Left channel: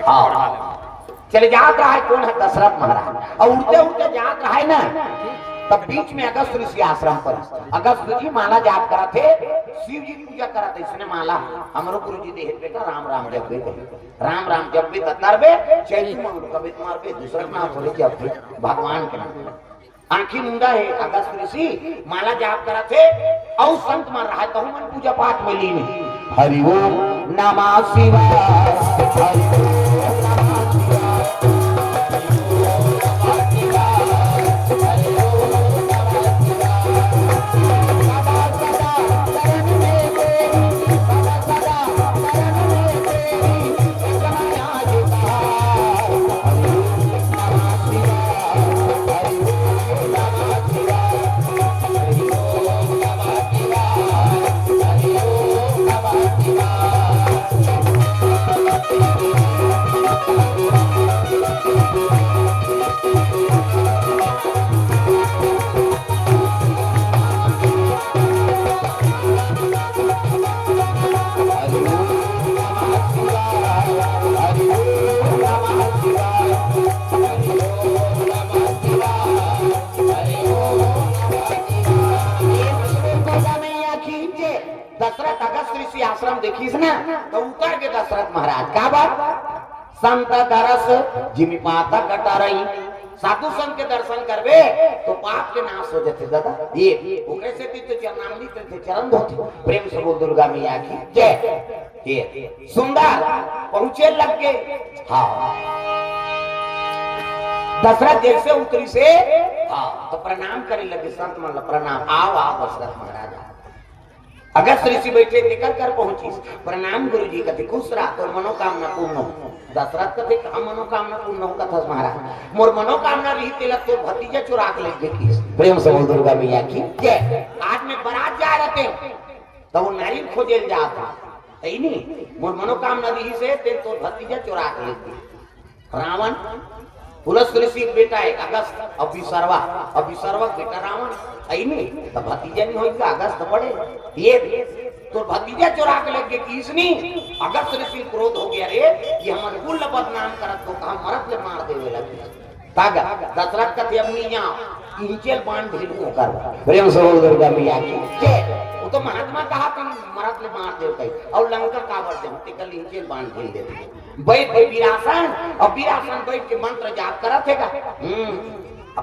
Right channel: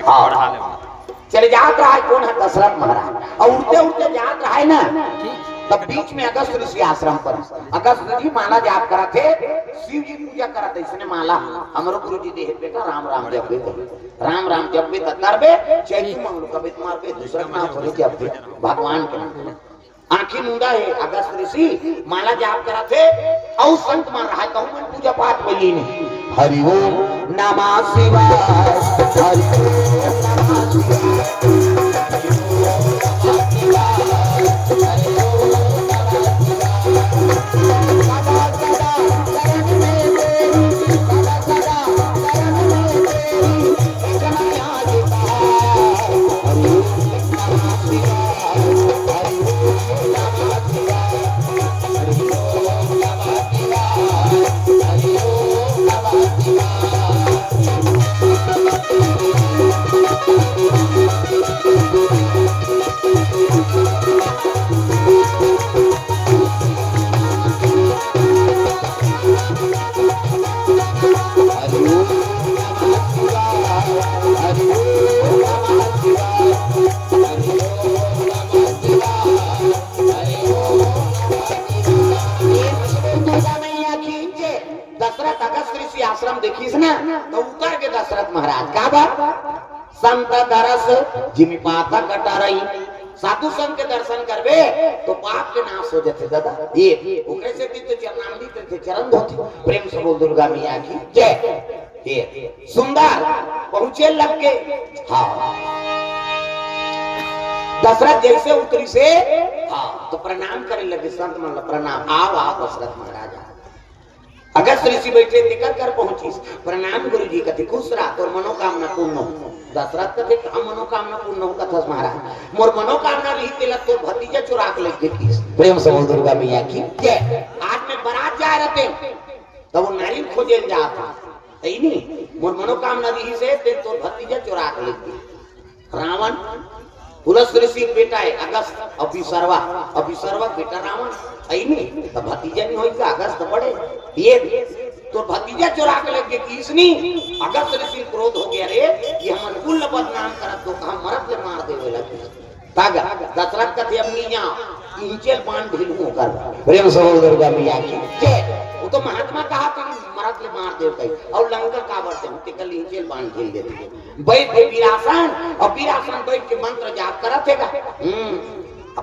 हाँ चले जात रहा है कौन है दशरथ महाराज और उठते उठते जात रहा है ना तब बीच में अगस्त ऋषि आश्रम पर अगस्त जी माला जाप करा थे शिव जी पूजा करा थे इसने माला हमारो गुरु जी देह पे का राम राम जप पे राम राम जप पे करबे चैतु मंगल कभी मार पे दूसरा नाम चले जप पे भगवान के नाम आंखी मुंडा है अगस्त ऋषि माला जाप करा थे और संत मार रहा है कहूं पूजा पाठ में लीन हरि ओम नमः शिवाय हरि ओम साधु संत के दर्शन करबे तो पाप के नाश हो जाते दादा ये ओकरे से तीर्थ चरणामृति तीर्थ चरण होती प्रेम से बोल दुर्गा मैया की जय ये सुंदर पहुंचे लग के हाँ दशरथ जैसे उतरी से हाँ तो प्रणाम करे लगे संत मतलब प्रणाम आ दशरथ महाराज अगस्त ऋषि बैठे लेकर कर पहुंची प्रणाम गुरु जी कहते खुश रहा तो मनोकामना पूर्ण हो दशरथ कहते हम मनोकामना पूर्ण हो कथा महाराज मोर मनोकामना रही तेलक तो भतीजा चुरा के लेके की प्रेम से दुर्गा मैया की जय आज में बारात जा रहे थे तब वो नारी खोजे जाता है नहीं मोर मनोकामना रही से ते तो भतीजा चुरा के लेके रावण पुरुष ऋषि बेटा है अगस्त अभिसर्वा बेटा रावण है नहीं तो भतीजा नहीं होई अगस्त बड़े ये तो भतीजा चुरा के लगे कि इसने अगस्त ऋषि क्रोध हो गया रे ये हमन कुल बदनाम करत तो कहां मरत ले मार देवे लगे तागा दशरथ का थे अपनी यहां इंचल बांध ढिलू कर प्रेम से दुर्गा मैया की वो तो महात्मा कहा कि मरत ले मार देव कई और लंका का वर्तन टिकल इंचल बांध ढिल देते बैठ वीरासन और वीरासन बैठ के मंत्र जाप करा थेगा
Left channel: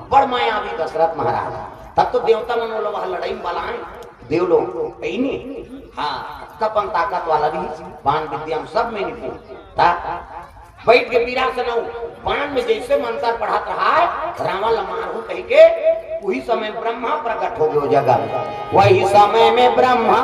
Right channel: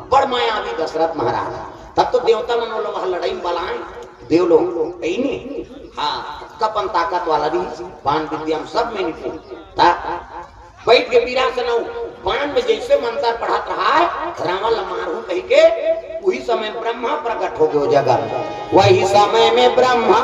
बड़ मायावी दशरथ महाराज तब तो देवता ने लोग लड़ाई वाला देव लोग नहीं हाँ कपन ताकत वाला भी बाण विद्या सब में निपुण था बैठ के वीरासन बाण में जैसे मंत्र पढ़ात रहा है रावण मारू कह के वही समय ब्रह्मा प्रकट हो गयो जगह वही समय में ब्रह्मा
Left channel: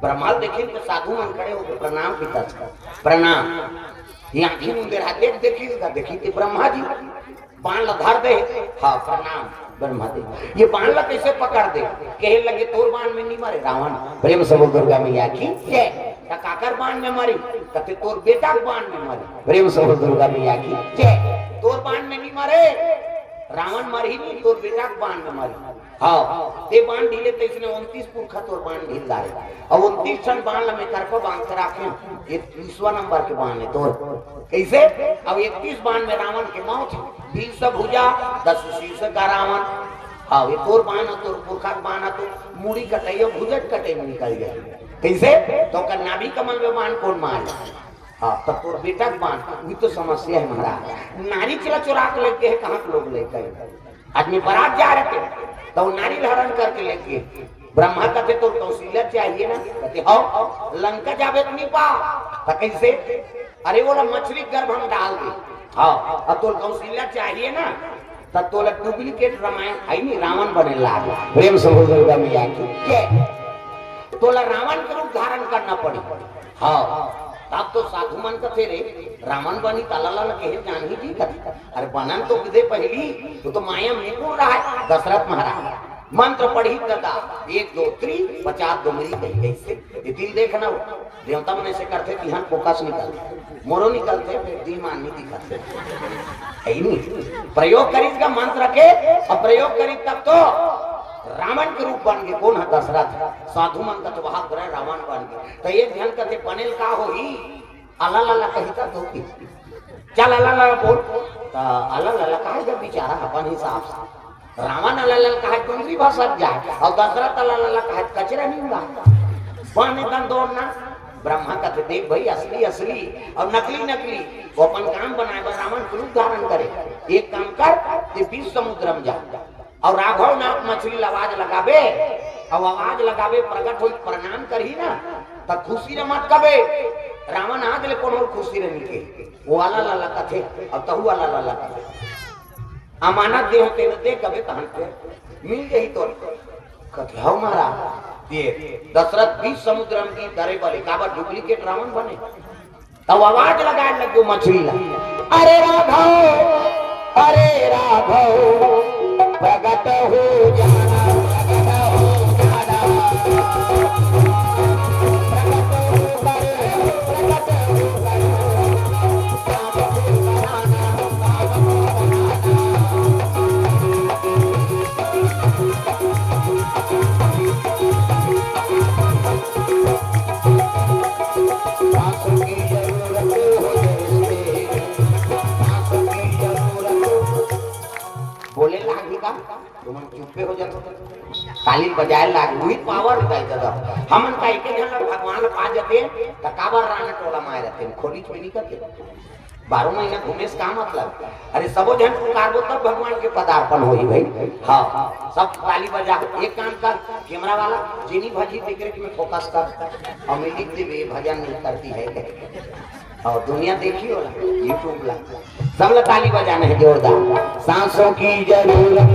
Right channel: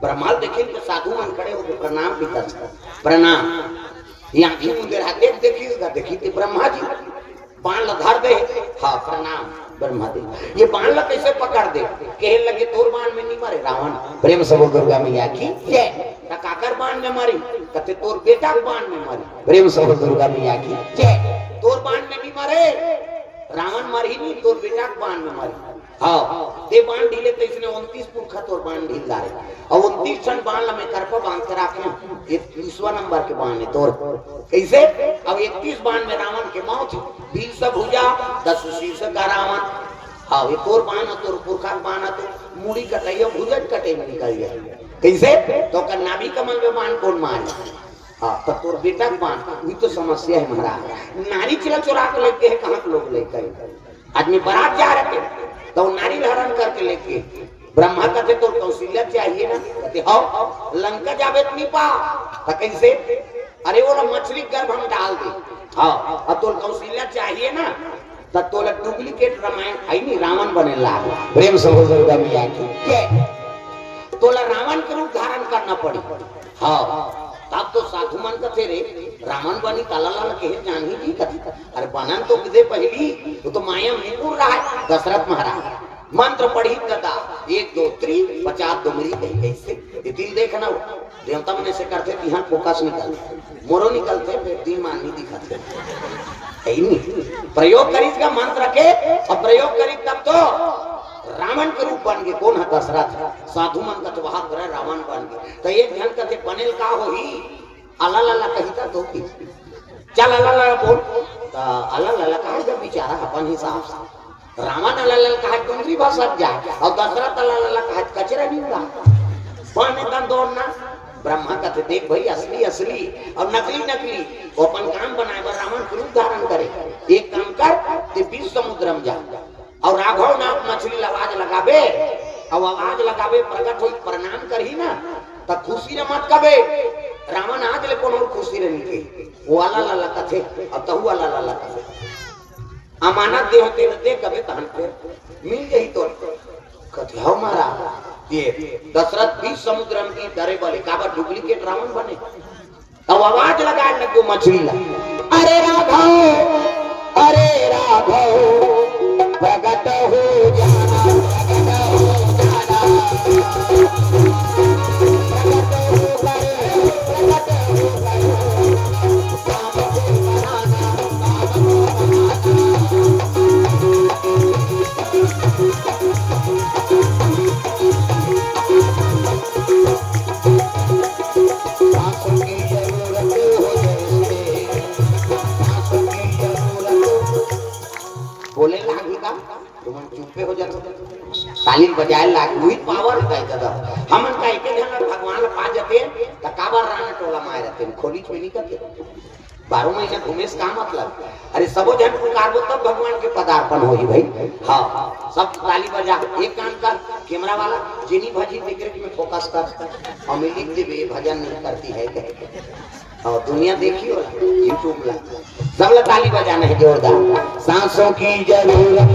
ब्रह्माल देखे तो साधु मन खड़े हो प्रणाम भी कर प्रणाम यहाँ की मुंडे देख देखिएगा देखिए ब्रह्मा जी बाण लधार दे हाँ प्रणाम ब्रह्मा जी ये बाण ला कैसे पकड़ दे कहे लगे तोर बाण में नहीं मारे रावण प्रेम से दुर्गा मैया की जय काकर बाण में मारी कहते तोर बेटा बाण में मारी प्रेम से दुर्गा मैया की जय तोर बाण में नहीं मारे रावण मारी नहीं तोर बेटा बाण में मारी हाँ ये बाण ढीले तो इसने 29 पुरखा तोर बाण ढील लाए और 29 क्षण बाण में करके बांध के रखे ये 30वां नंबर के बाण है तोर कैसे अब 31 बाण में रावण के मौत 20 से भुजा 10 शीर्ष का रावण हाँ ये तोर बाण तोर पुरखा बाण तो मूड़ी कटाइयो भुजट कटे निकल गया कैसे तो का नाभि कमल में बाण कौन मार हाँ तो तोर बेटा बाण भी तो समस्या है महाराज नारी चला चुरा के लेके है कहाँ के लोग लेकर आदमी बारात जा रहे थे तो नारी धारण करके लेके ब्रह्मा कहते तो कौशल्या चाहिए ना, कहते हो लंका जावे तो नहीं पा तो कैसे, अरे वो मछली गर्भ हम डाल दे, हाँ अब तो कौशल्या चाहिए ना तो तोला डुप्लीकेट रामायण आई नहीं रावण बने लागे। प्रेम से बोल दो तोला रावण का रूप धारण करना पड़ी, हाँ तब तो साधु मन का थे रे रावण बनी तलाला के जान ही नहीं कथी, अरे बनन तो दे पहली तो माया में को रहा है दशरथ महाराज मंत्र पढ़ी कदा 1 2 3 50 डुमरी कही कैसे ये दिल देखना देवता मन से करते तिहां फोकस निकलते मोरो निकलते दिल मान नहीं दिखाते है नहीं, प्रयोग करी का मंत्र के और प्रयोग करी तब तो रावण के रूप बन गए। कौन है दशरथ, साधु मन का तो वहां पर रावण बन गए। तो ये ध्यान करते बनेल का हो ही अल्लाह अल्लाह कहता तो चल अल्लाह अल्लाह बोल अल्लाह अल्लाह कहा जब बेचारा अपन हिसाब से रावण अल्लाह कहा दूसरी भाषा जाए और दशरथ अल्लाह कहा कचरे नहीं ला कौन एकदम दौड़ना। ब्रह्मा कहते देख भाई असली असली और नकली नकली वो अपन काम बनाए रावण के रूप धारण करे, एक काम कर ते 20 समुद्र में जा और राघव नाथ मछली आवाज लगावे और आवाज लगावे प्रकट हो प्रणाम करही ना तो खुशी रे मत कबे रावण आज ले कोनो खुशी रे निके वो अल्लाह अल्लाह कथे और तहु अल्लाह अल्लाह कथे अमानत दे होते न दे कबे तहन को मिल गई तो कथे हो मारा ये दशरथ 20 समुद्र की डरे वाले काबा डुप्लीकेट रावण बने तब आवाज लगाने लगे मछली अरे राघव प्रगट हो जाना ताली बजाए लाग हुई पावर पाई दादा हमन का एक जन भगवान पा जाते त काबर राने टोला मार जाते खोली छोली करते 12 महीना घूमे से काम मतलब अरे सबो जन पुकारबो तब भगवान के पदार्पण होई भाई। हां सब ताली बजा एक काम कर कैमरा वाला जिनी भजी देख रहे कि मैं फोकस कर और मैं लिख दे भजन नहीं करती है कह और दुनिया देखियो YouTube पे सब लोग ताली बजाने है जोरदार सांसों की जरूरत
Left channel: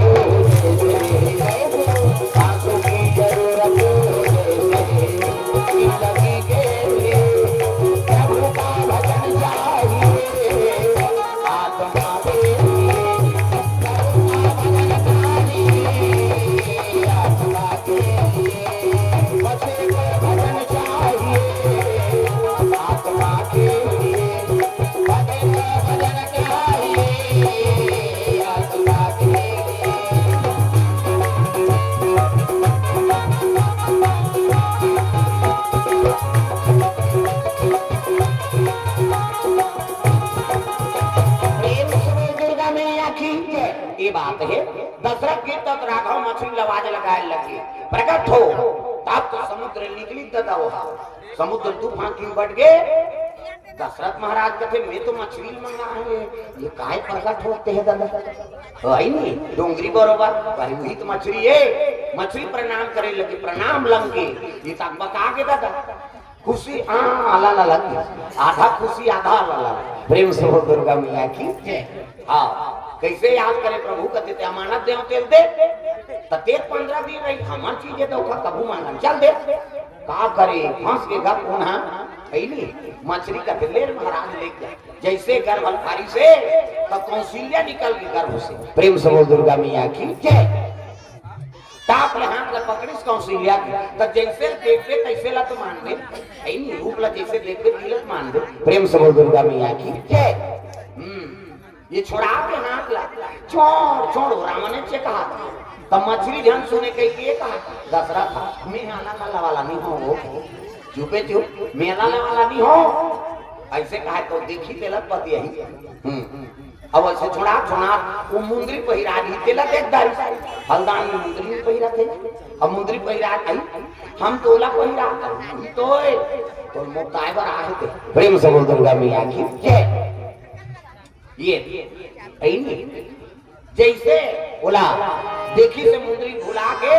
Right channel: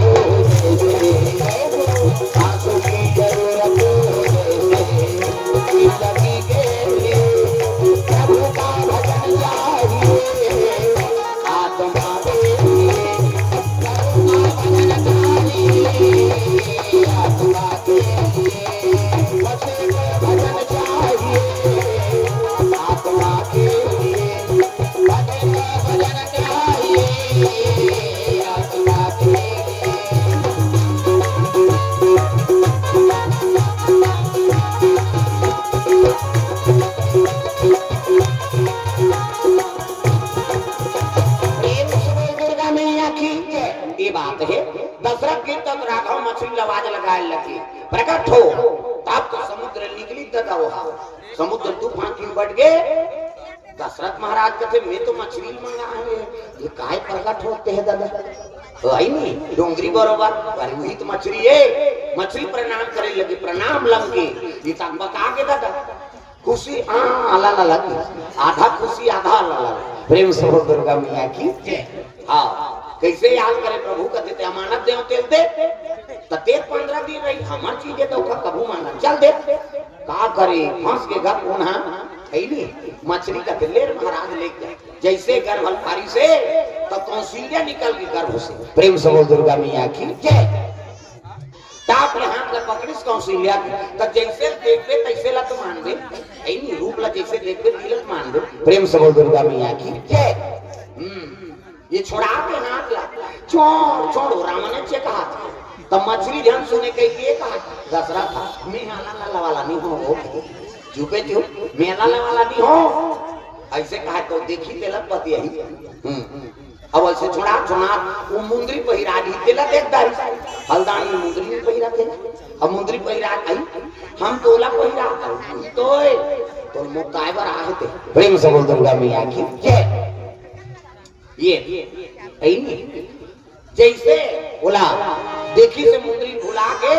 समुद्र तूफान क्यों बढ़ गए। दशरथ महाराज कहते मैं तो मछली मंगा है ये काय प्रकट होते हैं दादा है नहीं डोंगरी बरोबर परिमित मछली है मछली प्रणाम करे लगे प्रणाम लंगे ये तक बता के दादा खुशी अल्लाह अल्लाह आधा खुशी आधा अल्लाह प्रेम से हो दुर्गा मैया की हां कैसे याद करे प्रभु कहते थे अमानत दे तेल दे तते 15 दिन रही हमर चीज तो कबू माना चल दे का करे फंस के घर पुनः खैली मछली का लेर महाराज लेके जैसे गर्भपारी से तो कौशल्या निकल के गर्भ से प्रेम से बोल दुर्गा मैया की जय ताप ने हाथ में पकड़ी कौशल्या की तो जैसे देखते तैसे ला तो मान दे ऐनी रूप ला जैसे देखते तिलक मान दे प्रेम से बोल दुर्गा मैया की जय ये छोड़ा के हाथ ला छोड़ो राम ने से कहा तो मछली ध्यान सुने के लिए कहा दशरथ मैं आना वाला नहीं हो चुपे थे मेरा वाला नहीं हो ऐसे कहा तो देखी तेलक पति यही अब ऐसे छोड़ा वो मुंदरी पहिरा दी तेलक देख दार हल्दानी मुंदरी पहिरा थे अब मुंदरी पहिरा आई हम तोला पहिरा तो मुक्तायबर आए थे प्रेम से बोल दुर्गा मैया की ये जैसे बोला देखी समुद्री भुला के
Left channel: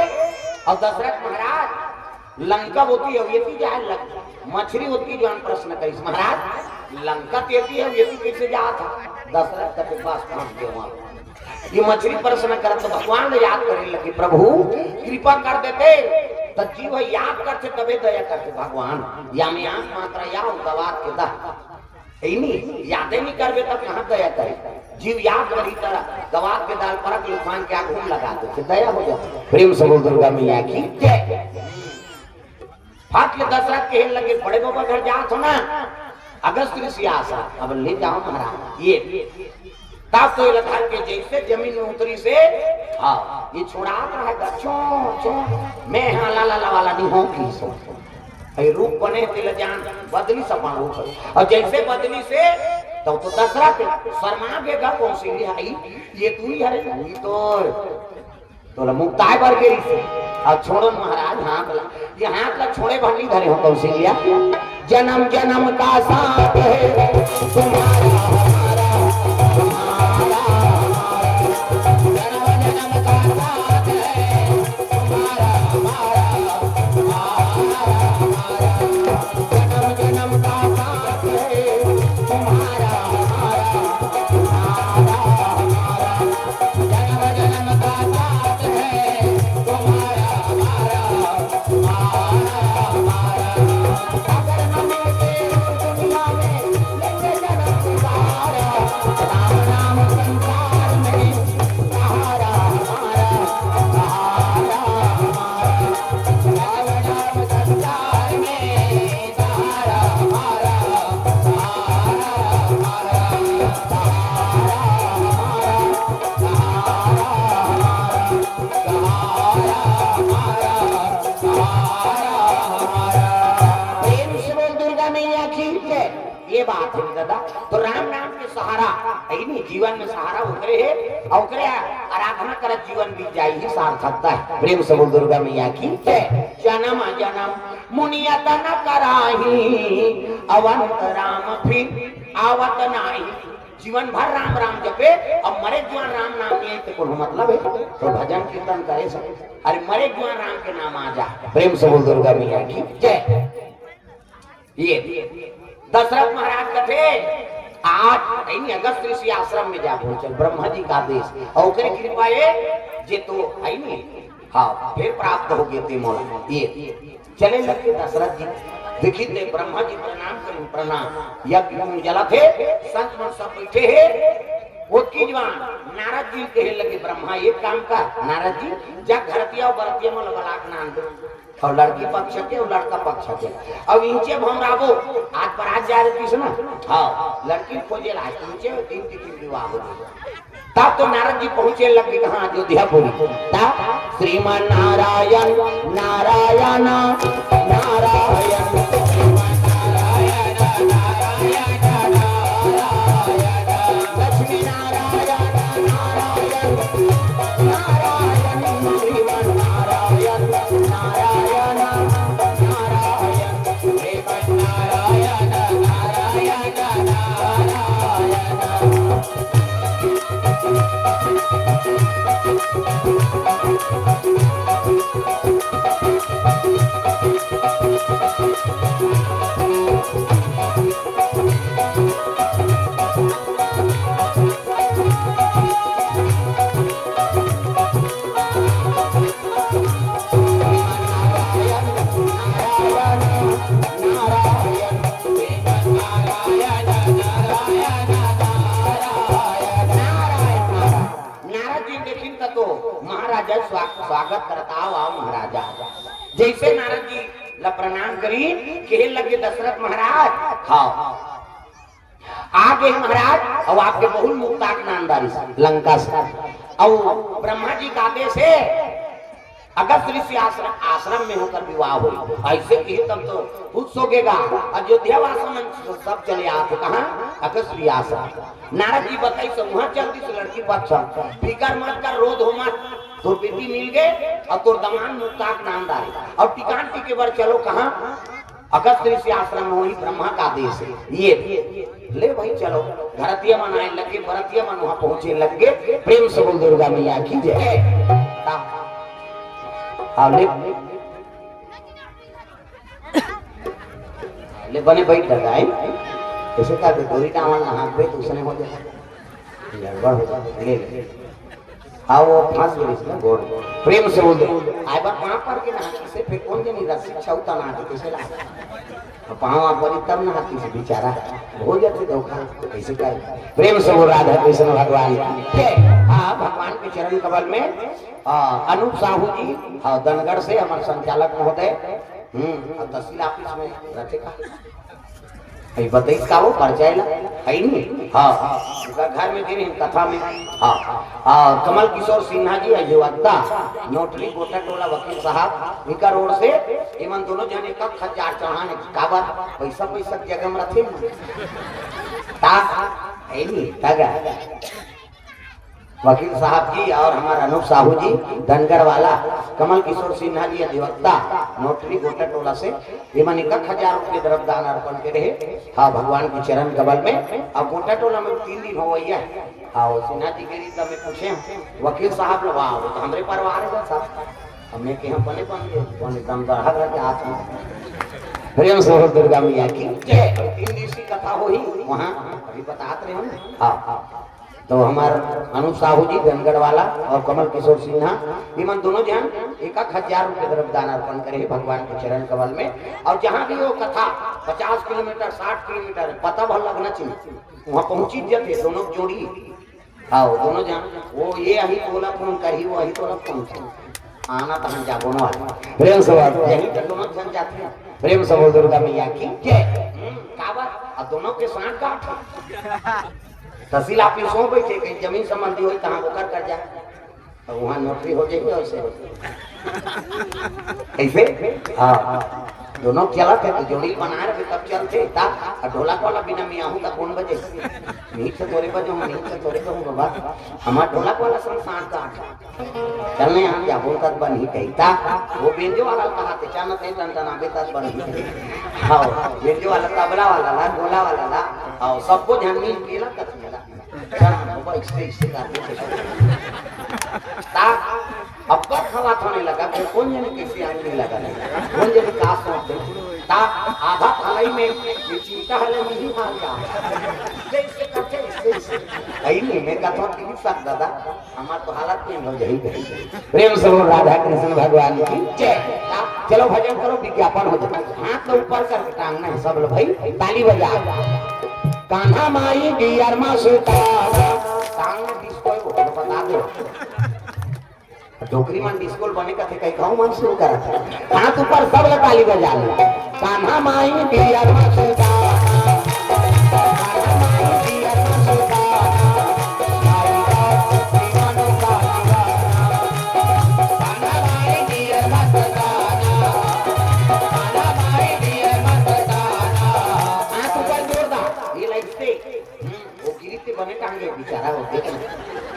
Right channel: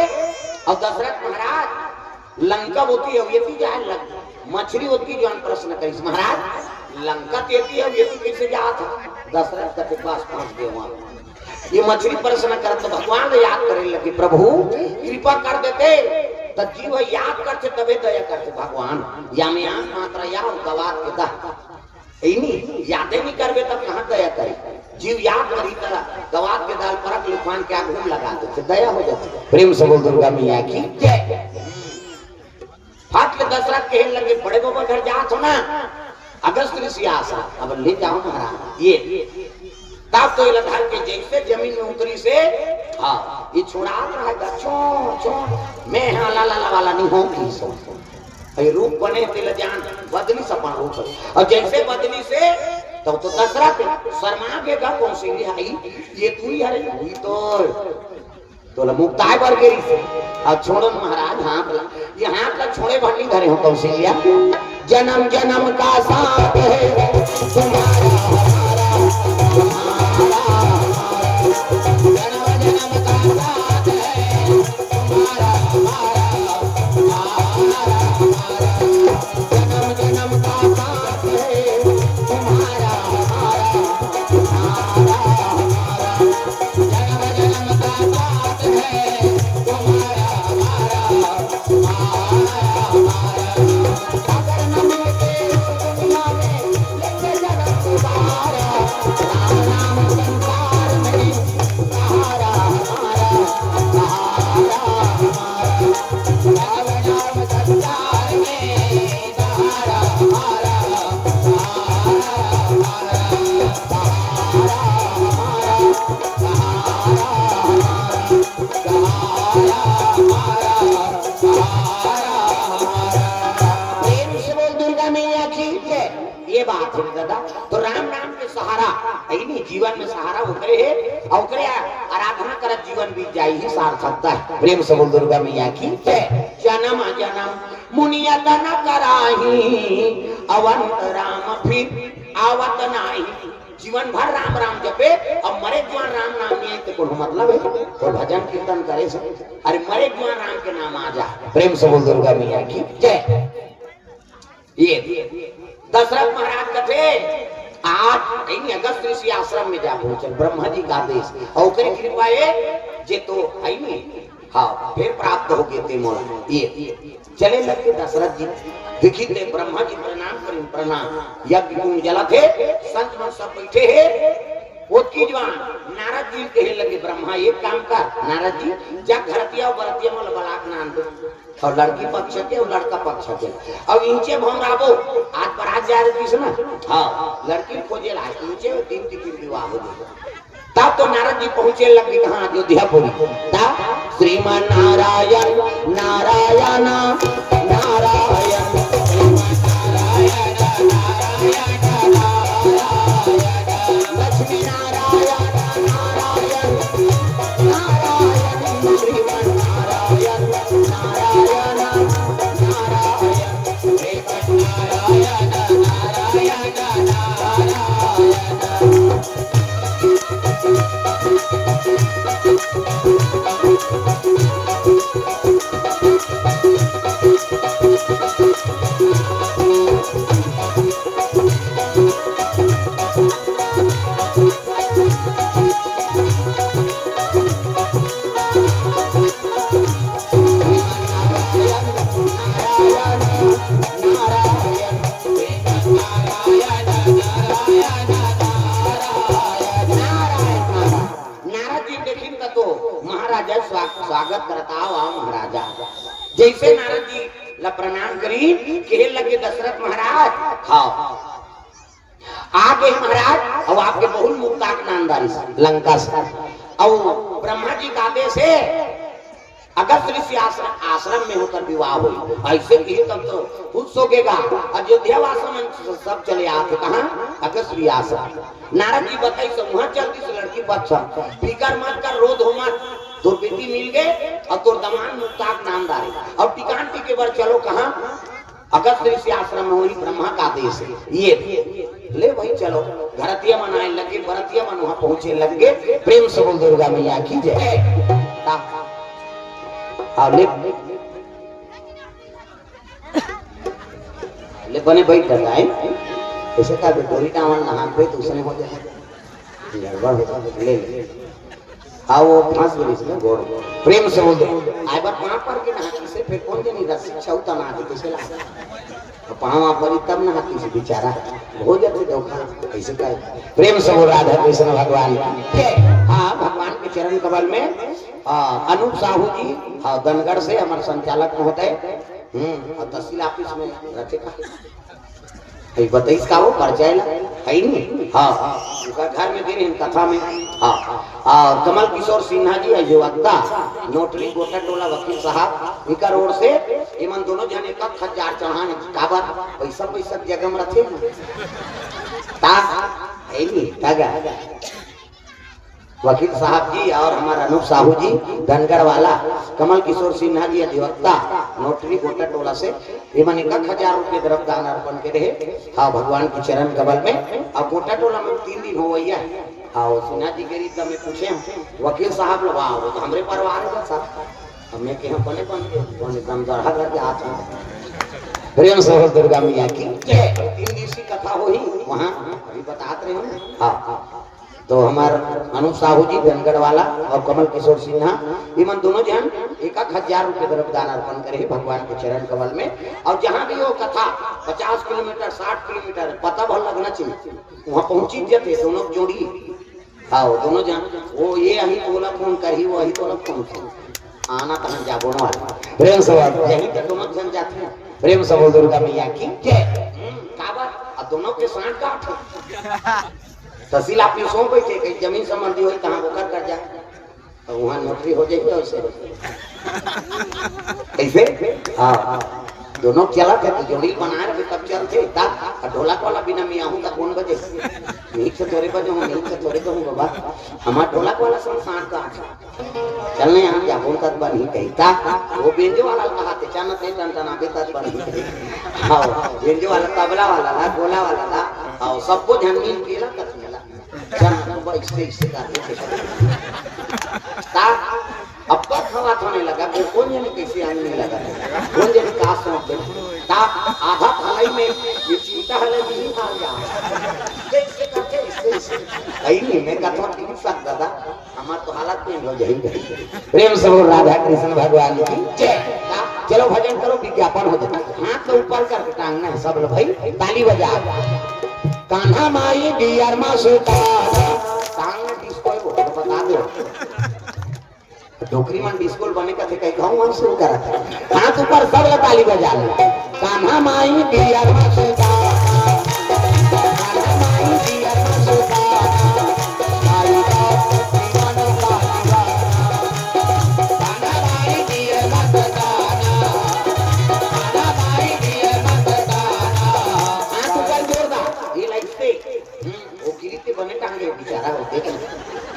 और दशरथ महाराज लंका होती है ये जाए लंका मछली होती जो प्रश्न करी महाराज लंका देती है ये कैसे जात दशरथ के पास पहुंच गए वहां ये मछली प्रश्न कर तो भगवान ने याद करे लगे प्रभु कृपा कर देते तो जीव याद करते तबे दया करते भगवान यानी आंख मात्रा या गवात के दा नहीं याद नहीं करबे तब कहां दया करे जीव याद करी तरह गवात के दाल परक लुफान के आग घूम लगा दो तो दया हो जाती प्रेम से बोल दुर्गा मैया की जय फाटले दशरथ कहने लगे बड़े बाबा घर जात हो ना अगस्त ऋषि आशा अब ले जाओ महाराज ये तब तो लगा के जैसे जमीन में उतरी से हाँ ये छोड़ा रहेगा चो मैं हाँ ला वाला नहीं होगी रूप बने तिल जान बदली सपा रूप और जैसे बदली से तो दशरथ शर्मा गेगा कौन सी आई ये तू ही है ये तो मुक्ताय पर गेरी से और छोड़ो महाराज हाथ ये हाथ ला छोड़े भंडी धरे हो कौशल्या जन्म जन्म का साथ है जीवन में सहारा उतरे है और आराधना कर जीवन बीत जाए ही सार्थकता है प्रेम से बोल दुर्गा मैया की जन्म जन्म मुनियत न कराही अवंत राम फिर आवत नाही जीवन भर राम राम जपे और मरे जीवन राम नाम नहीं तो कोई मतलब है तो भजन कीर्तन करे सब अरे मरे जीवन राम के नाम आ जा प्रेम से बोल दुर्गा मैया की जय ये दशरथ महाराज कथे आप अगस्त ऋषि आश्रम में जा पहुंचे ब्रह्मा जी का आदेश और कृपा जे तो है नहीं हाँ फिर प्राप्त हो गए थे मोला ये चले लगे दशरथ जी देखी थे ब्रह्मा जी प्रणाम करें प्रणाम यज्ञ में जला थे संत मन सब बैठे है वो की जवान नारद जी कहे लगे ब्रह्मा एक काम कर नारद जी जब घरतिया बरतिया में बलाक नान दो और लड़की पक्ष के और लड़का पक्ष के अब इनचे भंगाबो आज पर आज जा रही है ना हाँ लड़की खोजे ला इनचे तीन तीन विवाह हो गए तब तो नारद जी पहुंचे लगे कहां अयोध्यापुरी तब श्रीमान नारायण नारायण नारायण लक्ष्मी नारायण स्वागत करता आओ महाराजा जैसे नारद जी ला प्रणाम करी कहे लगे दशरथ महाराज खाओ आगे महाराज और आपके बहुत मुक्ताक नामदारी लंका से और ब्रह्मा जी का आदेश है अगस्त ऋषि आश्रम में होकर विवाह हुई ऐसे भी तब तो खुद सोगेगा अयोध्या वासों में सब चले आते कहा अगस्त ऋषि आश्रम नारद जी बताई समूह चलती से लड़की बच्चा फिकर मत कर रोध हो मत तो बेटी मिल गए और तो दमान मुक्ताक नामदारी और टिकान टिके पर चलो कहा अगस्त ऋषि आश्रम में वही ब्रह्मा का आदेश है ये ले भाई चलो घरतिया मनाए लगे भरतिया मन वहां पहुंचे लगे प्रेम से बोल दुर्गा मैया की जय हाँ ले बने बैठ कर आए ऐसे का गोरी का वाला हाथ पे दूसरे हो जाए गड़बड़ हो ले हाँ वो फांस गई इसमें गोर प्रेम से बोल दे आए बात वहां पर के ना से फिर कौन नहीं रहा शिक्षा उतना ना दे कैसे ला तो पांव पर तब ना हाथी से बेचारा हो जाते तो कैसे का प्रेम से बोल राधा कृष्ण भगवान हाँ भगवान के चरण कमल में अनूप साहू जी हाँ दनगढ़ से हमारे संचालक महोदय तहसील ऑफिस में रहते कहीं बताइए का वो परिचय है नहीं हाँ उनका घर में दिन कथा में हाँ कमल किशोर सिन्हा जी है जो अद्दा नोटरी गोटा टोला वकील साहब इनका रोड से इमन दोनों जने का खजार चढ़ाने काबर पैसा पैसा जगह में रखे ता है नहीं तागा वकील साहब जी और हमारा अनूप साहू जी धनगढ़ वाला कमल किशोर सिन्हा जी अधिवक्ता नोटरी गोटा टोला से इमन 1000 रुपये तरफ दान अर्पण के रहे हाँ भगवान के चरण कमल में और गोटा टोला में 3 दिन हो गई है हाँ वो सिन्हा जी के रीत में पूछे वकील साहब लोग आओ तो हमारे परिवार है साहब हमने के हम बने एकदम गढ़ा करके हाथ में प्रेम से दुर्गा मैया की 3 दिन की कथा हुई वहाँ अभी बताते रहे हाँ तो हमारा अनूप साहू जी धनगढ़ वाला और कमल किशोर सिन्हा इमन दोनों जन 1000 रुपये तरफ दान अर्पण करे भगवान के चरण कमल में और जहाँ भी वो कथा 50 किलोमीटर 60 किलोमीटर पता भर लगना चाहिए वहाँ पहुंची जाते दोनों जोड़ी हाँ दोनों जन वो ये अही बोला फोन करी वो अही तो पहुंचे आना तो हम जागो प्रेम से यही जब दोनों जन जाते हैं प्रेम से बोल दुर्गा मैया की काबर दोनों के साथ गांठ तहसील ऑफिस हो बैठे कहीं जमीन संबंधी हो कहाँ वो कर जाए तो वहाँ नौकरी हो जाएगी और से ऐसे हाँ दोनों चला थे जोड़ी बना रहे तब चलते ढोला वाला बिना मियाँ हूँ कौन बजे नहीं से थोड़े बजे हूँ नहीं से थोड़े तो हूँ बाबा हमारा ढोला वाला संस्थान का चलने हम जाबो तक बन ही कही था वो बेंजो वाला कहाते चाना ते टंटना बेतक बन ही हाँ बेंजो वाला तबला वाला ला ढोला वाला ला हाँ सबको ध्यान मिल के ला तक मिला इससे अब बस हवा होने लगा फिर कौन जाने कैसे आने लगा कौन जाने कहा समझ ता आधा भलाई में ये चिंता है नहीं खा गया कैसे करके इससे नहीं मैं कथा नहीं सकता दादा हमारा तो हालत में हो जाई प्रेम से बोल राधा कृष्ण भगवान की जय चलो भजन करो विज्ञापन हो जाए हाथ तो ऊपर कर टांगना है सब लोग भाई ताली बजाओ कान्हा माई डियर मा सुता टांग डिस्को बता दो डोकरी मन डिस्को बने का थे कहीं गांव में शुरू करा था हाथ ऊपर सब लोग ताली बजा ले कान्हा माई डियर मा सुता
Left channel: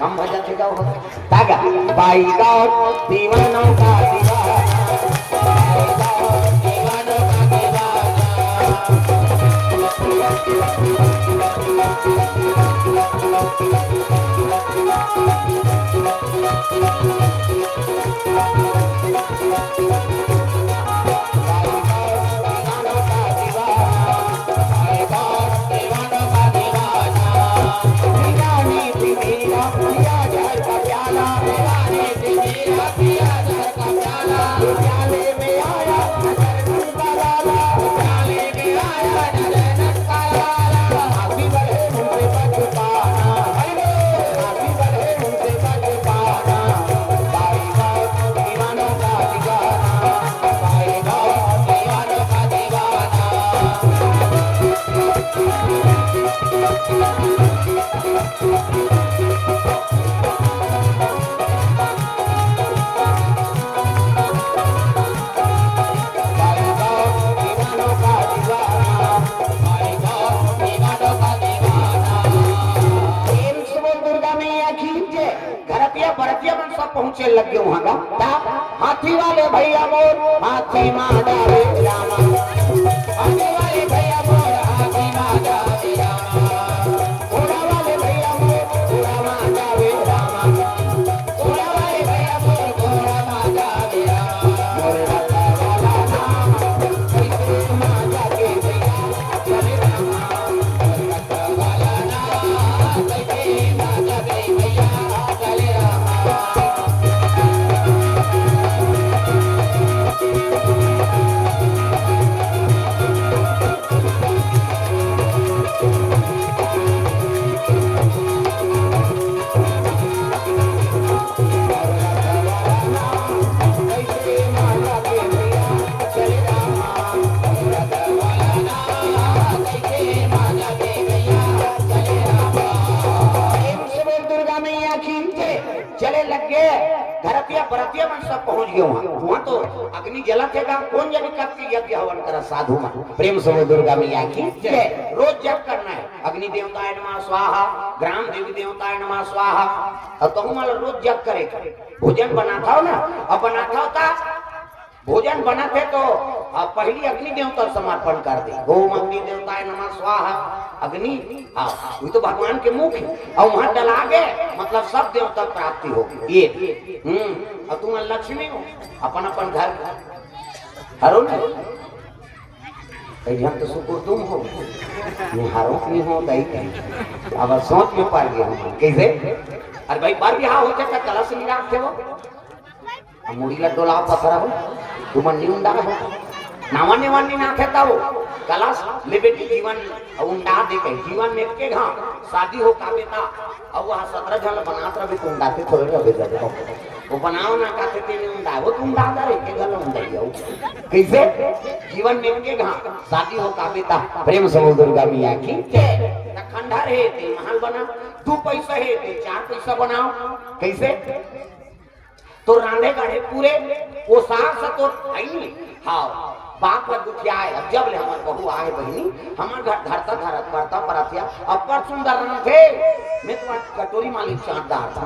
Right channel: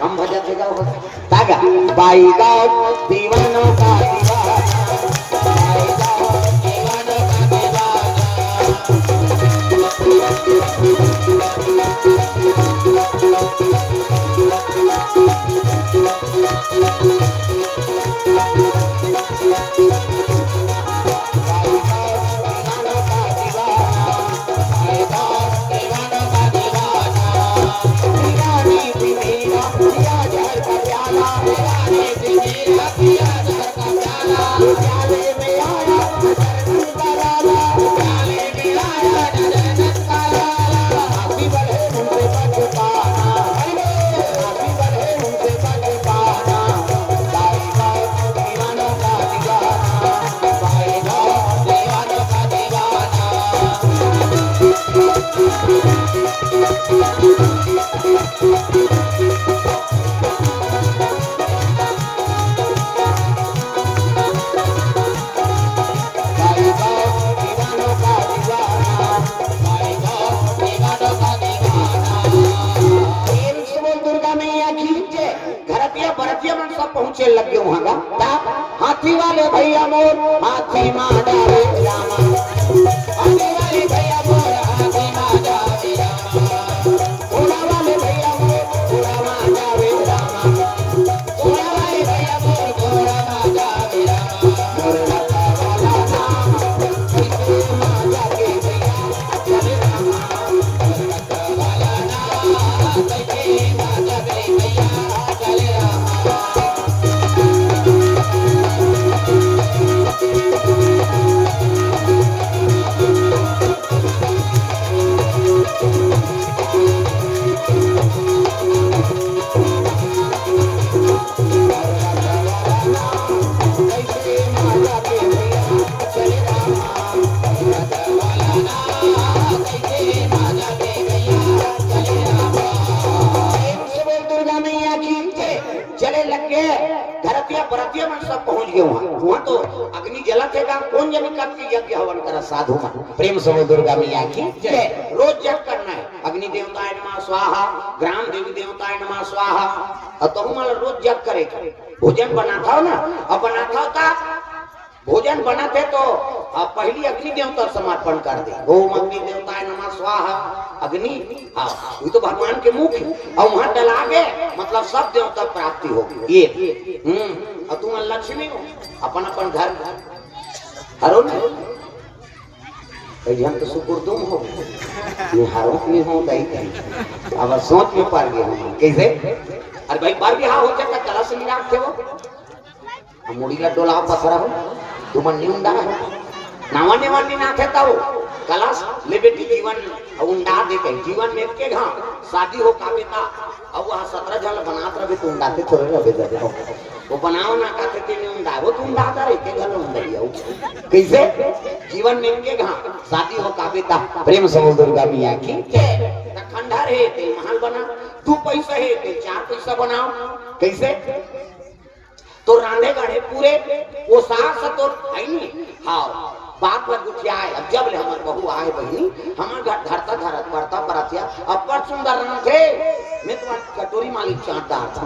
हम हो जाते जाओ तागा बाई का दीवाना का दीवाना पहुंचे लगे वहां का हाथी वाले भैया बोल हाथी मारे हाथी वाले भैया बोल हाथी मारे घोड़ा वाले भैया बोल घोड़ा मारे घोड़ा वाले भैया बोल घोड़ा मारे क्यों वहाँ तो अग्नि जलत है का कौन जाने कब के यज्ञ हवन कर साधु प्रेम समय दुर्गा मैया की जय। रोज जप करना है, अग्नि देवताय नमः स्वाहा, ग्राम देवी देवताय नमः स्वाहा, और तुम तो रोज जप करे। भोजन बनाता हो ना, अब बनाता होता भोजन बनाते तो पहली अग्नि देवता समर्पण कर दे। ओम अग्नि देवताय नमः स्वाहा अग्नि, हाँ वो तो भगवान के मुख है, और वहां डला गए मतलब सब देवता प्राप्ति होगी ये। और तुम लक्ष्मी हो अपन अपन घर हरो हम तो शुक्र तुम हो हारो नहीं हो गई अब सोच में पड़ गए हम कैसे। अरे भाई बार बिहार हो जाता कलश नहीं रखते वो मुड़ीला डोला पसरा हो तुम उंडा हो नावने वाली ना कहता हो कलश ले बेटी जीवन उंडा दे के जीवन में के घा शादी हो का बेटा अब वहां 17 जन बनात रहे तो उंडा के छोड़ रहे दे वो बनाओ ना कहते के नहीं उंडा वो तुम उंडा करे के घर उंडाई हो कैसे जीवन में के घा शादी हो का बेटा प्रेम समूह दुर्गा मैया की जय। खंडहर है ते महल बना 2 पैसा है ते 4 पैसा बनाओ कैसे तो रांधे गाड़े पूरे वो सास तो है नहीं। हाँ बाप पर दुखिया है जब ले हमारे बहू आए बहनी हमारे घर तक घर पड़ता पराथिया अपर सुंदर नाम थे मैं तुम्हारी कटोरी मालिक चाट डालता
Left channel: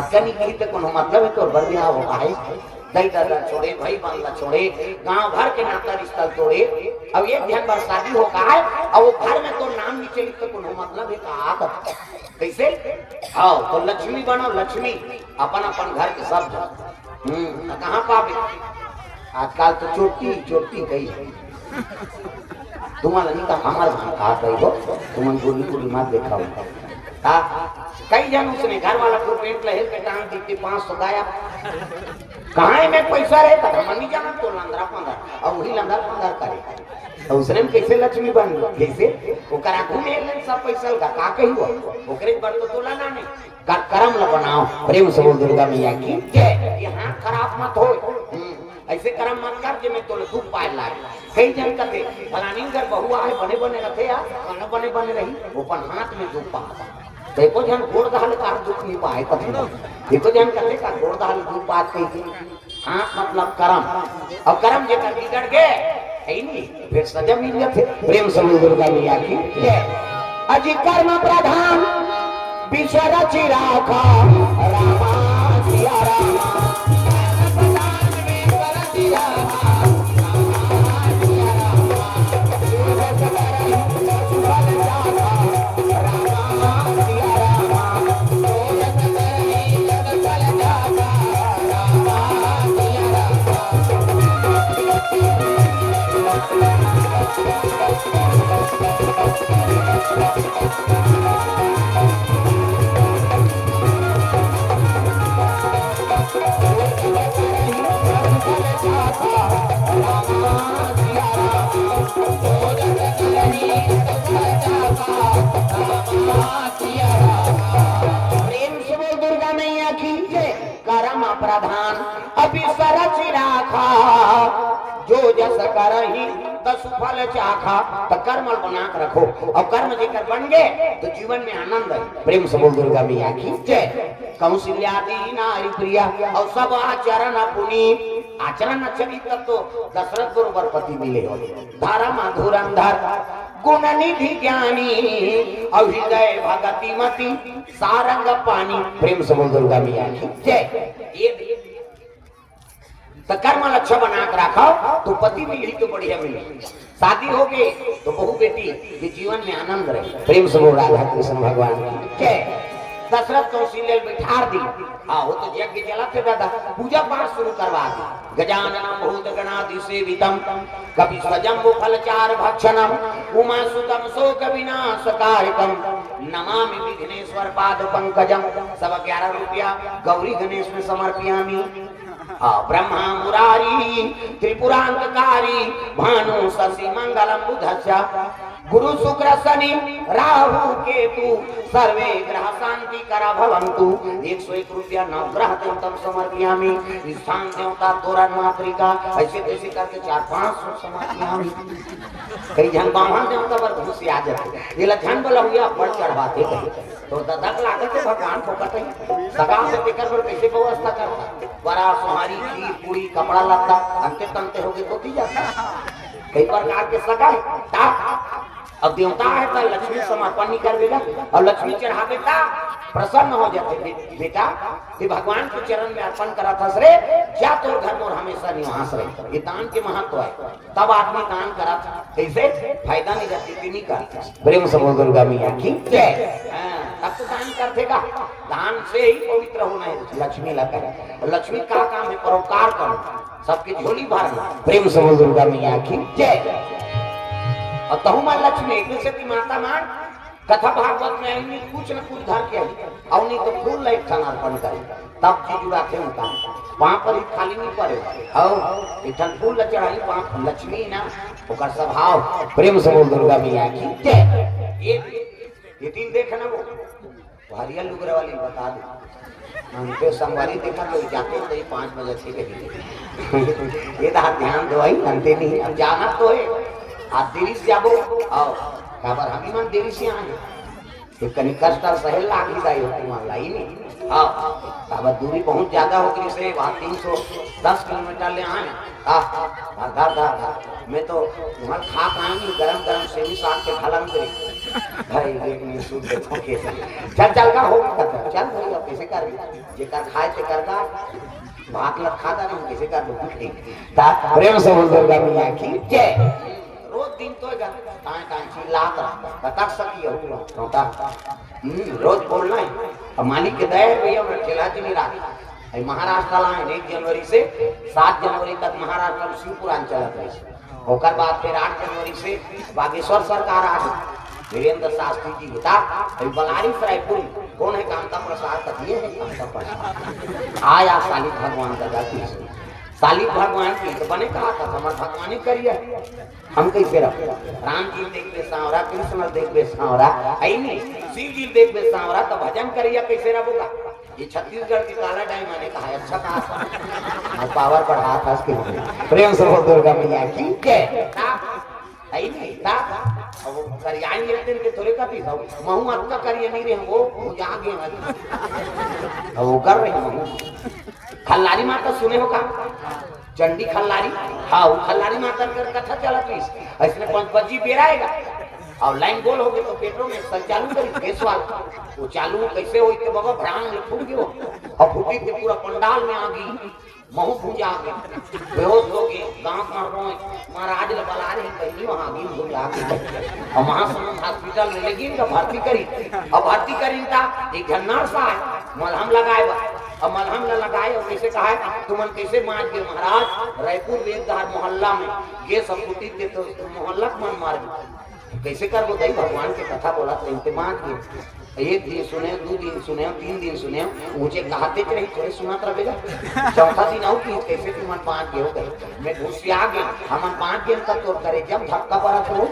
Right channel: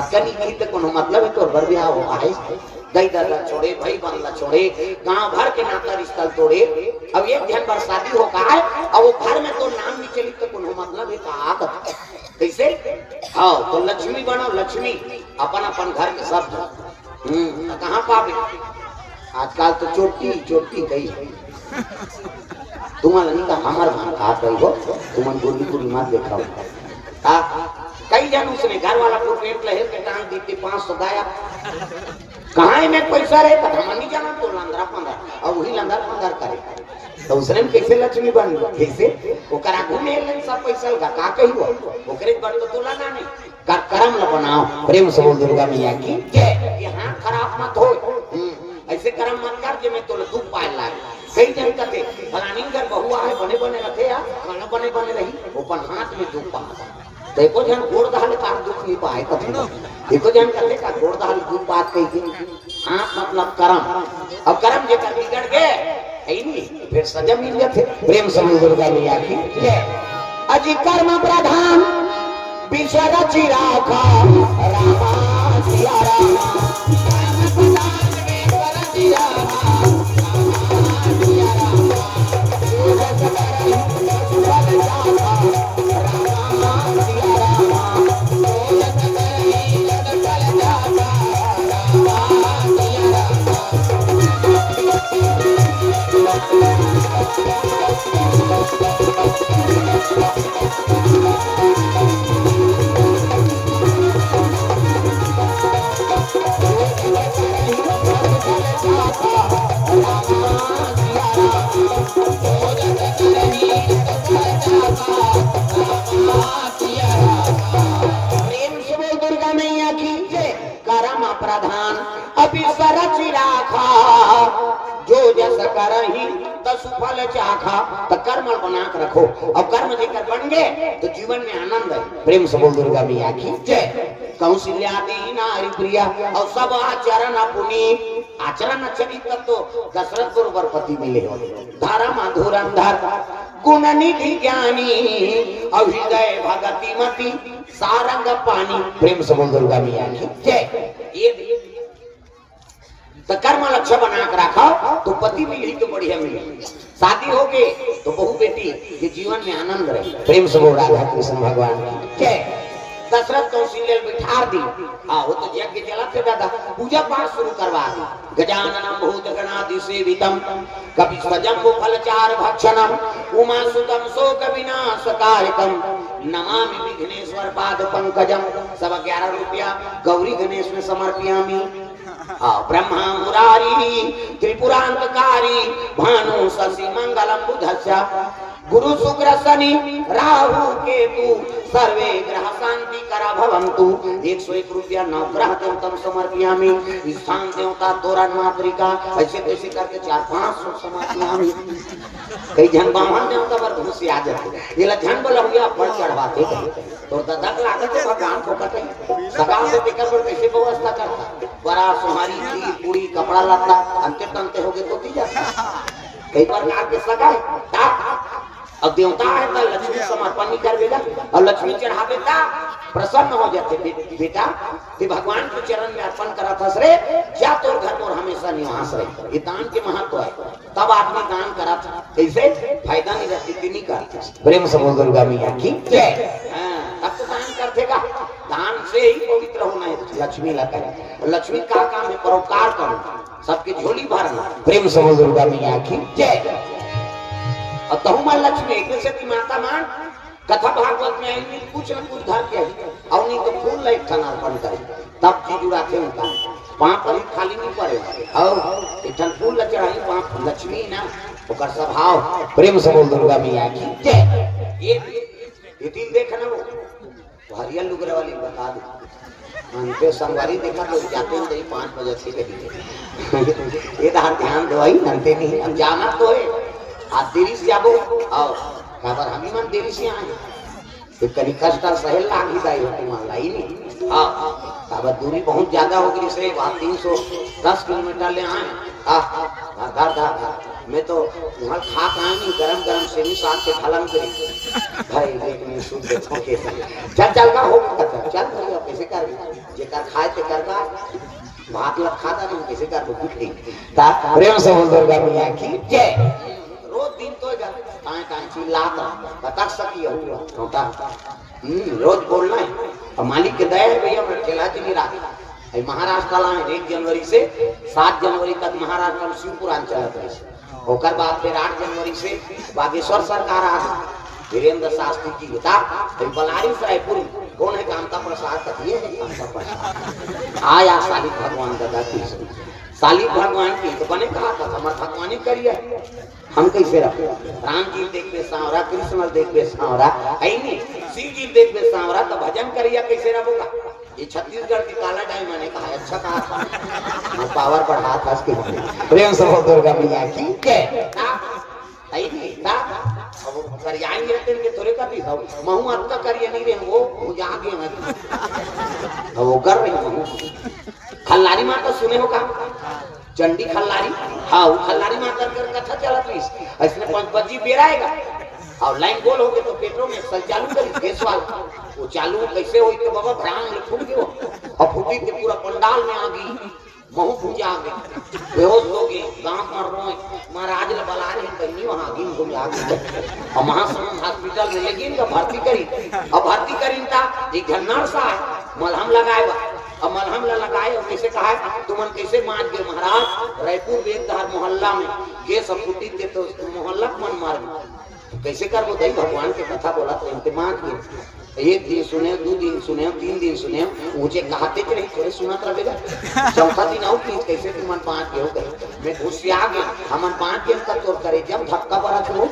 अक्कनी की तो कोनो मतलब है तो बर बियाह होता है दई दादा छोड़े भाई बंदा छोड़े गांव भर के नाता रिश्ता तोड़े। अब एक ध्यान पर शादी होता है और वो घर में तो नाम नीचे लिखते कोनो मतलब है का कैसे। हाँ तो लक्ष्मी बनो लक्ष्मी अपन अपन घर के सब कहाँ पावे आजकल तो चोटी चोटी गई तुम्हारा नहीं का हमार भान खा गई हो तुम्हारी गोली पूरी मार देखा हाँ कई जन उसने घर वाला को पेट लहर के टांग दी 500 गाया कहाँ है मैं पैसा रहे तो हम नहीं जाना तो लंदरा पंदर और वही लंदर पंदर करे तो उसने कैसे लक्ष्मी बन कैसे वो करा घूमे सब पैसा का कही हुआ ओकरे पर तो तोला ना नहीं का कर्म न बनाओ प्रेम से बोल दुर्गा मैया की जय। ये हाथ खराब मत हो ऐसे कर्म मत कर जे मैं तोले दूध पाए लाए कई जन कहते फलानी घर बहुआ है बने बने रखे यार खाना बने बने रही ऊपर हाथ में दूध पा देखो जन गोड़ दहल का दुख नहीं पाए कभी देखो जन कहते का गोड़ दहल दूध बात कही हां मतलब कर्म और कर्म जे कर बिगड़ गए है नहीं फिर सजा मिल जाते प्रेम से दुर्गा मैया की जय। अजी कर्म प्रधान विषय चिराखा रामा सिया कर्मल बना के रखो और कर्म जेकर बन गए तो जीवन में आनंद है प्रेम से बोल दुर्गा मैया की जय। कौशल्यादि नारी प्रिया और सब आचरण अपनी आचरण अच्छे नहीं कर तो दशरथ को बरपति मिले धर्म धुरंधर गुण निधि ज्ञानी और हृदय भगति मति सारंग पानी प्रेम से बोल दुर्गा मैया की जय। तो कर्म लक्ष्य बना कर रखो तो पति मिली तो बढ़िया मिले शादी हो गई तो बहू बेटी के जीवन में आनंद रहे प्रेम से बोल राधा कृष्ण भगवान की दशरथ कौशल्य बिठा दी। हाँ वो तो यज्ञ जलाते दादा पूजा पाठ शुरू करवा दी गजाननम भूत गणादि सेवितम कपि स्वजंबु फलचार भक्षणम उमा सुतम शोक विनाशकारिकम नमामि विघ्नेश्वर पाद पंकजम सब 11 रुपया गौरी गणेश में समर्पयामि। हाँ ब्रह्मा मुरारी त्रिपुरांतकारी भानु शशि मंगलम बुधस्य गुरु शुक्र शनि राहु केतु सर्वे ग्रह शांति करा भवन्तु। 101 रुपया नवग्रह तंत्र समर्पयामि। स्थान देवता तोरण मातृका ऐसे कैसे करके 4-5 समर्पयामि। कई जन बामन देवता पर खुशी आ जाते ये लक्षण बोला हुआ पर चढ़ाते तो ददक लागे तो भगवान को कटे सगा से लेकर पर कैसे व्यवस्था करता बड़ा सुहारी खीर पूरी कपड़ा लाता अंते तंते हो गए तो दी जाता कई प्रकार के सगा अब देवता है तो लक्ष्मी समर्पण नहीं कर बेटा और लक्ष्मी चढ़ावे ता प्रसन्न हो जाते बेटा ते भगवान के चरण में अर्पण करा था रे जा तो घर में हमेशा निवास रहे ये दान के महत्व है तब आदमी दान करा कैसे फायदा नहीं रहती कि नहीं करते प्रेम से बोल दुर्गा मैया की जय तब तो दान करते का दान से ही पवित्र होना है लक्ष्मी लगा और लक्ष्मी का काम है परोपकार करना सबकी झोली भरना प्रेम से बोल दुर्गा मैया की जय और तहुमा लक्ष्मी एक शक्ति माता मान कथा भागवत में आएंगे कुछ न कुछ घर के और नहीं तो फूल एक ठन अर्पण कर तब चीज उड़ाते उनका वहां पर खाली नहीं पड़े और एक ठन फूल चढ़ाई वहां लक्ष्मी ना उसका स्वभाव प्रेम से बोल दुर्गा मैया की ये दिन देखना वो हरियल लुगरे वाली बता दो उनके संगवारी देखा तो जाते हैं 5 बजे से लगी ये ध्यान दो ही मनते नहीं हम जाना तो है आज देरी से आबो आओ काबर हम मन देरी से आए तो कहीं कष्ट सहल लागी जाए तुम्हारा ही नहीं हां काबर दूरी बहुत ज्यादा हो गई से 310 किलोमीटर ले आए हां मैं तो वहां खा पाए नहीं गरम से भी साथ के खलम करे भाई लेकिन सूद के छोके चल का हो चल भैया कैसे कर जे कर खाए ते करगा भात लग खाता नहीं कैसे कर भूखे ता प्रेम से बोल दुर्गा मैया की जय रोज दिन तो कांची लात बता सकी होता रोज बोलना है और मालिक के दया भैया मैं खिलाती नहीं रहा महाराष्ट्र ला 1 जनवरी से 7 जनवरी तक महाराष्ट्र में शिवपुराण चला था होकर बाद फिर 8 जनवरी से बागेश्वर सरकार आ गई वीरेंद्र शास्त्री जी बता बलारी रायपुर कौन है कामता प्रसाद का ये है कामता प्रसाद आया शालिक भगवान का दाती शालिक भगवान की तो बने कहा था हमारे भगवान करिए हम कैसे रखे राम जी देखते सांवरा कृष्ण देखते सांवरा नहीं शिव जी देखते सांवरा तो भजन करिए कैसे रखोगा ये छत्तीसगढ़ की काला डाई मैंने कहा अच्छा कहा पावर बढ़ा था उसके प्रेम से दुर्गा मैया की जय नहीं था अब करियाई लेते हैं थोड़े का भी महू अच्छा करिए नहीं रहे वो यहाँ गए वो कर रहे हैं खल्लारी माता सुने हो का चंडी खल्लारी हाँ वो खल्लारी माता कर कथा चला प्लीज इसमें 5 बजी बेराएगा और लाइन गोल हो गए तो पेट्रोल में चल चालू करी गैस वाला वो चालू कैसे हुई कि बाबा भ्रांग में फूट गयो और फूटी के पूरा पंडाल में आ गई महू भूजा गए बेहोश हो गए गांव में महाराज ने बुला रही कहीं वहां गिन भूजा गए और महासमुंद हॉस्पिटल में लेगी तो भर्ती करी और भर्ती करी था एक घन्नार सा मलहम लगाएगा और मलहम लगाए और कैसे कहा तुमन कैसे मान गए महाराज रायपुर वेदधार मोहल्ला में गैस फूटी थे तो मोहल्ला मन मार कैसे कर दई भगवान की कथा बोला तो इनके मान किए 1 दिन सुने 2 दिन सुने 3 दिन सुने मुझे कहते थे नहीं थोड़े सुना रहेगा चौथा दिन आओ प्लीज कैसे तुम 5 के हो गए मैं घुस आ गया हम 5 दिन तक तो करे जब धक्का बड़ा छोड़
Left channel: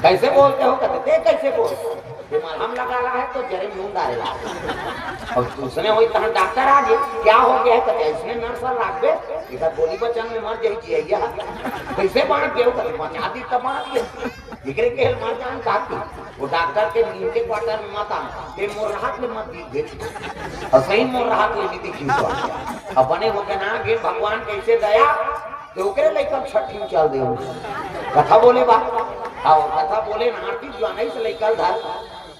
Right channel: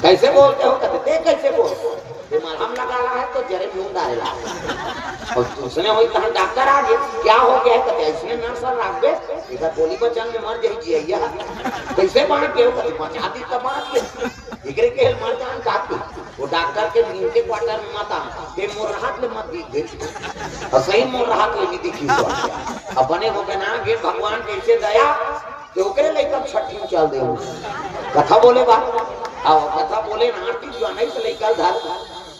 कैसे बोलते हो कहते कैसे बोलते मलहम लगा रहा है तो जरे मुंह डाले और उसने वही कहा डॉक्टर आ गए क्या हो गया है कहते इसने नर्स रख दे इधर गोली बचान में मर जाइए कैसे बाढ़ गए बचा दी तब इकरे के मर जान काफी वो डॉक्टर के नीचे क्वार्टर में मत आ के मोर राहत ले मत दी और सही मोर राहत ले दिखी अब बने हो के ना गे भगवान कैसे दया तो ओकरे लेकर छठी चल दे कथा बोले बात और कथा बोले नारती जाने से लेकर घर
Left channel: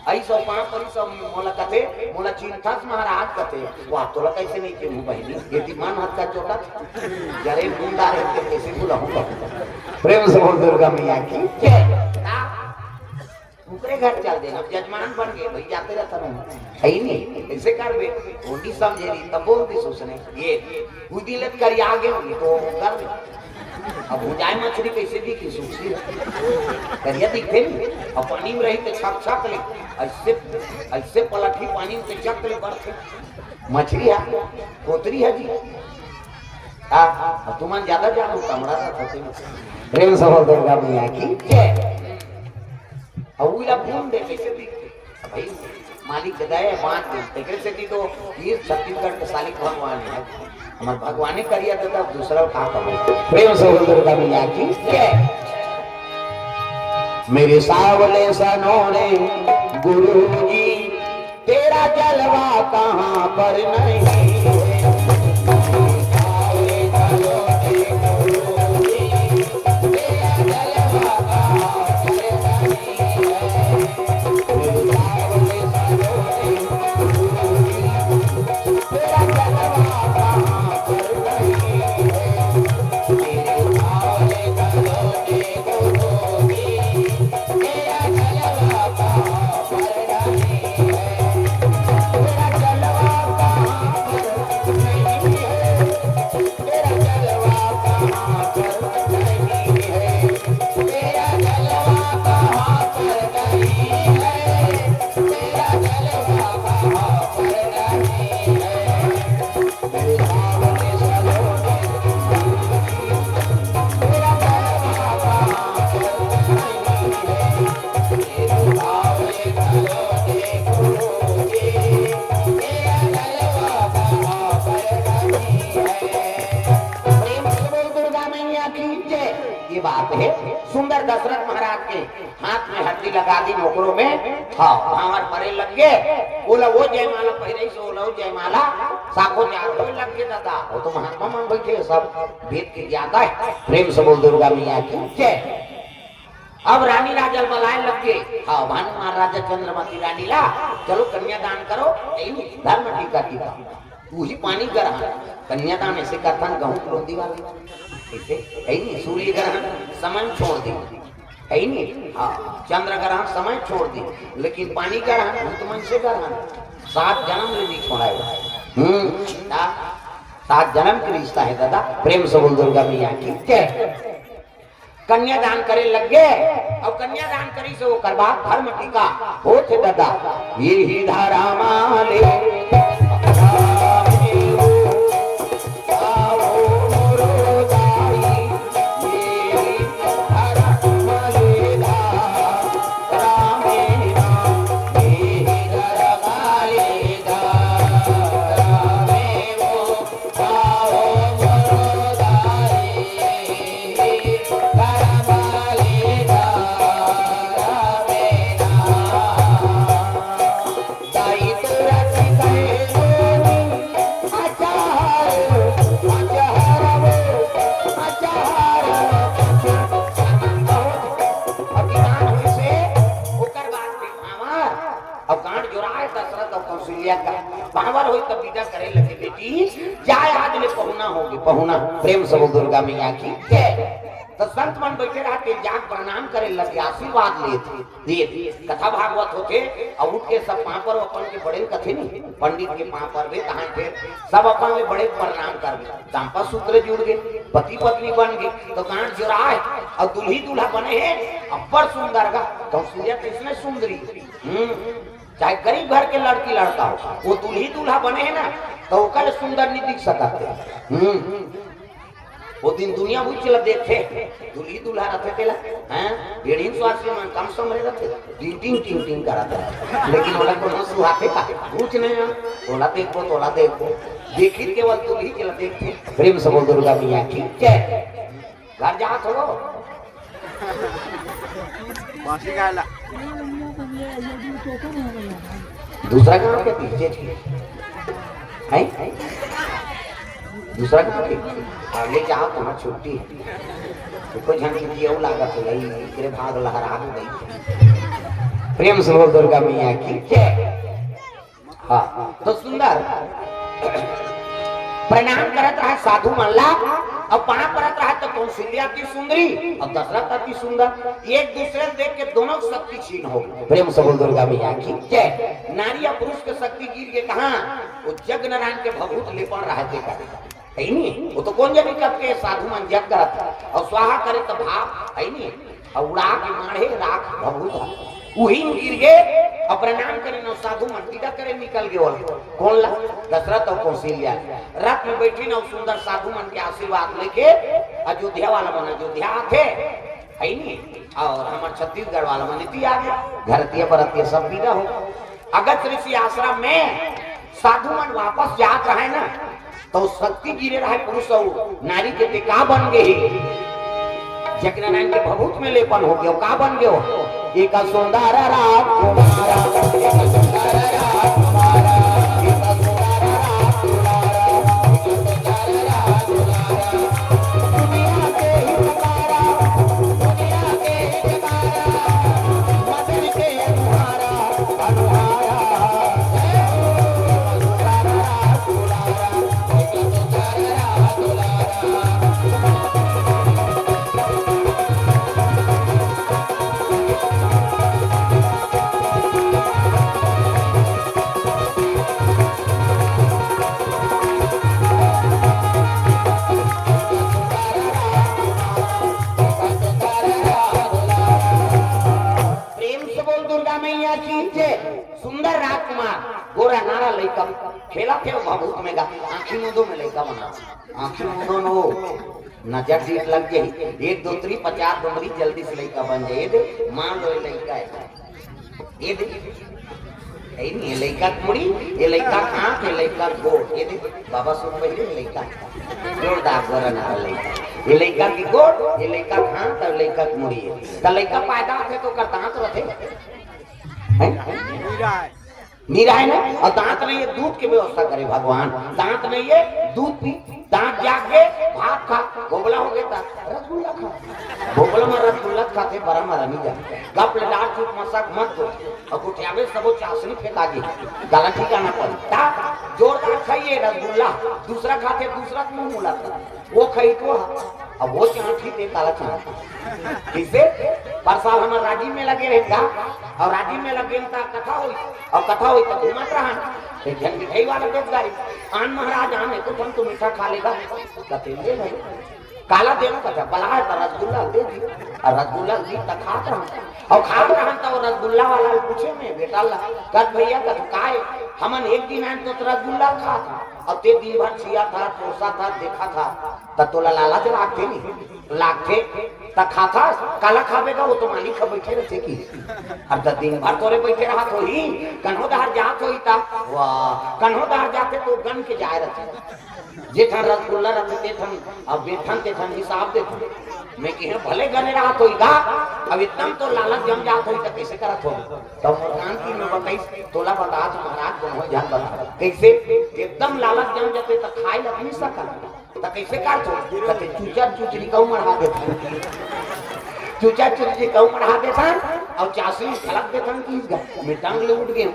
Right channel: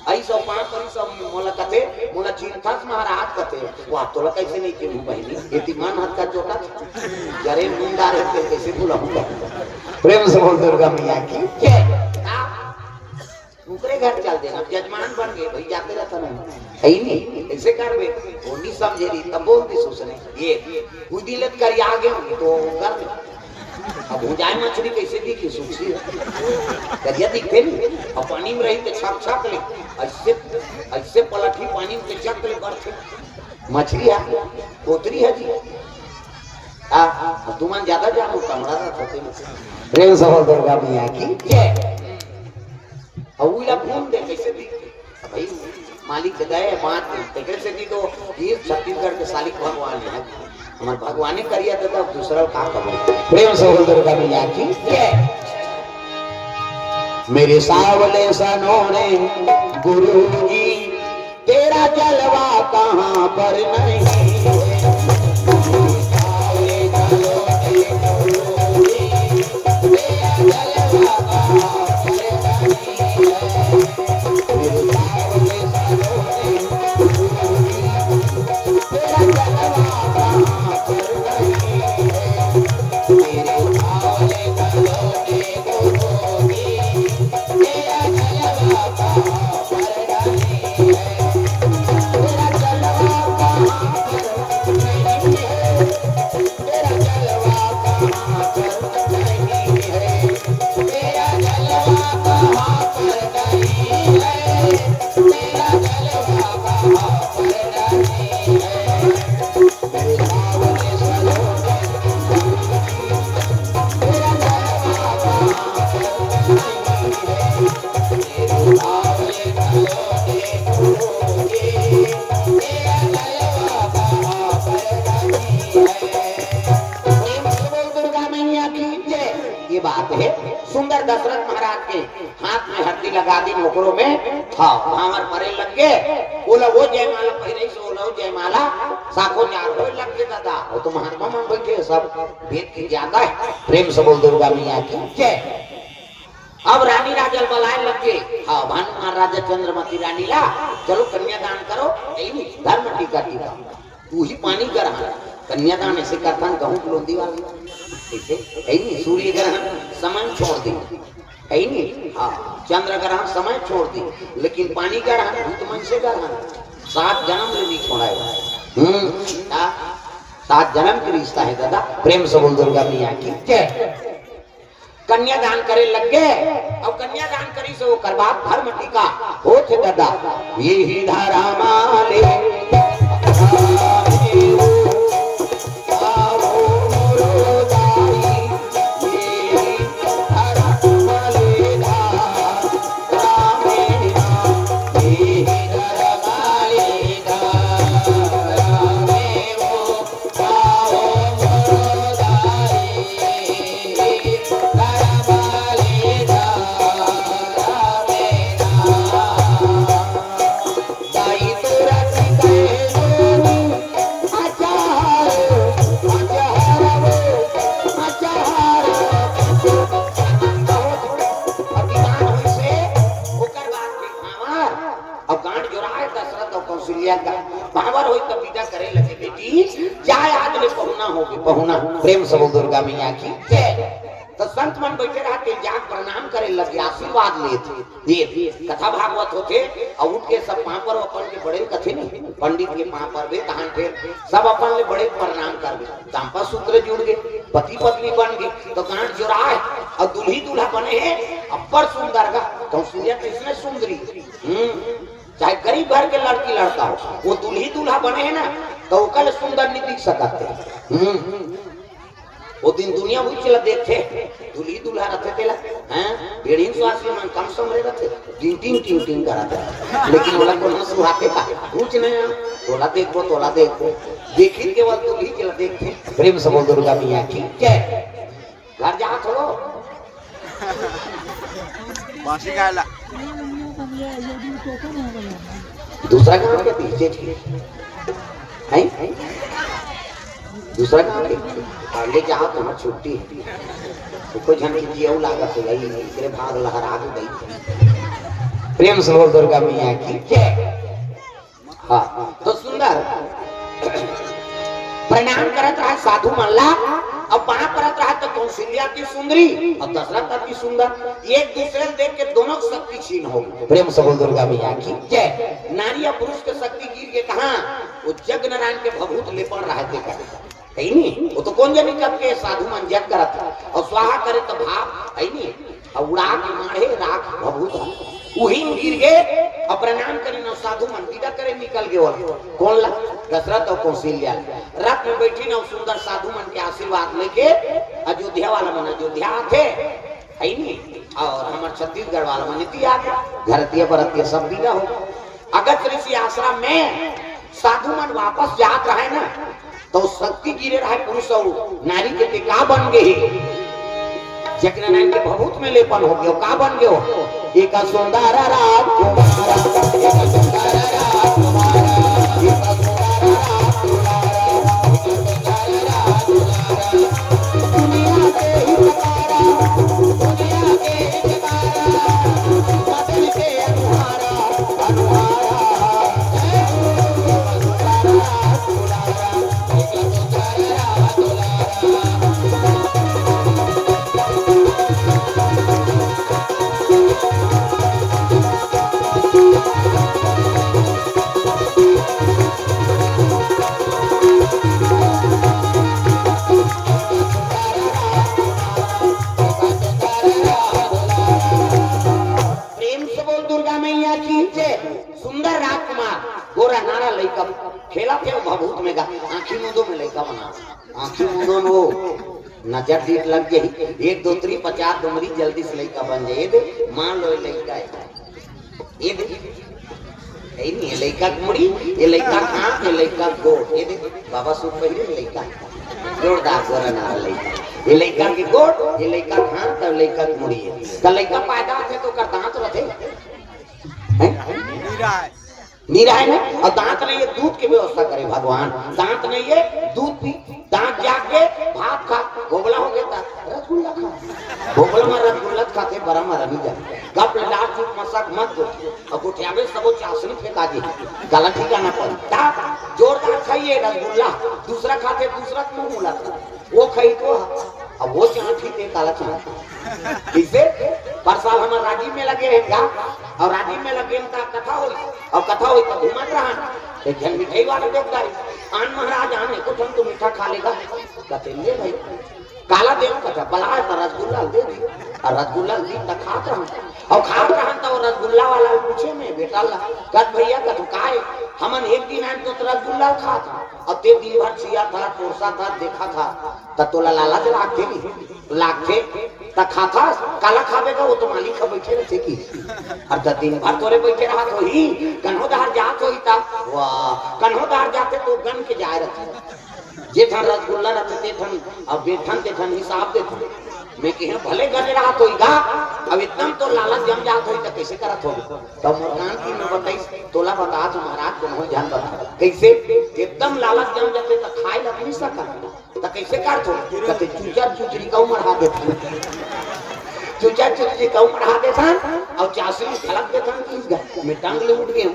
आई सब 5 परी सब मोला कथे मोला चिंतास महाराज कथे वाह तोला कैसे नहीं के बहिनी यदि मन हाथ का चोका जरे मुंडा रे कैसे बुलाऊंगा प्रेम से बोल दुर्गा मैया की जय दूसरे घर चल देना जजमान बन गए भाई जाते रहता नहीं ऐसे कर वे होनी समझे नहीं तब बोल भी सोचने ये खुदी लग कर आ गए तो कर अब भुजाई मछली कैसे दिखी सूची करिया दिखते और पानी में रही तो छक छक ले ऐसे पलटी पानी में चक ले बरसे मछली है कोतरी है जी तुम ज्यादा जानो कमरा प्रेम से दुर्गा मैया की उला घूम दे कैसे दी भाई मालिक के दे बात दे कैसे दी तो ये छत्तीसगढ़ के साली भगवान है हमार भगवान करिया तो दूसरा का करो प्रेम से दुर्गा मैया की मेरे सावले सनोरे गुरु जी तेरा जलवा कहां पर नहीं सुंदर दशरथ महाराज के हाथ में हड्डी लगा दी नौकरों में हाँ भावर परे लग गए बोला वो जयमाला पहले से बोला वो जयमाला साखो जागो लग गए दादा वो तो महात्मा मान बैठे सब भेद की ज्यादा है प्रेम से बोल दुर्गा मैया की जय अब रानी राजा बुलाए लग गए हाँ भानु महाराजा चंद्रमती रानी ला चलो कन्यादान करो धर्म टीका टीका तू ही पानी गर्म कन्यादान ऐसे करता गहूं लोंदी वाली ऐसे नहीं सूर्य ग्रहण समय छोड़ दी है नहीं हाँ चंद्र ग्रहण समय छोड़ दी लेकिन पानी ग्रहण भूत मन से ग्रहण 7 जन्म में नहीं छोड़ाएगा 7 जन्म की रिश्ता है दादा प्रेम से बोल दुर्गा मैया की कन्यादान करे लग गए अब कन्यादान करी से वो करवा धर्म टीका हो थे दादा ये ही धारा माले पहुना प्रेम से दुर्गा मैया की तो संत मन बैठे रहते जाग प्रणाम करे लगे आशीर्वाद लेते कथा भागवत होते और उठ के सब वहां पर अपन के बड़े कथे नहीं पंडित के वहां पर भी कहां थे सब अपन में बड़े प्रणाम कर गए दांपत्य सूत्र जुड़ गए पति पत्नी बन गए तो गांठ जोड़ा है और दुल्ही दूल्हा बने हैं अपर सुंदर का तो सूर्य किसने सुंदरी चाहे गरीब घर के लड़की लड़का हो वो दुल्ही दूल्हा बने हैं ना तो कल सुंदर नहीं दिख सकते वो दिन दुनिया हुई चला देखते दुल्ही दूल्हा रखे थे हैं भेड़ीन स्वास्थ्य में कम समरे रखे टिंग करता लेकिन वो लोग ना सुहाते का कुछ नहीं तोला देखो देखी केवल दुल्ही चला देखते प्रेम से बोल दुर्गा मैया की जय घर जा चलो बांसी गायला दूसरा काम के पीछे है दूसरा काम के पहले जहाँ तुम्हें छुट्टी तो झंडी जीव लागत हो गई तेरे भाग लहरा गई प्रेम से बोल दुर्गा मैया की जय हाँ तो सुंदर प्रणाम करत रहा साधु मल्ला अब वहां परत रहा तो कौशल्या की सुंदरी और दशरथ की सुंदर एक दूसरे देख के दोनों शक्ति छीन हो प्रेम से बोल दुर्गा मैया की जय नारी और पुरुष की शक्ति गिर के कहा वो जग नारायण के भभूत लेपन रहे थे है नहीं वो तो कौन जाने कब के साधु मन जग करत और स्वाहा करे तो भाव है नहीं और उड़ा के मारे राख भभूत वही गिर गए और प्रणाम करे ना साधु मन विदा करे निकल गए कौन ला दशरथ और कौशल्या रथ में बैठी ना सुंदर साधु मन के आशीर्वाद लेके अयोध्या वाला बना अयोध्या थे है नहीं। और हमारे छत्तीसगढ़ वाला में नीति आ गए धरती परतीय सब दीदा हो। अगस्त ऋषि आश्रम में साधु मन वापस जात रहे ना तो शक्ति गिरे रहे पुरुष नारी के का बन गए जकरा नाम के भभूत में लेपन हो गयो का बन गयो एक सुंदर सुंदर राजकुमार गोरा नारा लड़का खेला थे भभूत में आँखी मुंदो में लड़का बना आँखी मुंदो में वो नजर दीख लग गई 1 2 3 50 डुमरी जल्दी से लड़का बन जाए दे मान लो लड़का है ये दे है नहीं लड़का मुड़ी ये लड़का कहाँ ये लड़का गो ये दे बाबा सुन पहले लड़का जोरदार गोरा नारा लड़का ये लड़का की गोड़ ये लड़का कहाँ तो लड़का मुड़ी है तो लड़का पैदा थे तो करता तो रहे नीरा है ना और दांत नहीं है दूध की व्यवस्था करे भगवान दांत नहीं है दूध पी दांत जाग गए भात खा भोगला हो गया रसगुल्ला खा भोगल में रसगुल्ला खाते बड़ा मरा नहीं जाए गप लाल चुप मसक मत दो और कुठियावे सबो चासनी फेंका दी गला ठिकाना पर ता जोरदार खाइए रसगुल्ला दूसरा खाते दूसरा क्यों बोला वो खाई तो अब वो चौथी ते काला चला किसे परसा होना राजी में लगे रहेगा और राजी में लगे ता कथा हुई और कथा हुई तो घूमत रहा तो जन मिठाई वाला देख दाई आन महाराज आने को तुम मीठा खा लेगा कहते ले ले काला देव कथा बलाय पर रसगुल्ला दे दी और रसगुल्ला दी त खात रहा और खात रहा तो रसगुल्ला वाला पूछे में बेटा ला कह भैया कह काय हमन एक दिन है तो रसगुल्ला खाता और ते दिन भर सिया था पोसा था देखा था तब तो लालच लागे नहीं लागे त खाता काला खावेगा वो तो मालिक का बैठे रहते की और त दिन भर तोरे बैठे रहा तो ही कन्हो दहर जात होई ता वाह कन्हो दहर जाते तो गन के जाए रहते जेठा रसगुल्ला रखते थन और जेठन ते थन हिसाब देते मैं कह भले गने रहा तो इगा अब एकदम तो लालच जम जात होई त कैसे करत हो तब मुकान की न बताई तोला बता तो महाराज को ध्यान बता कैसे एकदम लालच जम जाते त खाए लग नहीं सकत त कैसे करत हो कहते चूचा चुचरी का मरा देते चूचा चुचरी का मरा देता और चासी खलक देता कि मैं टांग ले उठ गया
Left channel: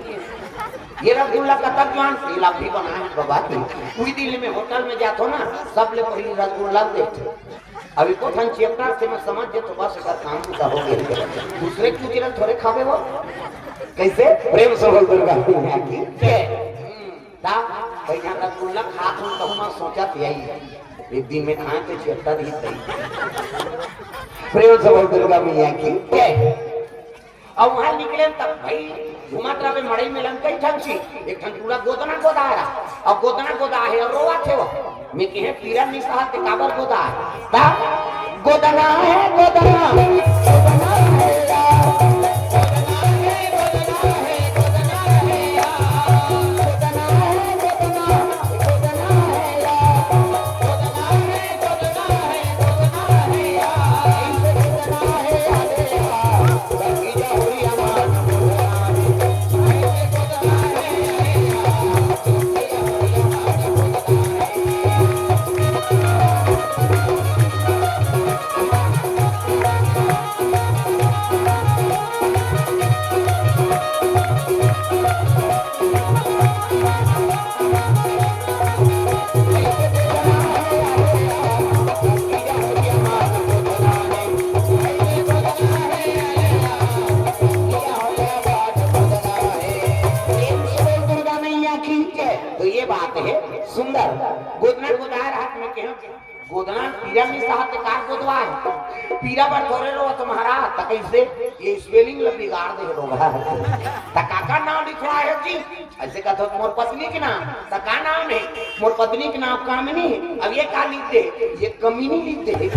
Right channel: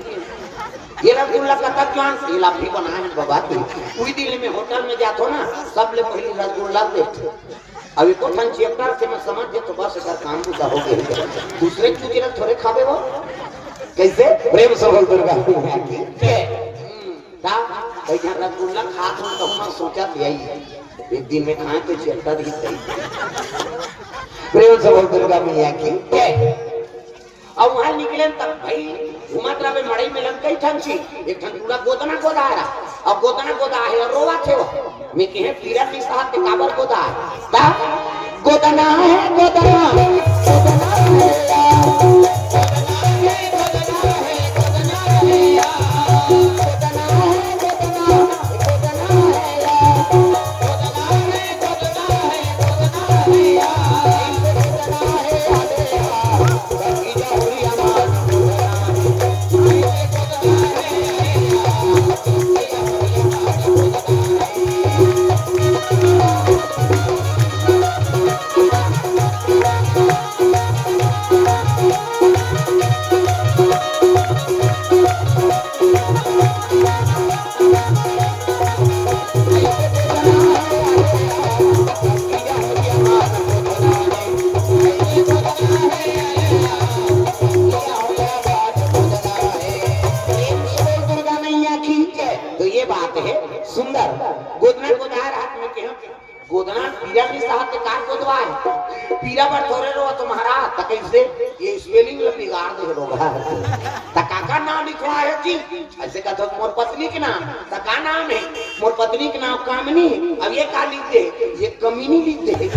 ये रसगुल्ला का तक जान ये लाठी बना बाबा कोई दिल्ली में होटल में जातो ना सब ले पहले रसगुल्ला देते अभी तो ठन चेतना से मैं समझ जे तो बस कर काम पूरा हो गया दूसरे चुचरा थोड़े खावे वो कैसे प्रेम से बोल दुर्गा ता भाई जहां रसगुल्ला खात हूं तो मैं सोचा था यही एक दिन में खाए तो चेतना ही सही प्रेम से बोल दुर्गा मैया की अब वहां निकले तब भाई घुमात्रा में मड़ई में लम कई ठन छी एक ठन पूरा गोदना गोदा रहा अब गोदना गोदा है और रोवा थे वो मैं कहे पीरा नहीं साहब के काबर गोदा ता गोदना है गोदना गोदना है गोदना पीरा में साहब के कार गोदवा पीरा पर थोड़े रो तुम्हारा त कैसे ये स्पेलिंग ल बिगाड़ दे लोगा त काका नाम लिखवा है जी ऐसे का तो मोर पत्नी के नाम त का नाम है मोर पत्नी के नाम कामनी अब ये का लिख दे ये कमीनी लिख दे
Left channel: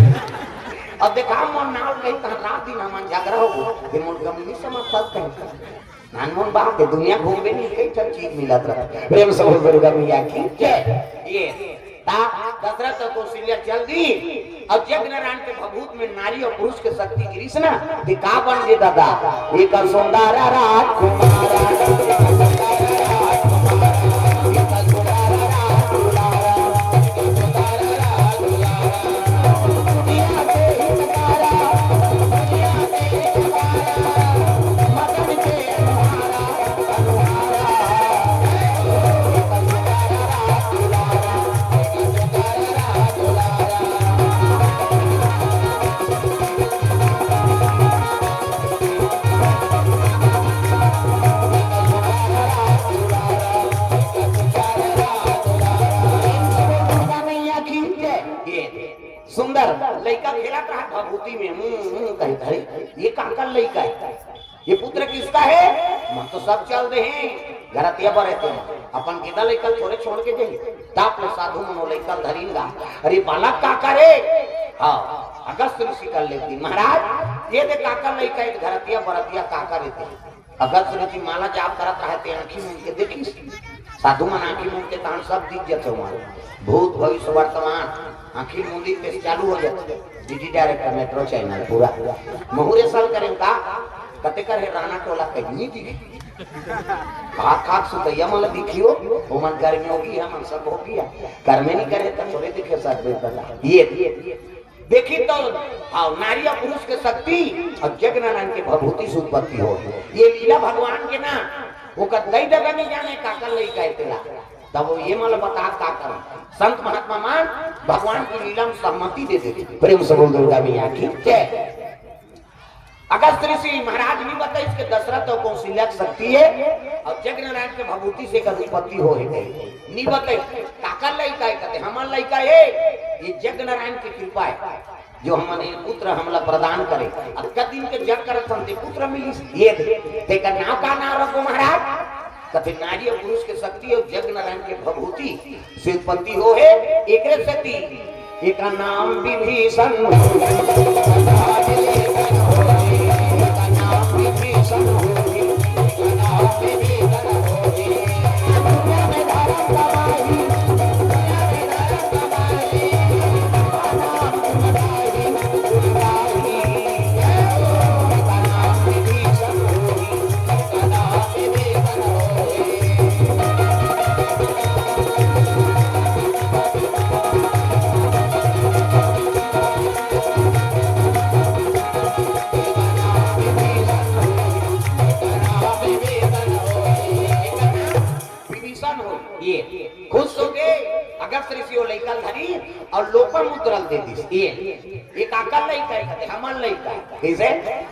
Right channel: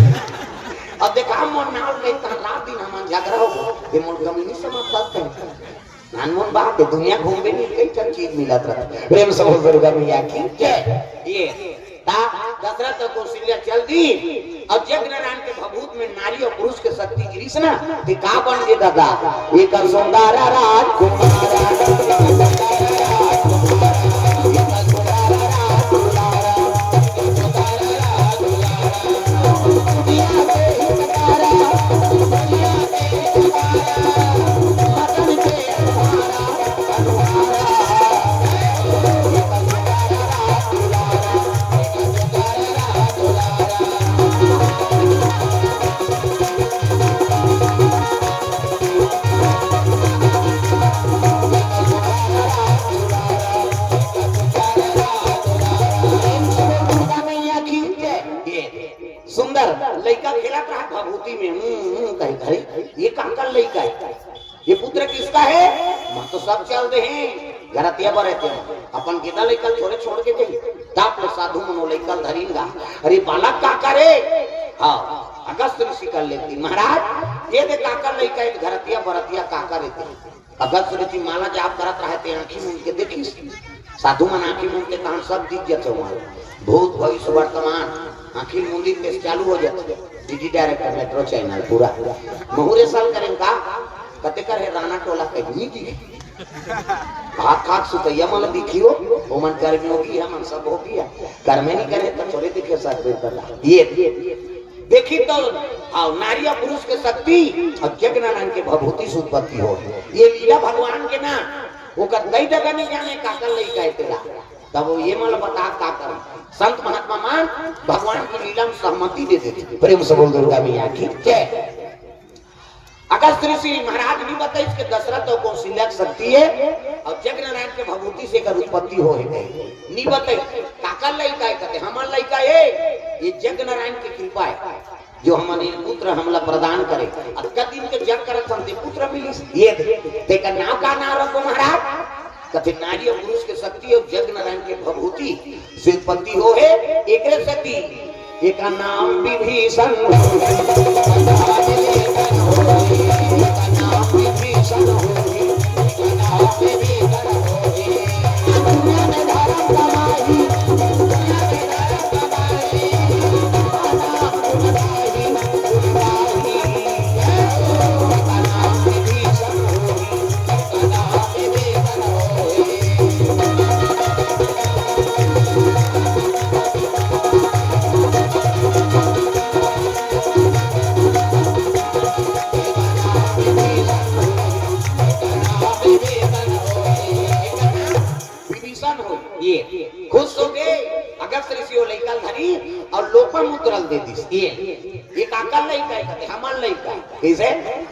अब देखा मन नाल नहीं त रात दिन हम झगड़ा हो ये मन कमी समाप्त करते नान मन बात दुनिया घूमबे नहीं कई तरह चीज मिलत है प्रेम से बोल दुर्गा मैया की जय ये दशरथ कौशल्या चल दी और जग नारायण के भभूत में नारी और पुरुष के शक्ति गिरीश ना का बन गए दादा एक सुंदर राजकुमार लड़का खेला था भभूति में ये काकल लड़का है ये पुत्र किसका है मैं तो सब चल रहे हैं घरतिया पर रहते हैं अपन गेदा लेकर छोड़े छोड़ के दे ताप साधु मनो लेकर धरींगा अरे बालक का करे हाँ अगस्त ऋषि कर लेती महाराज ये दे काकल लड़का एक घरतिया बरतिया काका रहते अगस्त ऋषि माला जाप करत रहते आंखी में उनके देखी साधु मन आंखी में उनके काम सब दिख जाते भूत भविष्य वर्तमान आखिर मुंदी पे चालू हो जाते डीडी डायरेक्टर मेट्रो चैनल पूरा मुहूर्त साल करें का कते कर है राणा टोला कहीं दी काक सुतैया मतलब दिखियो ओमन गर्मी होगी हम सब हो गया घर में नहीं करे तो थोड़े दिखे साथ में ये देखी तो आओ नारिया पुरुष के शक्ति और जग नारायण के भभूति से उत्पत्ति हो ये लीला भगवान के ना वो कई जगह नहीं जाने काकल नहीं कहते ला तब वो ये माल बता का कर संत महात्मा मान भगवान की लीला में सहमति दे देते प्रेम से बोल दुर्गा मैया की जय अगस्त ऋषि महाराज नहीं बताए इसके दशरथ और कौशल्या की शक्ति है और जग नारायण के भभूति से का उत्पत्ति हो गई नहीं बताए काकल लड़का है कहते हमार लड़का है ये जग नारायण की कृपा है जो हमारे पुत्र हमला प्रदान करे अब दिन के जग करे संते पुत्र मिली ये तेका नाम का नाम रखो महाराज कथे नारी और पुरुष के शक्ति और जग नारायण के भभूति से उत्पत्ति हो है एक शक्ति एक नाम विभीषण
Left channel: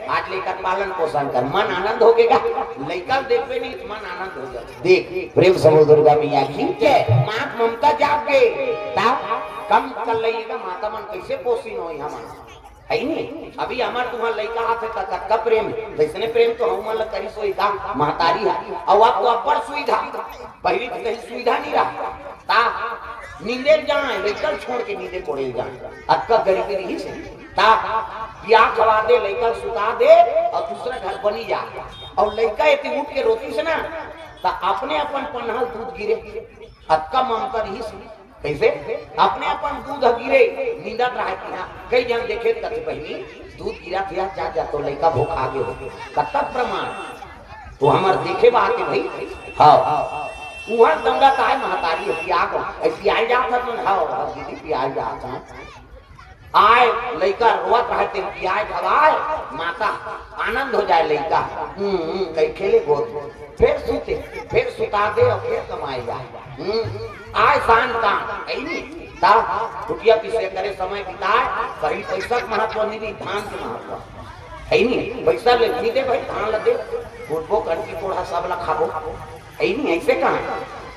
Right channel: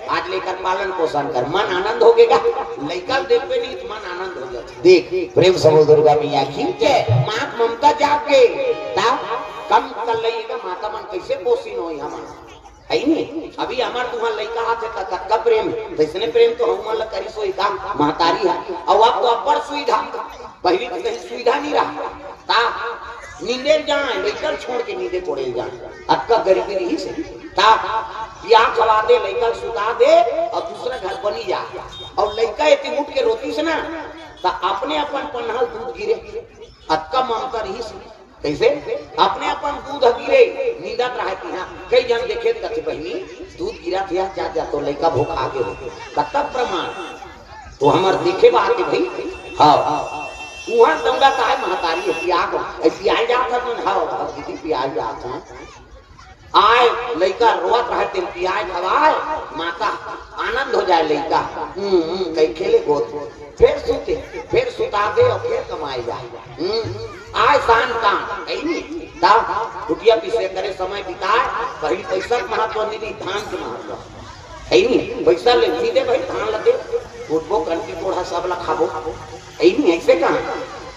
आज लेकर पालन पोषण कर मन आनंद हो गएगा लड़का देखते नहीं तो मन आनंद हो जाता देख प्रेम समो दुर्गा मैया की जय मात ममता जाके कम कर लेगा माता मन कैसे पोषण हो हम है नहीं अभी हमार तुम्हारा लड़का हाथ का प्रेम वैसने प्रेम तो हम वाला करी सोई का महतारी है और अब तो बड़ सुविधा पहले तो कहीं सुविधा नहीं रहा ता नींदे जाए लड़का छोड़ के नींदे पड़ेगा अब का गरीबी रही से ता या खवा दे लड़का सुता दे और दूसरा घर बनी जा और लड़का इतनी उठ के रोती से ना तो अपने अपन पन्हल दूध गिरे अक्का ममता रही से कैसे अपने अपन दूध गिरे नींदत रहती है कई जन देखे कथे पहली दूध गिरा दिया जा तो लड़का भूख आगे हो कतक प्रमाण तो हमार देखे बात के भाई हां वहां दंगा का महतारी प्याग ऐसी आई जात था हां दीदी प्याज जात है आए लड़का रोवत रहते प्याज खवाए माता आनंद हो जाए लड़का कई खेले को फिर सुता दे और फिर कमाई जाए आए शान काम कहीं नहीं ता रुपया पीछे करे समय बिताए कहीं पैसा महत्व नहीं दी धान के महत्व कहीं नहीं पैसा ले दे भाई धान लगे उठबो करके थोड़ा सा वाला खाबो कहीं नहीं ऐसे कहां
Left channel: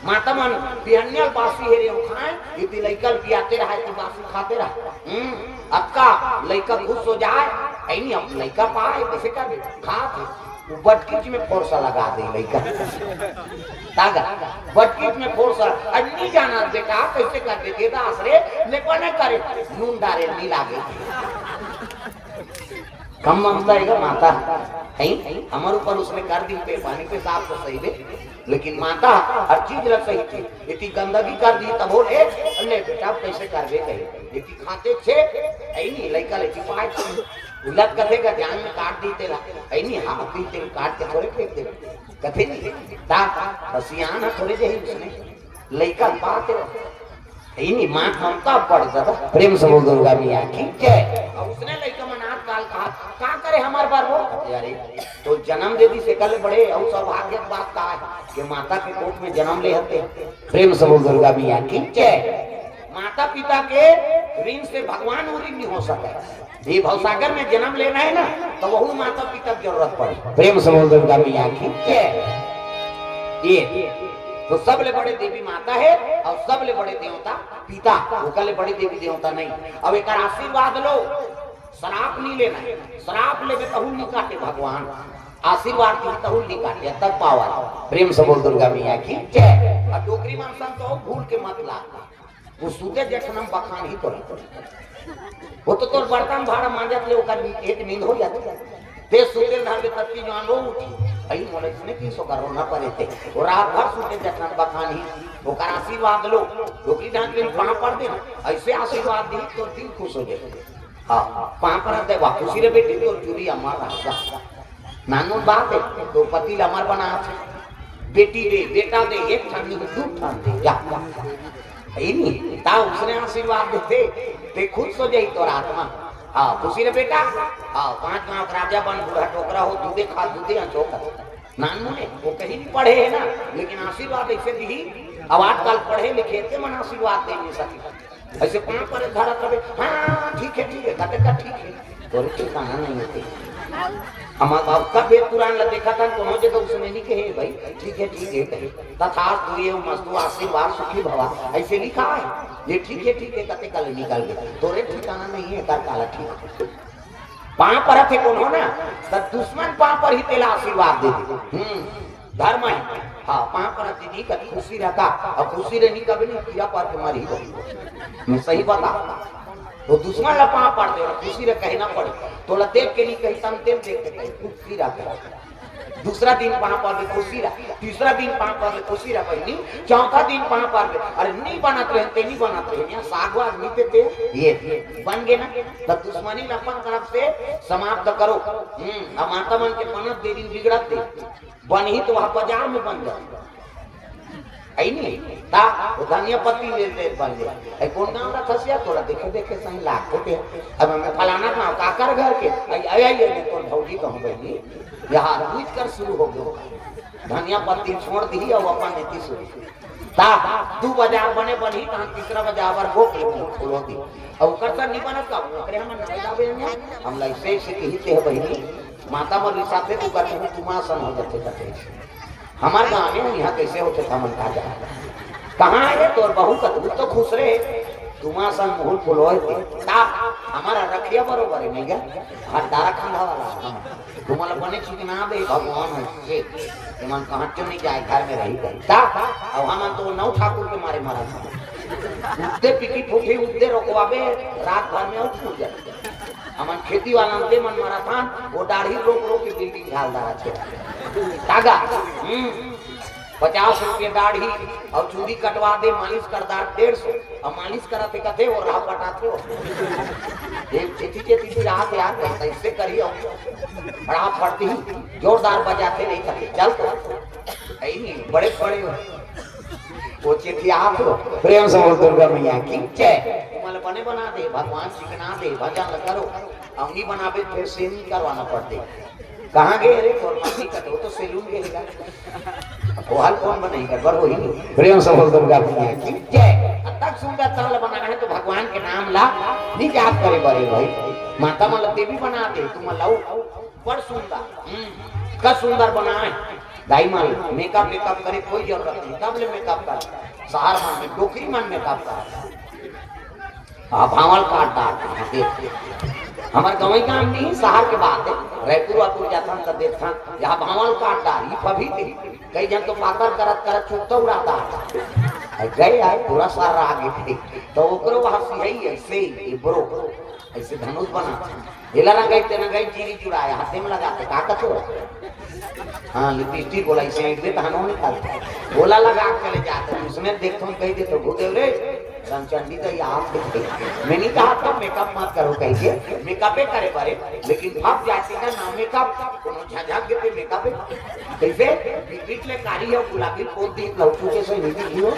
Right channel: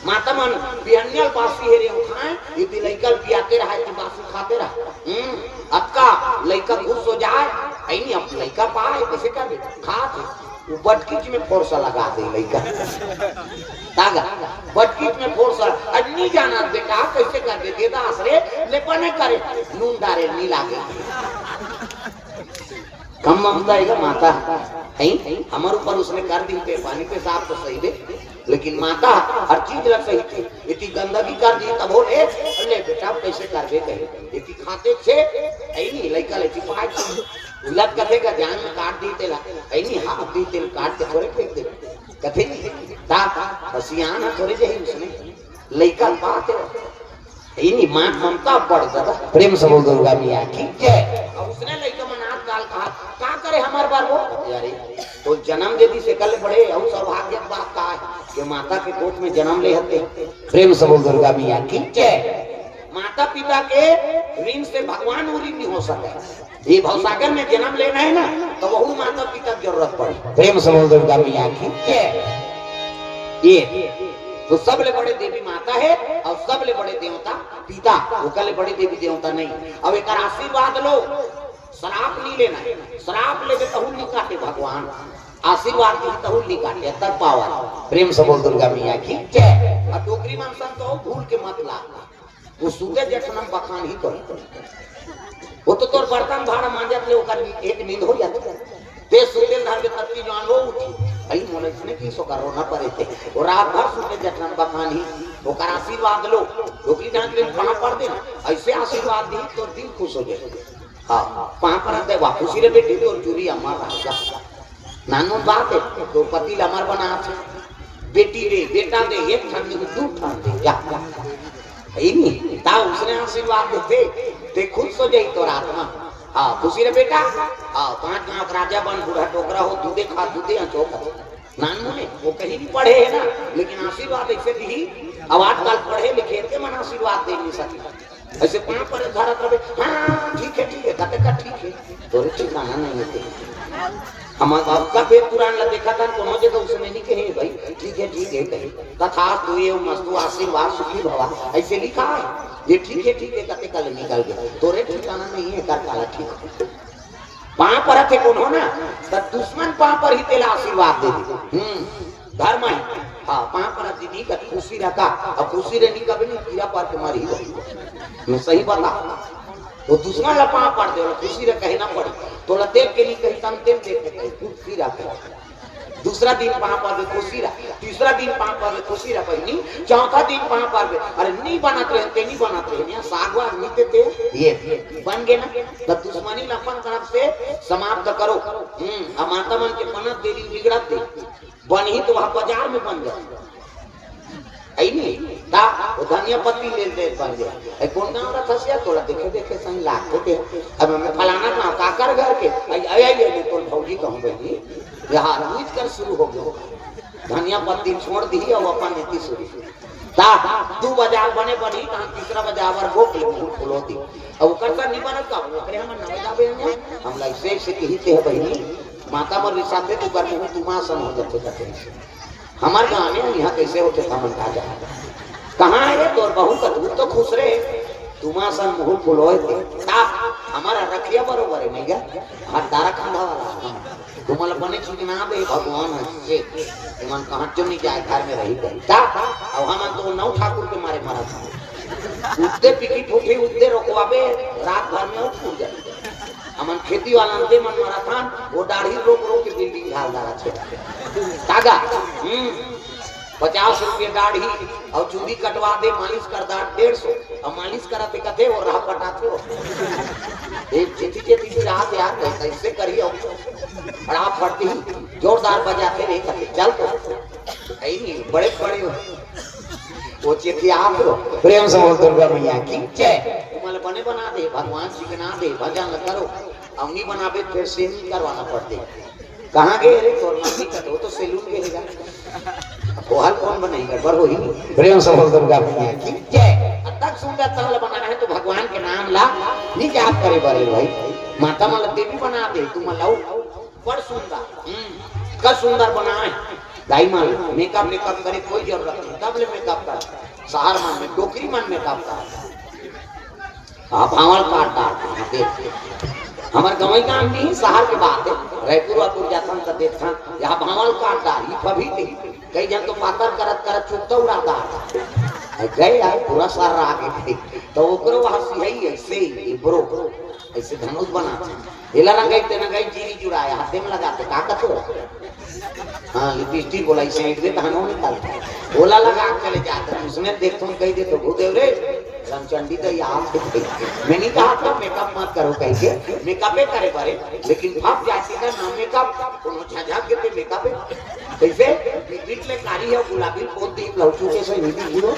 माता मन बिहनियल बासी हेरे उठाए ये लड़का पियाते रहा कि बासी खाते रहा अक्का लड़का खुश हो जाए कहीं नहीं अब लड़का पाए कैसे कर खा वो बटकीच में फोर्सा लगा दे लड़का तागा बटकीच में फोर्सा अन्नी जाना बेटा कैसे कर दे देदा आसरे लेपा न करे नून डारे नहीं लागे कम ममता है माता नहीं हमारे ऊपर उसने कर दी थे पानी पे साफ तो सही दे लेकिन माता हर चीज रख सही थी इतनी गंदगी कर दी तब बोले अल्ले बेटा कैसे कर दे कहे इतनी खाते छे नहीं लड़का लड़की पाँच लग कथे का ध्यान में काट दी तेला नहीं हाथ दी तेल काट के थोड़े फेंक दे कथे ता बसियान थोड़ी जही उसने लड़का बात नहीं मां ममता बढ़ जाता प्रेम से बोल दुर्गा मियां ठीक है और उसने लड़का मनात काल कहा क्या करे हमारे बार वो यार तो जन्म दे दी से कल बड़े और सौभाग्य बात का कि माता के कोख में जन्म ले हते प्रेम से बोल दुर्गा मियां ठीक है माता पिता के ऋण से भगवान ऋण नहीं हो सकता ये भवसागर में जन्म लेना है ना तो वही माता पिता की जरूरत पड़े प्रेम से बोल दुर्गा मियां ठीक है ये तो सबले बड़े देवी माता है और सबले बड़े देवता पिता ओकले बड़े देवी देवता नहीं अब एक आशीर्वाद लो श्राप नहीं लेना श्राप लेके तहु नहीं काटे भगवान आशीर्वाद की तहु नहीं काटे तक पावा प्रेम से बोल दुर्गा मियां ठीक है और डोगरी में तो भूल के मत ला वो सूते जखनम बखान ही करी वो तो तोर बर्तन भाड़ा मांजत ले ओकर एक नींद हो जाती देश सूते नहर में तक की जान वो उठी भाई मोले ने की सो करो ना पड़े थे और रात भर सूते जखनम बखान ही ओकर आशीर्वाद लो डोगरी डांट में कहां पड़ दे ऐसे आशीर्वाद दी तो दिल खुश हो जाए हां कहां पर दे वापस रे बेटी तो चूरी अमर राजा नानो बात है तो पति अमर बना बेटी दे बेटा दे एक ठंडी दू ठंडी जा नहीं ता उसने आशीर्वाद देते ते खुद सो जाई तो आत्मा हां खुशी रे बेटा हां पांच गांव राजा बन बूढ़ा टोकरा हो दूधे खा दूधे चौक नानू ने वो कहीं भी पढ़े है ना लेकिन आशीर्वाद ऐसे दी अब आजकल पढ़े लिखे थे मन आशीर्वाद दे नहीं सकते ऐसे कहां पर भारत रहे हां ठीक है कहते का ठीक है तो ठीक माना नहीं होते हमारा आपका वेद पुराण में देखा था तो मुझे तो उसने नहीं कहे भाई ठीक है कहे तथा तो ये मस्तु आशीर्वाद सुखी भवा ऐसे लिखा है ये ठीक है कहते कल निकल गए तो रे ठिकाना नहीं है कर काला ठीक वहां पर थे कौन हो ना तो दुश्मन वहां पर ही तेरा आशीर्वाद दे दे धर्म है हाँ वहां पर दीदी कभी खुशी रहता और खुशी रहनी कभी नहीं कीड़ा पार के मरी मैं सही बता वो दुश्मन ला पांव पड़ दे खुशी रे कहना पड़े थोड़ा देख के नहीं कहीं तम तेल देख के खुशी रहता दूसरा दिन पांव पड़ दे खुशी रहा तीसरा दिन पांव पड़ दे खुशी रहा नहीं चौथा दिन पांव पड़ दे अरे नहीं बनाते रहते यहाँ सागवा नीते थे ये बन गए ना तो दुश्मनी अपन तरफ से समाप्त करो अब माता मन के पनत देरी बिगड़त दे बन ही तो वहां बाजार में बन गए नहीं ता वो धनिया पत्ती लेते बन गए ए कौन गांव रखा से थोड़ा देखे सही लाख के अब मैं फलाना ना काकर घर के आई तो भौजी कहूं बनी यहां रुज कर शुरू हो गया धनिया पत्ती छोड़ दी और अपन नीति शुरू ता दो बाजार बने बनी कहां तीसरा बाजार पर भोग ले खोलो दी अब करता नहीं बनत का ओकरे हम ना जाबे हम ऐसे से कहते है बहनी माता पर रिसाते तो करते तुमा समझ करते हमारे गाँव में यहाँ कैसे होते काम जा कहाँ है तो बहू कतबू तो खुश रहे तुमा सन बहुत फुलोए थे हमारा रखिया बरोबर है नहीं क्या हाथ दारा खंडा वाला तुम्हारा बने चीज ना दे भगवान से तुम कहाँ क्यों नहीं जाए घर में रही गई ता अब हम तो नौ ठाकुर के मारे मारा उठते पिकी फूटी उठते रोकवाबे रात भर में उठ जाए हमन खेती वाला दे मन मारा था वो दाढ़ी रोक के बिल्डिंग ढाल दारा छे कागा 50 रुपये दाढ़ी और चूड़ी कटवा दे मालिश कर दा 150 और मालिश कराते कहते और राह पटाते एक चिट्ठी भी राह यार कैसे करियो राह पड़ती जोरदार बजाते नहीं कहते चल तो नहीं बड़े वो चिट्ठी आप प्रेम से बोल दुर्गा मैया की जय मन बने बना दे भगवान जी बना दे भजन करो अंगी बनावे फिर से नहीं करवाना पड़ते कहाँ गए रे तो तो सैलून गए वो हाल कौन बनेगा बर हो ही प्रेम से बोल दुर्गा मैया की जय तक सुंदर ताल बना रहे तो भगवान के नाम ला नहीं जाप करे बड़े भाई माता माला देवी बना दे तुम लाओ बड़ सुंदर का सुंदर बनाए दाई माल मेकअप करे कोई जरूरत नहीं तब ले मेकअप कर सहार मान में टोकरी मान मेकअप कर भावल काट डालते हमारे गाँव काम नहीं शहर के बात है रायपुर जाता हूँ देखा यहाँ भावल काट डाली कभी नहीं कई जन तो पाकर करत छुट्टा उड़ाता गए यार पूरा सारा आगे थे तो ओकरो हंसी है ऐसे ही ब्रो ऐसे धनुष बनाते हेला ना गई तेना गई चीनी चुराया हाथे में लगाते ताकत हो हाँ लिपस्टिक बोला इसे एक दे हनो निकालते बोला लगा के चले जाते उसने देखो कह दे तो भूदेव रे रामचंडी तो याद मैंने कहा था मेकअप मत करो कैसे मेकअप करे बारे लेकिन भाग जाती है ना मेकअप झाझा के पे मेकअप कैसे बीच में कारी है गुलाबी को देख लौटू के से नहीं हीरो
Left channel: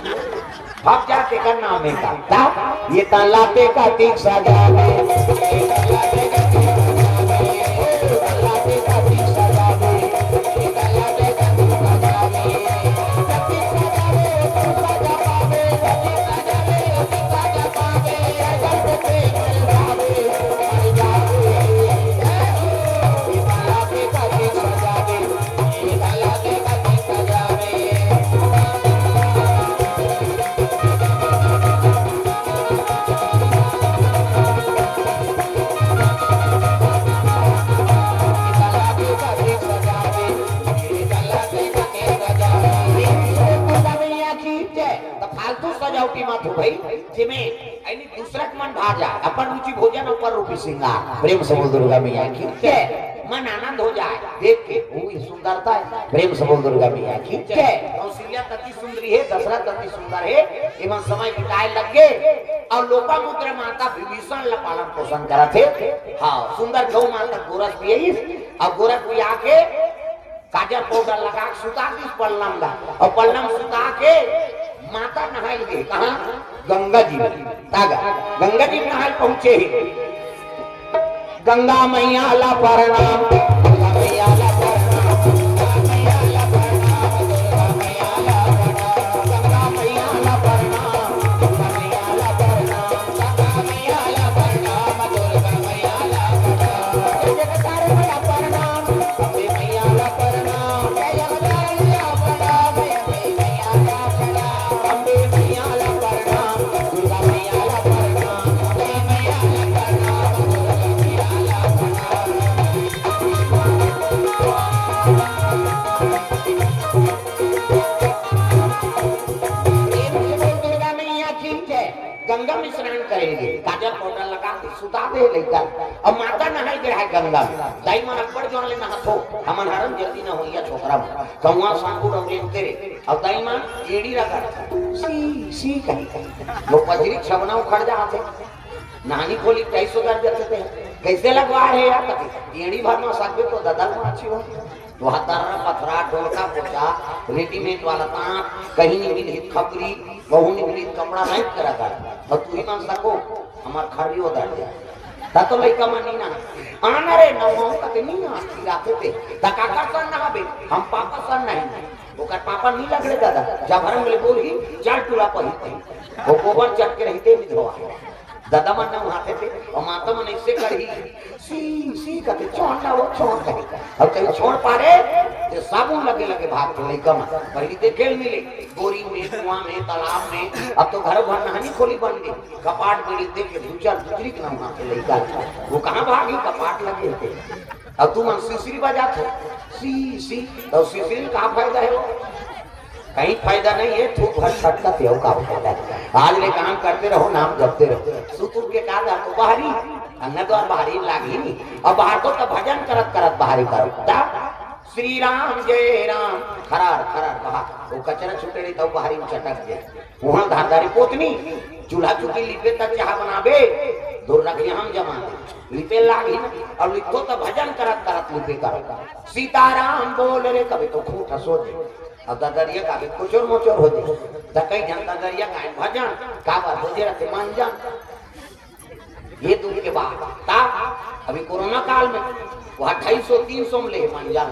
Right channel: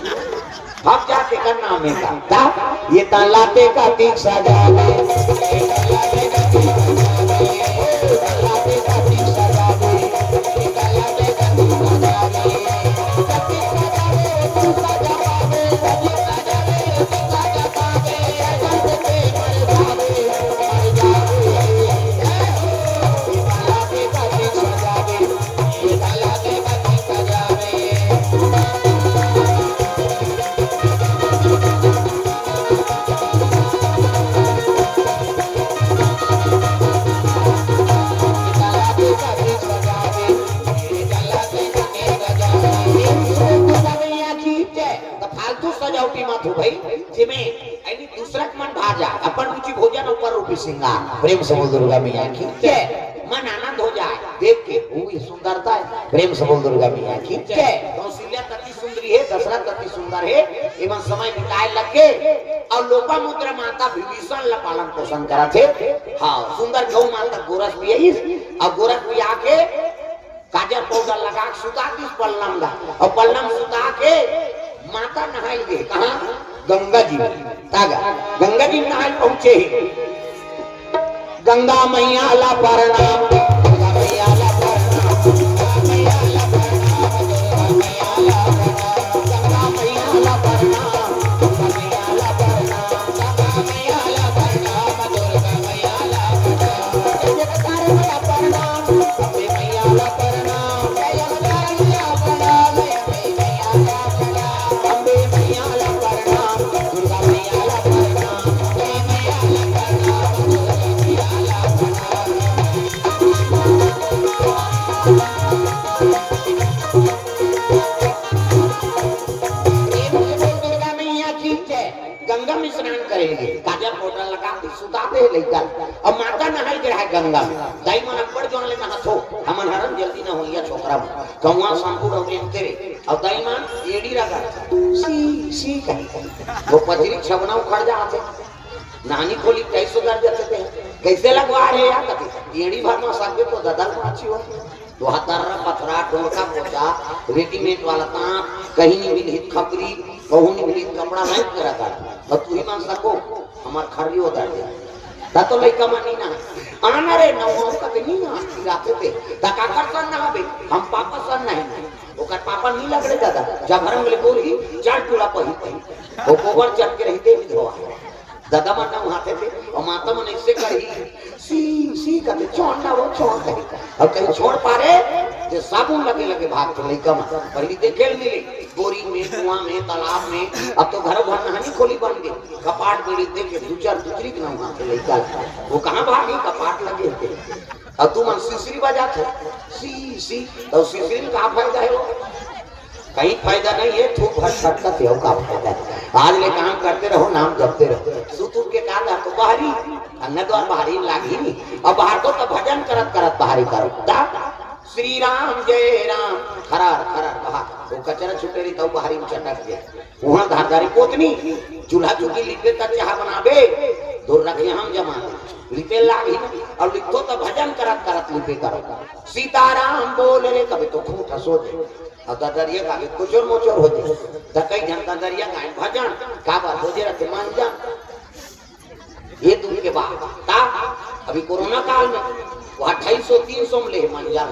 भाग जाते का नाम मेकअप का ये काला पे का तीन सजा प्रेम से बोल दुर्गा मैया की जय मन आनंद हो जाए देख के वो सुंदरता है प्रेम से बोल दुर्गा मैया की जय कौशल्या अति सुंदरी है दशरथ अति सुंदर है एवं समय बिताए लगे और लोपामुद्रा माता विभीषण ला पालन पोषण करा थे हाँ सुंदर गौ माता गोरख भी है और गोरख भी आके काजल पाउडर लगा सुता दी पल्लम ला और पल्लम सुता के माता नहाई गई कहाँ गंगा जी तागा गंगा जी नहाई पहुंचे ही गंगा मैया ला प्रणाम गंगा मैया ला प्रणाम गंगा मैया ला प्रणाम गंगा मैया ला प्रणाम गंगा मैया ला प्रणाम गंगा मैया ला प्रणाम दुर्गा मैया ला प्रणाम जगत मैया प्रणाम गंगा मैया ला प्रणाम जगत मैया प्रणाम मैया ला प्रणाम अम्बे मैया ला प्रणाम दुर्गा मैया ला प्रणाम मैया ला गंगा में स्नान करेंगे ताजा पौधा लगा के सुताते हैं लेकर अब माता नहाई गए है गंगा में दाई मन अकबर जो ले नहाथो हमन हरन जल्दी न होइया छोकरा कौवा शंकु रवले तेरे अब दाई मन एड़ी रखा सी सी का वो पथरी छवना उखड़ जाते नानी खोली 250,000 देते कैसे लगवा है यार एड़ी भर में साथे तो ददल में अच्छी हो तो हतारा पथरा ढोलका पोछा रेडीमेड वाला तांत कहीं नहीं मिली खपरी कहूं नहीं मिली कपड़ा नहीं करा था और तू ही मान सको हमार खरी होता है ता तो लइका मानी ना आना रे नौ हो तक नहीं ना राते थे ता काका सन ना बे हम पापा सन नहीं ओकर पापा नहीं लगड़े दादा जब भरन बोले बोली चार टुला पही वो गोबर चट के रहते विधवा दादा माता उठाते थे और माता मन इससे करी सी करके छोड़ना वो छोड़ दे और कहीं छोड़ पा रहे तो साबुन लगे लगे भाग तो लइका में पहली देखे मिले बोरी में कुआं में तालाब में अब तो घर भर नहानी खोली बन गई कपाट बेड़ी देख के दूसरा दूसरी के नाम आते लइका वो कहां भागी कपाट लगे थे अब तू मन सिसरी बजा थे सी तो सिसरी का फायदा है कहीं फायदा नहीं है थूक भर सबका तेव का फायदा है आज ले काम करते रहो नाम जपते रहो सुतुब के कहा तो बाहरी अन्य द्वार बाहरी लागी नहीं और बाहर तो भजन करत करत बाहरी करो श्री राम जय राम खरार खरार कहा वो कचरा छुटे नहीं तो बाहरी में चटक गए वहां धारदारी पोतनी चूल्हा चुकी लिपे तक चाह बनावे दूर रख हम जमा लिपे लागी और लिखो तो भजन करत करत लिपे करो सीताराम बोल रे कभी तो खूब हंसो और दरिया का कुचोर मोचोर होते कई जन दरिया का भजन का हो जे रखे मान जा ये दूर के बाद का अभी कोरोना काल में वो 250-300 में ले मान जा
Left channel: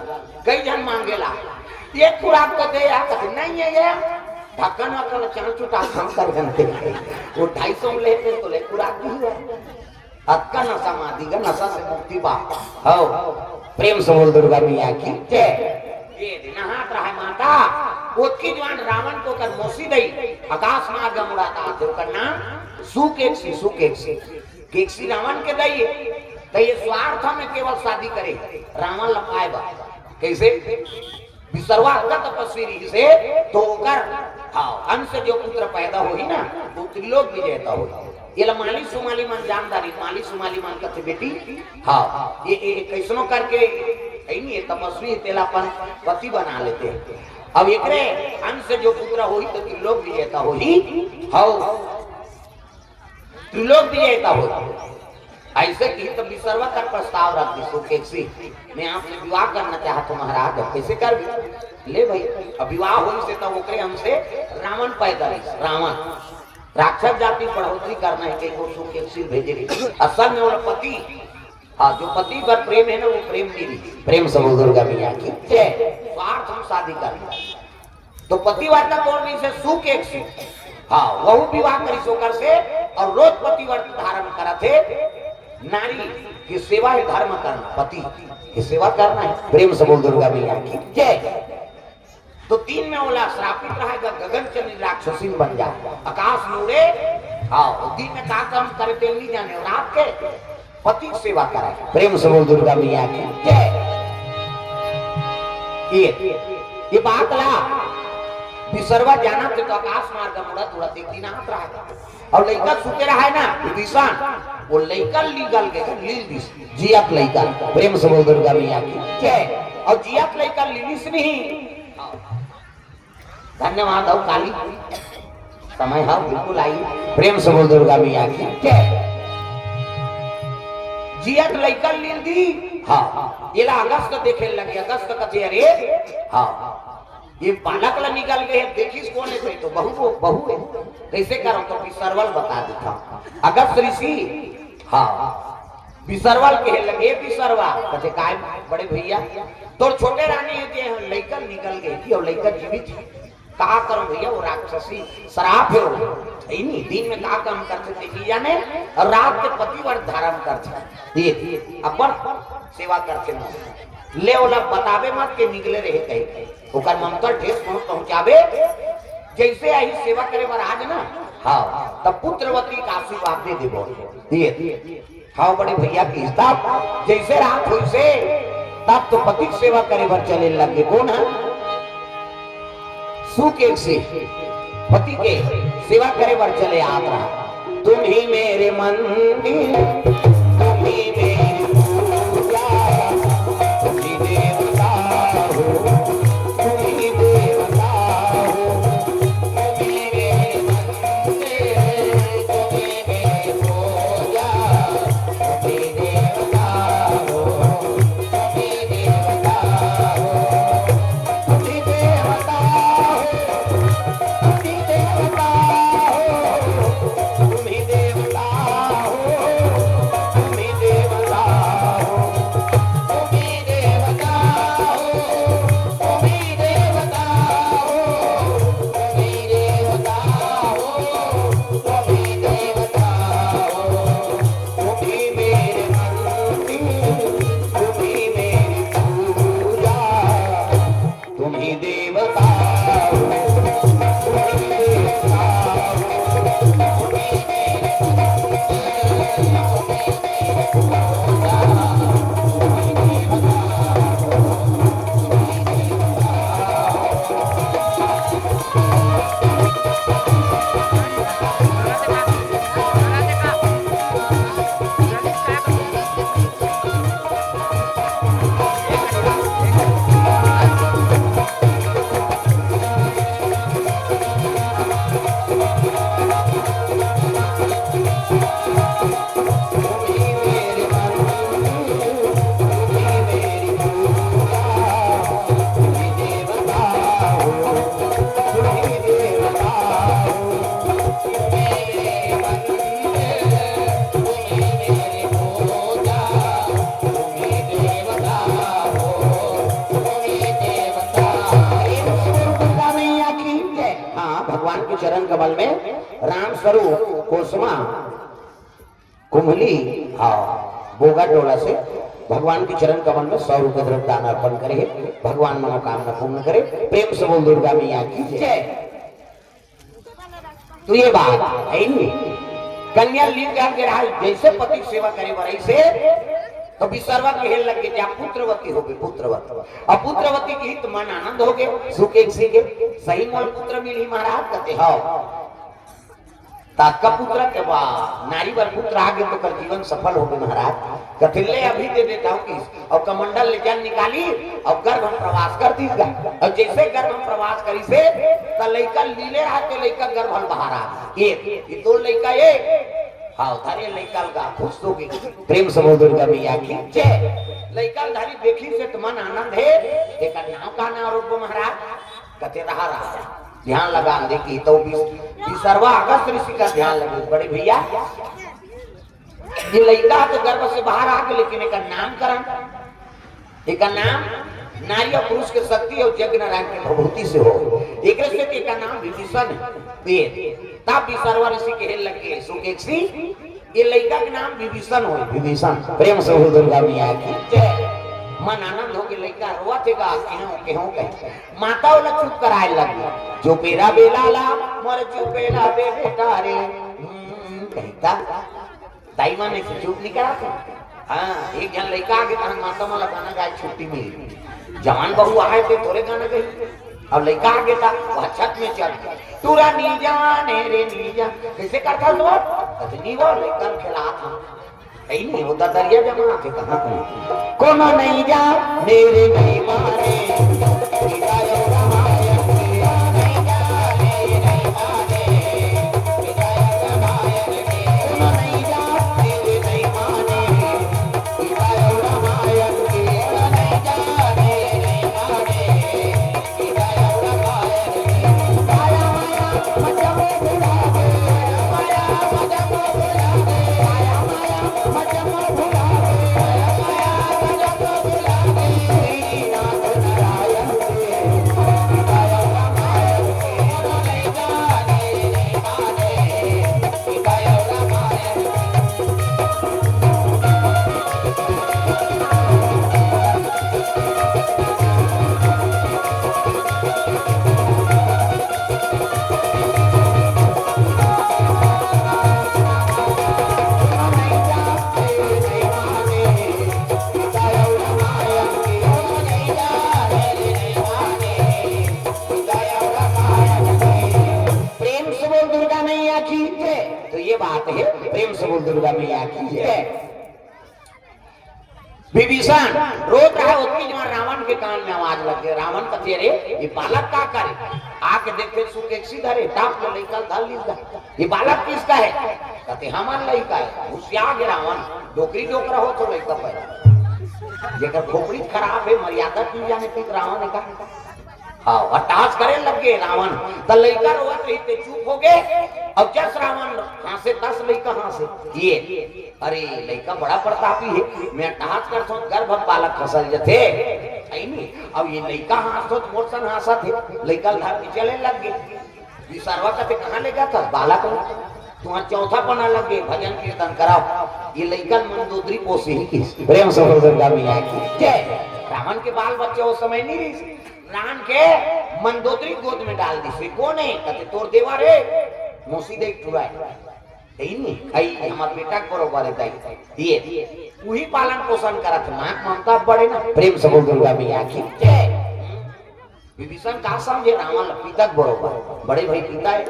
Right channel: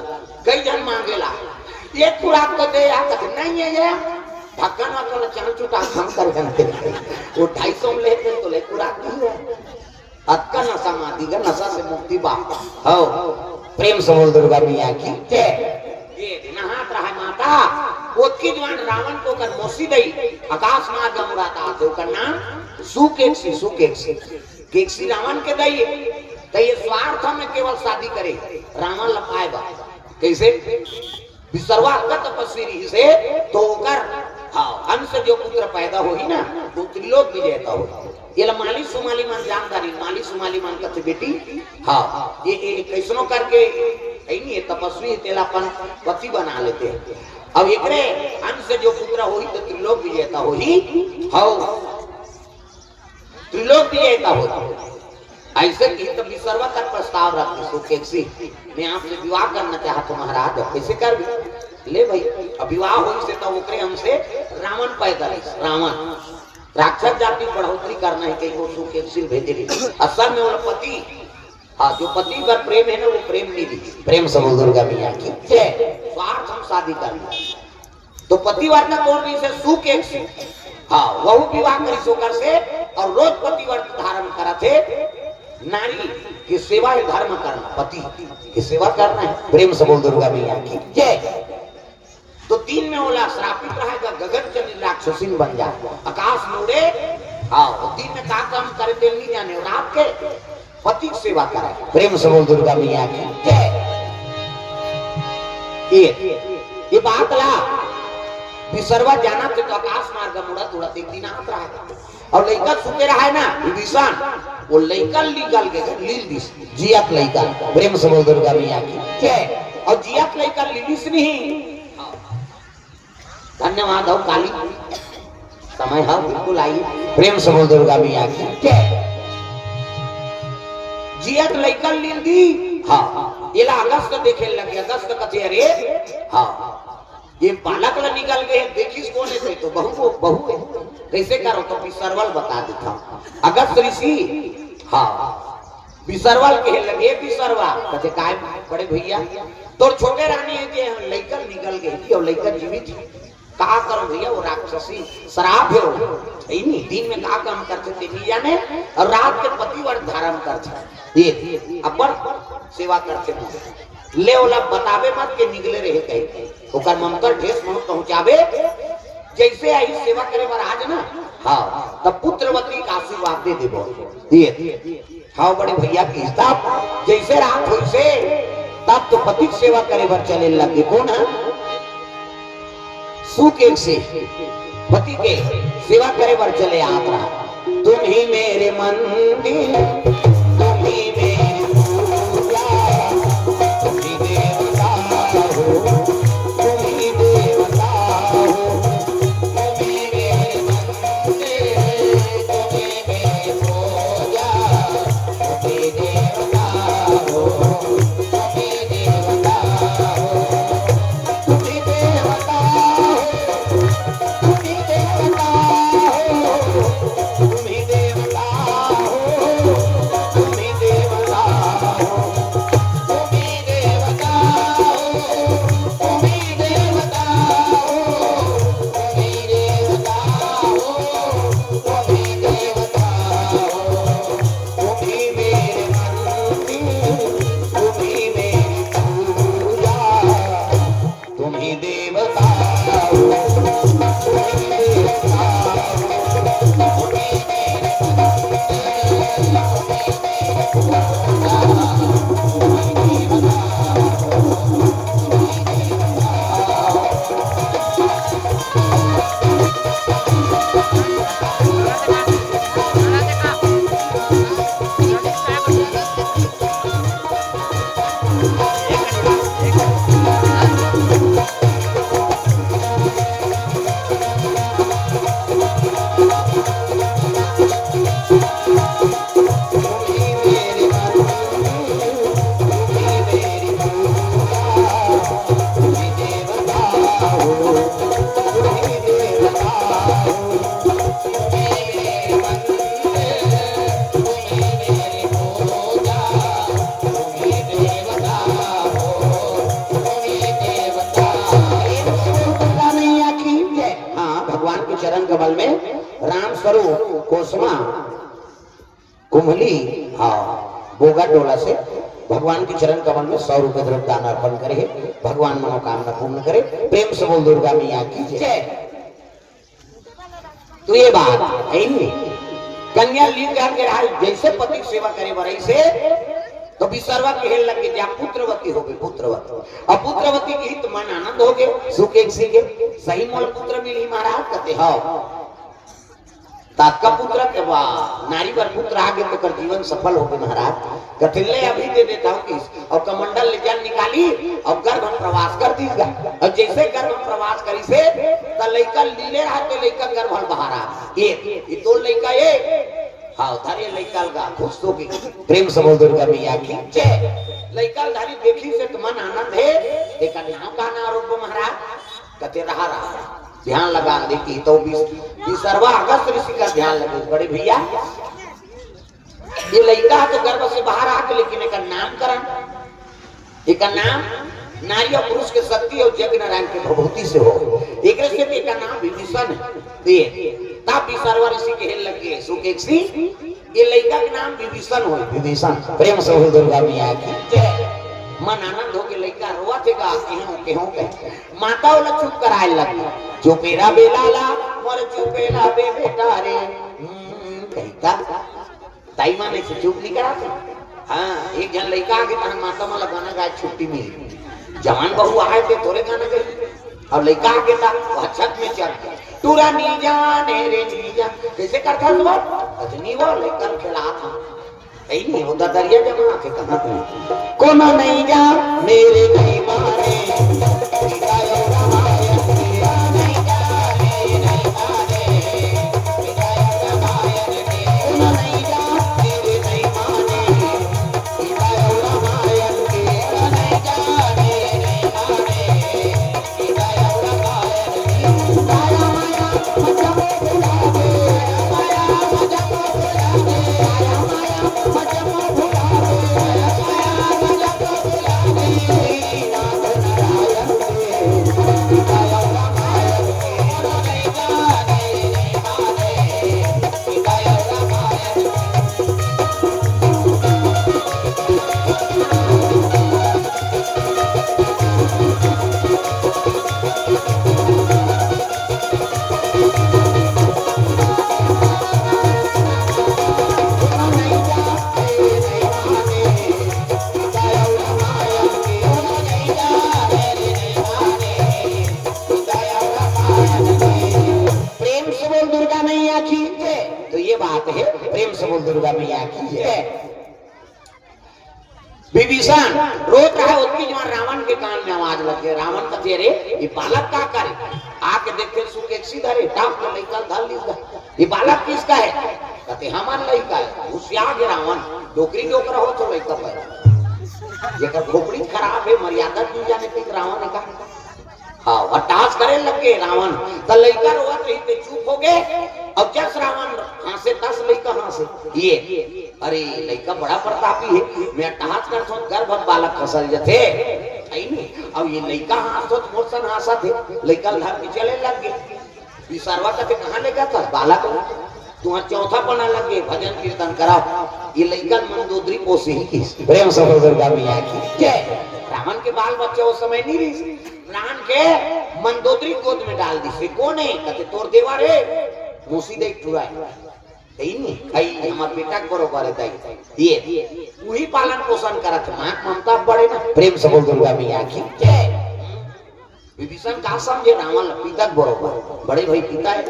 कई जन मांगेला एक खुराक को दे आ नहीं है ये ढक्कन वक्कन चन चुटा हम कर बनते वो 250 में लेते तो ले खुराक नहीं है अक्का नशा माती का नशा से मुक्ति बा हो प्रेम से बोल दुर्गा मैया की जय ये नहात रहा माता ओतकी जवान रावण को कर मोसी दई आकाश मार्ग मुराता तो का नाम सुकेक्सी रावण के दई तो ये स्वार्थ में केवल शादी करे रावण लपाएगा कैसे विसर्वा तपस्वी से तो कर हाँ अंश जो पुत्र पैदा होगी ना तो त्रिलोक विजेता होगी ये माली सुमाली मन जानदारी माली सुमाली मन कहते बेटी हाँ ये कैसनो करके नहीं तपस्वी तेलापन पति बना लेते हैं। अब एकरे अंश से जो पुत्र होई तो त्रिलोक विजेता होई हाउ त्रिलोक विजेता होई ऐसे की तो विसर्वा का प्रस्ताव रख दे सुकेक्षी मैं आपसे विवाह करना चाहता हूं महाराज कैसे कर ले भाई अब विवाह होई से तो ओकरे हमसे रावण पैदा रावण राक्षस जाति बढ़ोतरी करना है कहीं वो सुकेक्षी भेजे रही असल में वो पति हाँ जो पति पर प्रेम है ना वो प्रेम नहीं प्रेम समझ दुर्गा मैया की स्वार्थ हम शादी करना तो पतिव्रता बोल रही से सुख एक से हाँ वह विवाह करी सोकर से और रोज पतिव्रत धारण करा थे नारी की सेवा ही धर्म करना पति की सेवा करना है प्रेम समझ दुर्गा मैया की जय। तो तीन में बोला श्रापित रहा जब गगन चली राक्षसी बन जाए आकाश में उड़े हाँ दिन में काम करते नहीं जाने और आपके पति सेवा करा प्रेम समूह दुर्गा मैया की ये बात ला विसर्वा जाना तो आकाश मार्ग मुड़त उड़त एक दिन आप रहा और लइका सुते रहा है ना विभीषण वो लइका लीगल के लील दिस जियत लइका प्रेम समूह दुर्गा मैया की जय। और जियत लइका लीलिस नहीं धन्यवाद और काली समय है बिल्कुल आई प्रेम समूह दुर्गा मैया की जय। जियत लइकल लील दी हाँ ये अगस्त देखे लगे अगस्त कथे अरे हाँ ये बालक ला निकल गए देखिस कौन है तो बहू है कैसे करो तो विसर्वल बता देता अगस्त ऋषि हाँ विसर्वल कहे लगे विसर्वा कहते काय बड़े भैया तो छोटे रानी के लइकल निकल गए और लइकल जीवित कहा करो भैया वो राक्षसी शराब है नहीं दिन में का काम करते देखी जाने और रात के पतिव्रत धारण करते ये अपन सेवा करते ले ओला बतावे मत के निकले रहे कहीं ओकर मंत्र ठेस मुंह पहुंचावे जैसे आई सेवा करे महाराज ना हाँ तब पुत्रवती का आशीर्वाद दे देबो ये हाँ बड़े भैया की तब जैसे रात हुई से तब तो पति सेवा करे बर चले लगे कौन है सुख एक से पति के सेवा करे बर चले आत्मा तुम ही मेरे मंदिर तुम ही मेरी पूजा तुम ही देवता हो तुम ही देवता हो तुम ही मेरे मंदिर तुम ही मेरी पूजा तुम ही देवता हो तुम ही देवता हो तुम ही देवता कुमली हाँ बोगा टोला से भगवान के चरण कमल में 100 रुपए द्रव्य दान अर्पण करे भगवान मनोकामना पूर्ण करे प्रेम से बोल दुर्गा मैया की जय। तो ये बात है नहीं कन्या लीन करके रहा जैसे पति सेवा करे वही से तो विसर्वा के हेल लग गए पुत्रवती हो गई पुत्रवती और पुत्रवती की हित मन आनंद हो गए सुख एक से सही मन पुत्र मिली महाराज कहते हाँ तात्का पुत्र के बाद नारी वर पुत्र आगे तो कर जीवन सफल हो गए महाराज। कथिले अभी दे देता हूँ किस और कमंडल ले जान निकाली और गर्भ हम प्रवास कर दीगा और जैसे गर्भ हम प्रवास करी से तो लड़का लीले रहा तो लड़का गर्भ हम बाहर आ ये तो लड़का ये हाँ थारे लड़का लगा खुश हो गई प्रेम समझ दुर्गा भैया खींचे लड़का धारी देखी से तो मन आनंद है देखा ध्यान का ना आरोप महाराज कथे रहा ध्यान लगा देखी तो सर्वा अगस्त ऋषि का ध्यान लगे बड़े भैया ये लड़का तो गर्भ से बाहर आके लेकिन एक नामकरण एक नाम नारी और पुरुष के शक्ति और जग नारायण की प्रभुति से हो एक से भी एक नाम विभीषण तब भी सर्व ऋषि के हेल लगे सुकेक्षी ये लड़का का नाम विभीषण हो विभीषण प्रेम से हो दुर्गा मैया की मन आनंद हो के लड़का रोआ थेगा केहू कहे माता वाला चुप कराए लगी जो मेरा बेला ला मोर चुपेला बे बेटा रे कहता दाई माने से चुप नहीं कराते हाँ एक जन लड़का आगे कहा माता वाला गाना गाए छुट्टी में जवान बहू आए थे थोड़े गाने गए और लड़का आगे था छत में चल गया टूरा नी जाने रे नी जा कैसे करता वो कतनी वो लेकर खिला था नहीं उधर दरिया जगह के कहां कोनो नहीं जा मेरे नहीं मारे विभीषण रोक रहा है उतनी जवान रावण के कान में आवाज लग गई रावण का तेरे ये बालक क्या करे आके देखते सुकेक्षी धरे टाप के लड़का धर लीजा ये बालक किसका है कहते हमारा लड़का है होशियार है रावण डोकरी डोकरा हो तो लड़का पर जेकर खोपड़ी खराब है मर्यादा की जाने पे रावण का हाँ अट्टहास करे लग गए रावण तो लड़का रोवत रही थे चुप हो गए और जस रावण हासे 10 लड़का हासे ये अरे लड़का बड़ा प्रतापी है मैं अट्टहास करता हूँ गर्भ बालक फसल जथे अब ये लड़का हाथ तो मोशन हासा थे लड़का घर में चले लग गए विसर्वा कहते कहाँ ले गया था बालक तुम्हारा चौथा पना लग गए भजन कीर्तन कराओ ये लड़का मंदोदरी पोसी प्रेम से रावण के बाल बच्चे उस समय नहीं रही राम के मंदोदरी गोद में डाल दी से कौन है कहते तोर देवा रे मोसी दे टुरा नहीं आई हमार बेटा बरोबर है दाई ये वही पालन पोषण करत मां ममता बड़े ना प्रेम से बोल दुर्गा मैया की विभीषण का समझे रावण पिता बरोबर बड़े भाई पिता है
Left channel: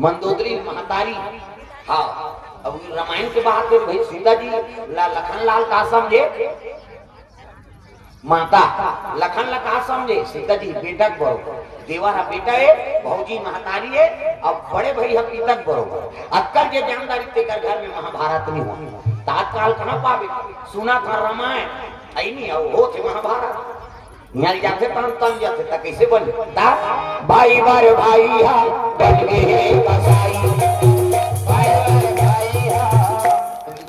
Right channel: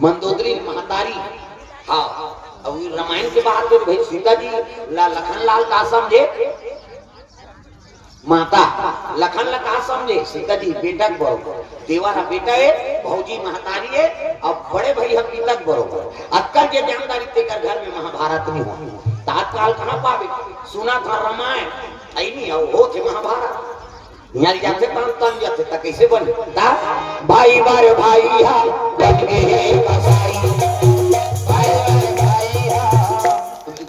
मंदोदरी महतारी हाँ अब रामायण के बाद तो भाई सीता जी लखन लाल का समझे माता लखन लखा समझे सीता जी बेटा बरोबर देवारा बेटा है भौजी महतारी है अब बड़े भाई है पिता बरोबर अक्कर के जानदारी तेकर घर में महाभारत में हो तात्काल कहां पावे सुना था रामायण आई नहीं हो थे महाभारत यहाँ जाते तन जाते तक कैसे बन भाई बार भाई बन गए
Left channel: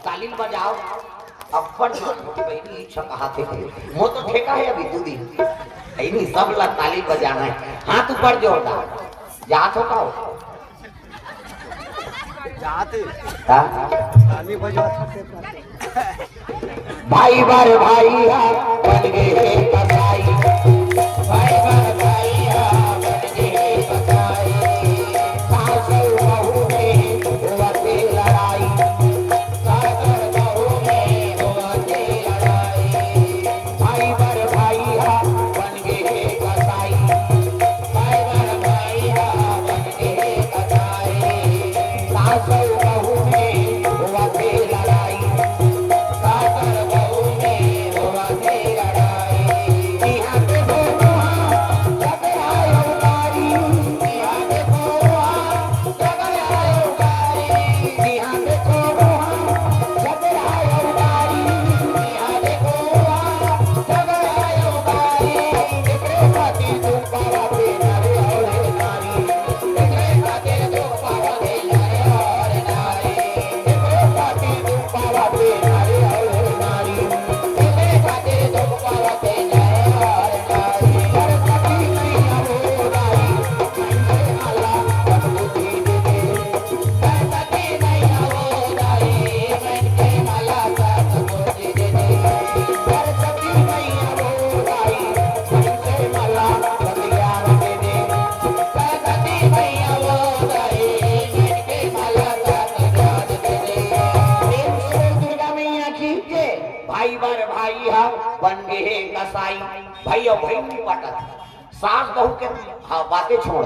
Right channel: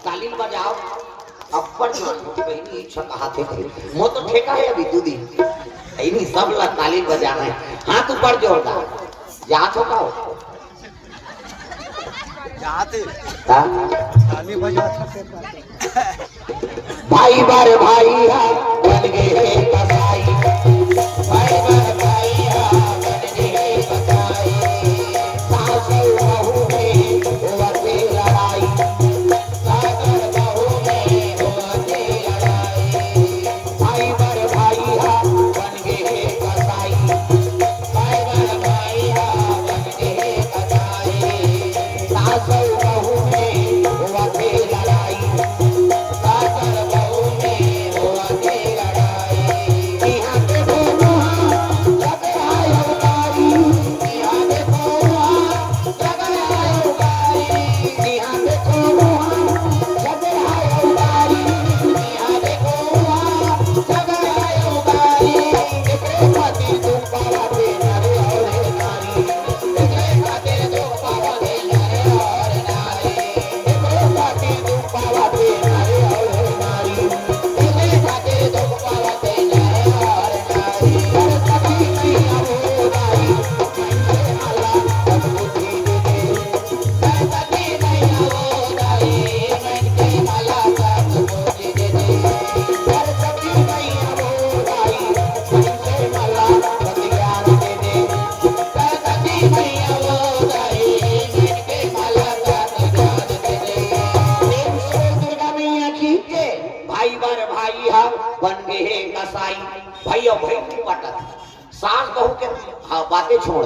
तालीम बजाओ अब्बड़ बहनी इच्छा कहा थे वो तो ठेका है अभी 2 दिन नहीं सब ला ताली बजाना है हाथ ऊपर जोरदार याद होता हो भाई बार भाई बन गए कसाई भाई बार भाई बन गए कसाई सासू बहू में होते लड़ाई सागर बहू में होते लड़ाई भाई बार भाई बन गए कसाई भाई बार भाई बन गए कसाई सासू की पाटा सास बहू के बातें छोड़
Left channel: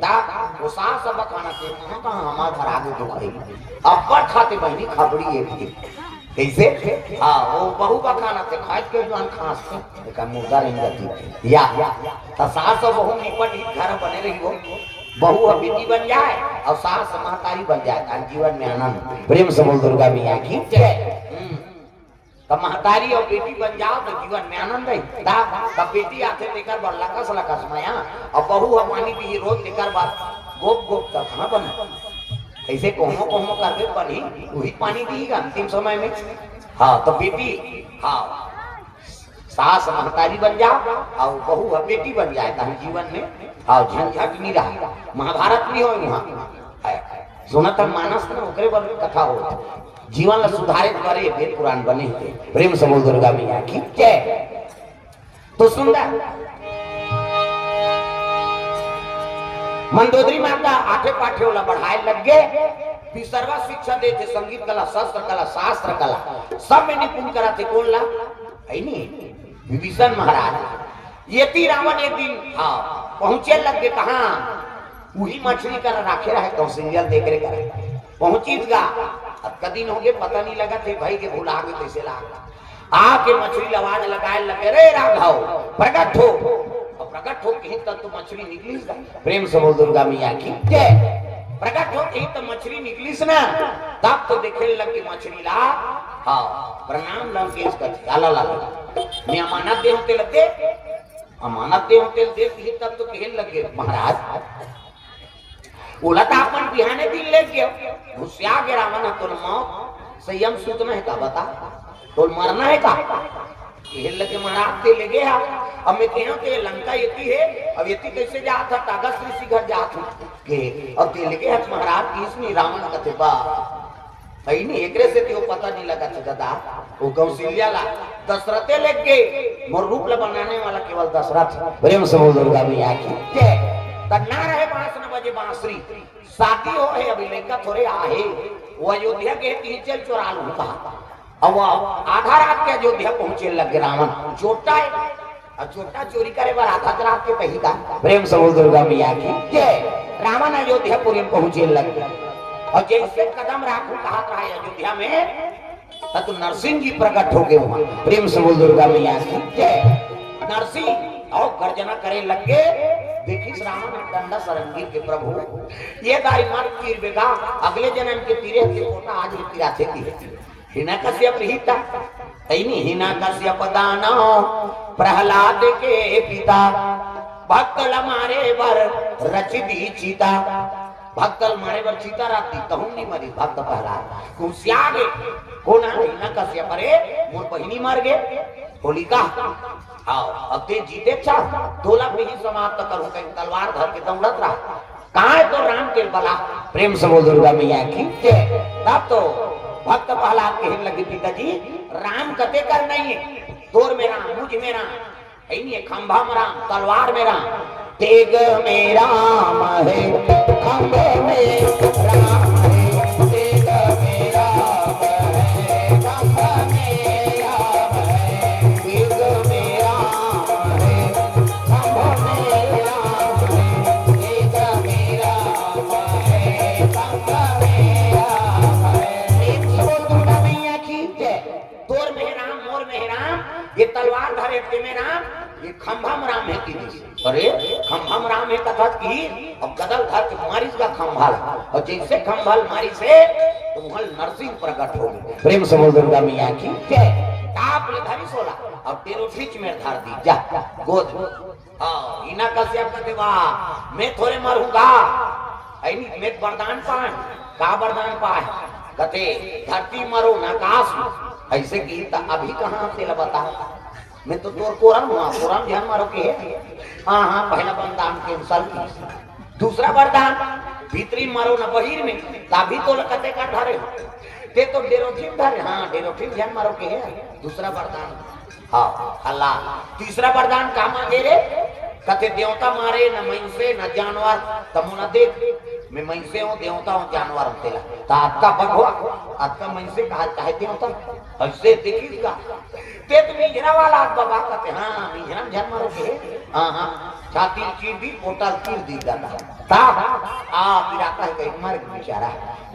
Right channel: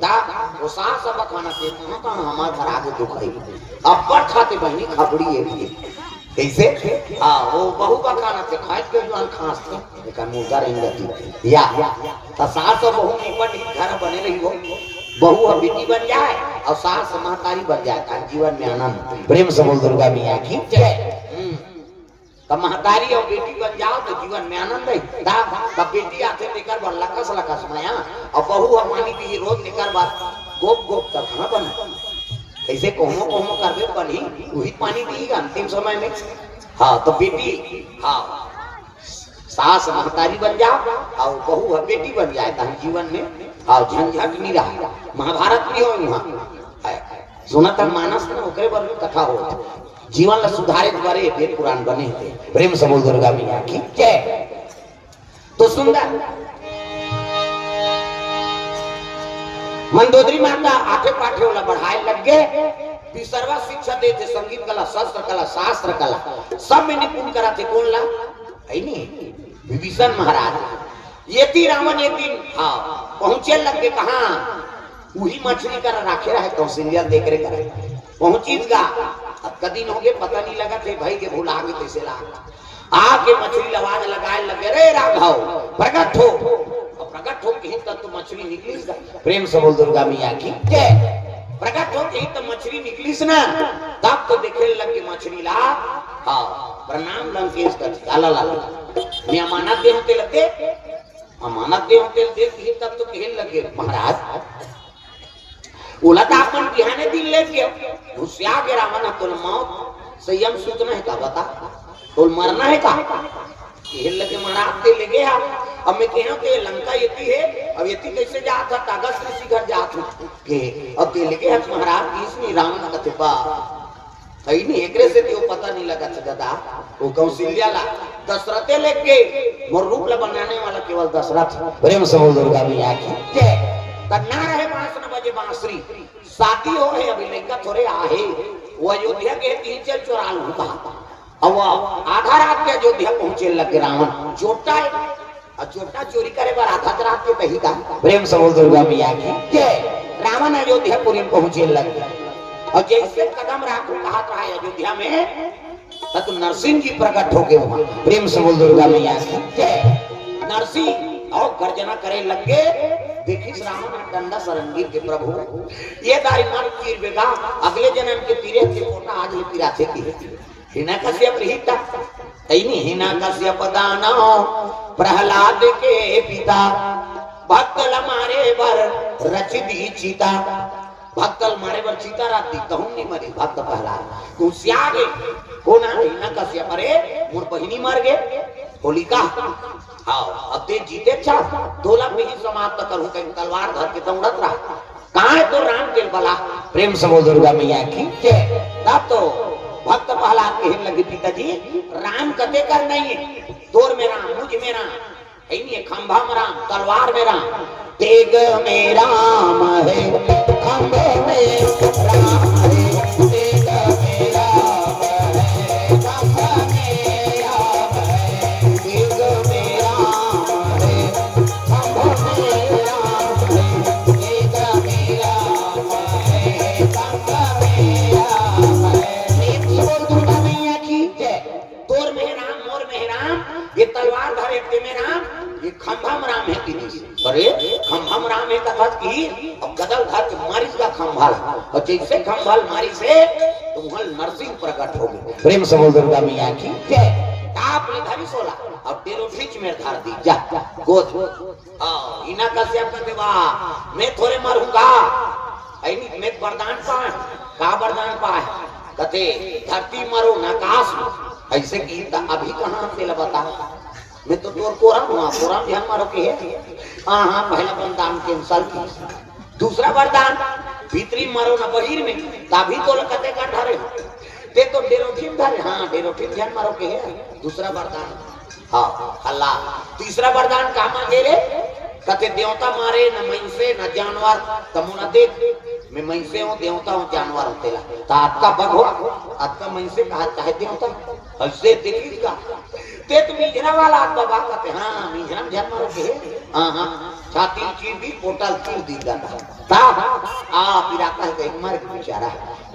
दा वो सास सब खाना से हमार खराब दुख है अब खाते बहनी खबड़ी है कैसे वो बहू का खाना से खाए के जो खांसते लेकिन मुर्गा रही जाती या तो सास और बहू निपट घर बने रही हो बहू और बेटी बन जाए और सास महतारी बन जाए जीवन में आनंद प्रेम से बोल दुर्गा मैया की जय। तो महतारी और बेटी बन जाओ तो जीवन में आनंद है तब बेटी आते लेकर बड़ लकस लकस माया और बहू और पानी भी रोज लेकर बात गोप गोप तक न बन ऐसे कोहमो कोहमो कर दे पानी वही पानी पिएगा अंतिम समय में। हाँ तो बेटी सास महतारी बन जाओ और बहू और बेटी बन जाए तो हम जीवन में और झंझट नहीं रहा। महाभारत नहीं हो यहाँ सुनत मानस में ओकरे बारे में कथा हो जीवन सुधारे द्वारे वेद पुराण बने थे प्रेम से बोल दुर्गा मैया की जय। तो सुंदर मंदोदरी माता आठे पाठे वाला बढ़ाए लग गए सर्वा शिक्षा देते संगीत कला शस्त्र कला शास्त्र कला सब में निपुण कराते कौन ला है नहीं विभीषण महाराज। ये थी रावण एक दिन पहुंचे लग गए कहा वही मछली कर राखे रहे कौशल्या देख रहे करे पहुंचीगा अब कदी हो गए पता नहीं लगा थे भाई के भूला गए कैसे ला आके मछली लवाज लगाए लगे रे राघव प्रकट हो प्रकट हो कहीं तक तो मछली निकली प्रेम से बोल दुर्गा मैया की जय। प्रकट हो कहीं तो मछली निकली ना तब तो देखे लगे मछली ला प्रणाम लंकेश कर आला ला मैं अमानत दे होते लगे अमानत दे होते देख तब तो कहने लगे महाराज बोला था अपन बिहाने दिन लेके घुसिया के रावण तो मौत संयम सूचना है का बता तो मरना है का कहने लगे महाराज ते ले गया अब मैं कहूं कि लंका येती है अब येती कैसे जात था कागज ऋषि घर जात हूं के अब ते ले गए महाराज इसमें रावण का तिबा है नहीं एकरे से तो पता नहीं लगा था दादा वो कौशल्या ला दशरथे लेके मोर रूप ले बनाने वाला केवल दशरथ प्रेम से बोल दुर्गा मैया की जय। कन्ना रहे 5 बजे बांसुरी शादी हो गई अभी लड़का थोड़े आहे वो अयोध्या के तीन चोरा लूंगा अब आधा रात के अयोध्या पहुंचे लगे रावण चोटा चोटा चोरी करे पर आधा रात के कही था प्रेम से बोल दुर्गा मैया की जय। रावण अयोध्यापुरी में पहुंचे लगे और जैसे कदम राखू कहा था अयोध्या में तब नरसिंह जी प्रकट हो गए प्रेम से बोल दुर्गा मैया की जय। नरसिंह और गर्जना करे लगे देखिस रावण डंडा सरंगीर के प्रभु ये दारी मार तीर बेगा अगले जन्म के तीरे से कोटा आज लिखी राते की हिरण्यकश्यप रहिता तैनी हिरण्यकश्यप दानव प्रहलाद के पिता भक्तल मारे बर रचिदी चीता भक्तल मारे बर चीता राती कहूं नहीं मरी भक्त प्रहलाद तू सियागे होना हिरण्यकश्यप रे मोर बहिनी मर गए होलिका अब ते जीते चाह 2 लाख नहीं समाप्त करूं कहीं तलवार धर के दौड़त रहा कहां तो राम के बला प्रेम से बोल दुर्गा मैया की जय। तब तो भक्त प्रहलाद कहने लगे पिताजी राम कते कर नहीं है तोर में राम मुझ में राम है नहीं खंभा में राम तलवार में राम तेग में राम है खंभे में राम है तेग में राम है खंभा में राम है तेग में राम है खंभा में राम है तेग में राम है खंभा में राम ये तलवार धरे के में राम ये खंभम राम है की अरे खंभम राम है कथा की अब गदल धर के मारिस का खंभा और जैसे खंभल मारी से तो वहां नरसिंह प्रकट हो गए प्रेम से बोल दुर्गा मैया की जय। आप ले धरी सोला और तेरो बीच में धर दी जा गोद इना कश्यप का देवा मैं थोड़े मरूंगा ऐ नहीं मैं वरदान पाए का वरदान पाए कथे धरती मरो ना आकाश ऐसे की अभी कहां से बता मैं तो तोर कोरा ध्यान मारो के हां पहला वरदान कैंसल की दूसरा वरदान भीतरी मरो ना बहिर में तभी तो लकते का धारे ते तो डेरोठिन धारे हां डेरोठिन ध्यान मारो के दूसरा वरदान हां अल्लाह तीसरा वरदान का मांगे रे कते देवता मारे न मनुष्य न जानवर तमुना देख मैं मनुष्य हूं देवता हूं जानवर होते ला आपका बग हो आपका मनुष्य कहा चाहे देवता ऐसे देखिएगा ते तुम इजरा वाला बाबा कहते हां इजरा ध्यान मारो के हाँ हाँ छाती चीर दी पोटल चीर दी जाता ता पिराता है कहीं मर बेचारा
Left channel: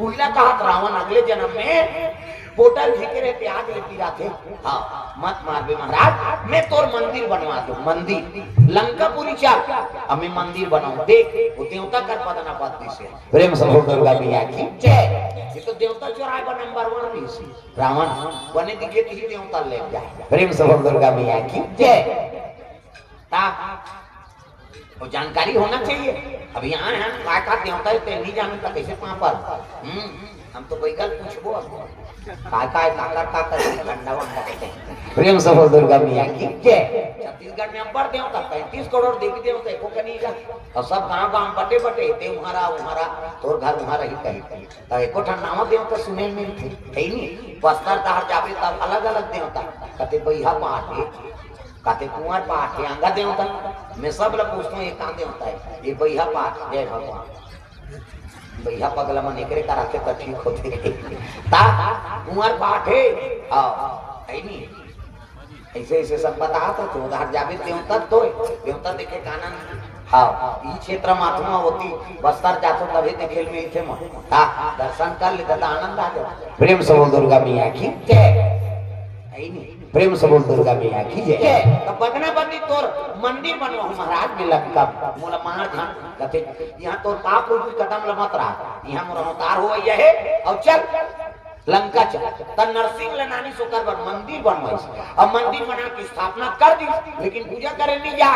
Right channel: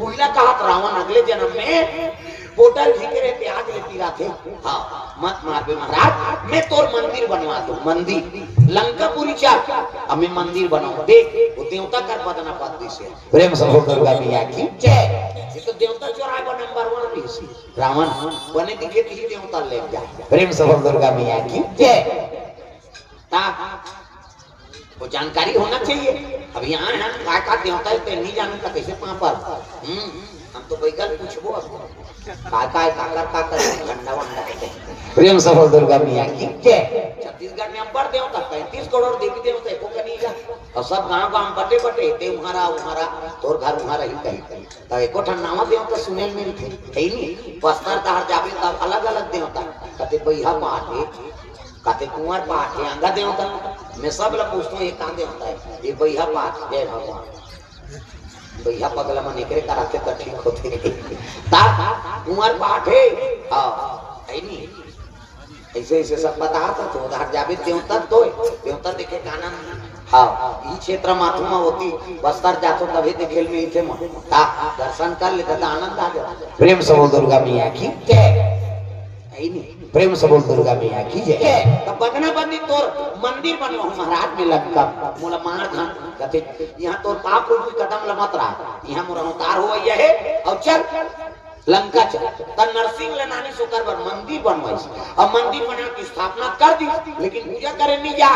उल्ला कहा रावण अगले जन्म में पोटल फेंके रहे आग ले पीरा थे हाँ मत मार बे महाराज मैं तोर मंदिर बनवा दो मंदिर लंकापुरी चाह हमें मंदिर बनवा देख वो देवता कर पदना पद से प्रेम से दुर्गा मैया की जय ये तो देवता चोरा का नंबर 1 भी सी रावण बने दिखे ही देवता ले जाए प्रेम से दुर्गा मैया की जय वो जानकारी होना चाहिए अब यहाँ यहाँ का देवता है नहीं जाने का कैसे वहां पर हम तो बैगल पूछबो प्रेम से दुर्गा मैया की जय छत्तीसगढ़ में अम्बर देवता 35 करोड़ देवी देवता को कहीं जा और सब गांव गांव बटे बटे ते हमारा तोर घर तुम्हारा ही कहीं तो एको ठन्नावा देवता सुने में थे नहीं बस्तर तार जावे तब अलग अलग देवता कते बैहा पाटे कते कुंवर पाटे अंगा देवता मैं सब लोग पूछते हैं कहां देवता है ये बैहा पाट जय भगवान भैया पगला मन एकरे कराते त ठीक होते ता कुंवर पाठे हां नहीं ऐसे ऐसे सब बताता तो उधर जावे देवता देखे काना हां ई क्षेत्र महात्मा होती बस्तर जातो तभी देखेल में इथे हां दर्शन कर ले त आनंद आ जाए प्रेम से दुर्गा मैया की जय नहीं प्रेम से दुर्गा मैया की जय तो बगना बंदी तोर मंदिर बनवा महाराज में लंका मोला मार धान कहते यहां तोर का कोई कदम लमत रहा यहां मोर अवतार हुआ ये है और चल लंका चल त नरसिंह लनानी सुकर पर मंदिर बनवाइस और मंदिर बना की स्थापना कर दी लेकिन पूजा करे नहीं जा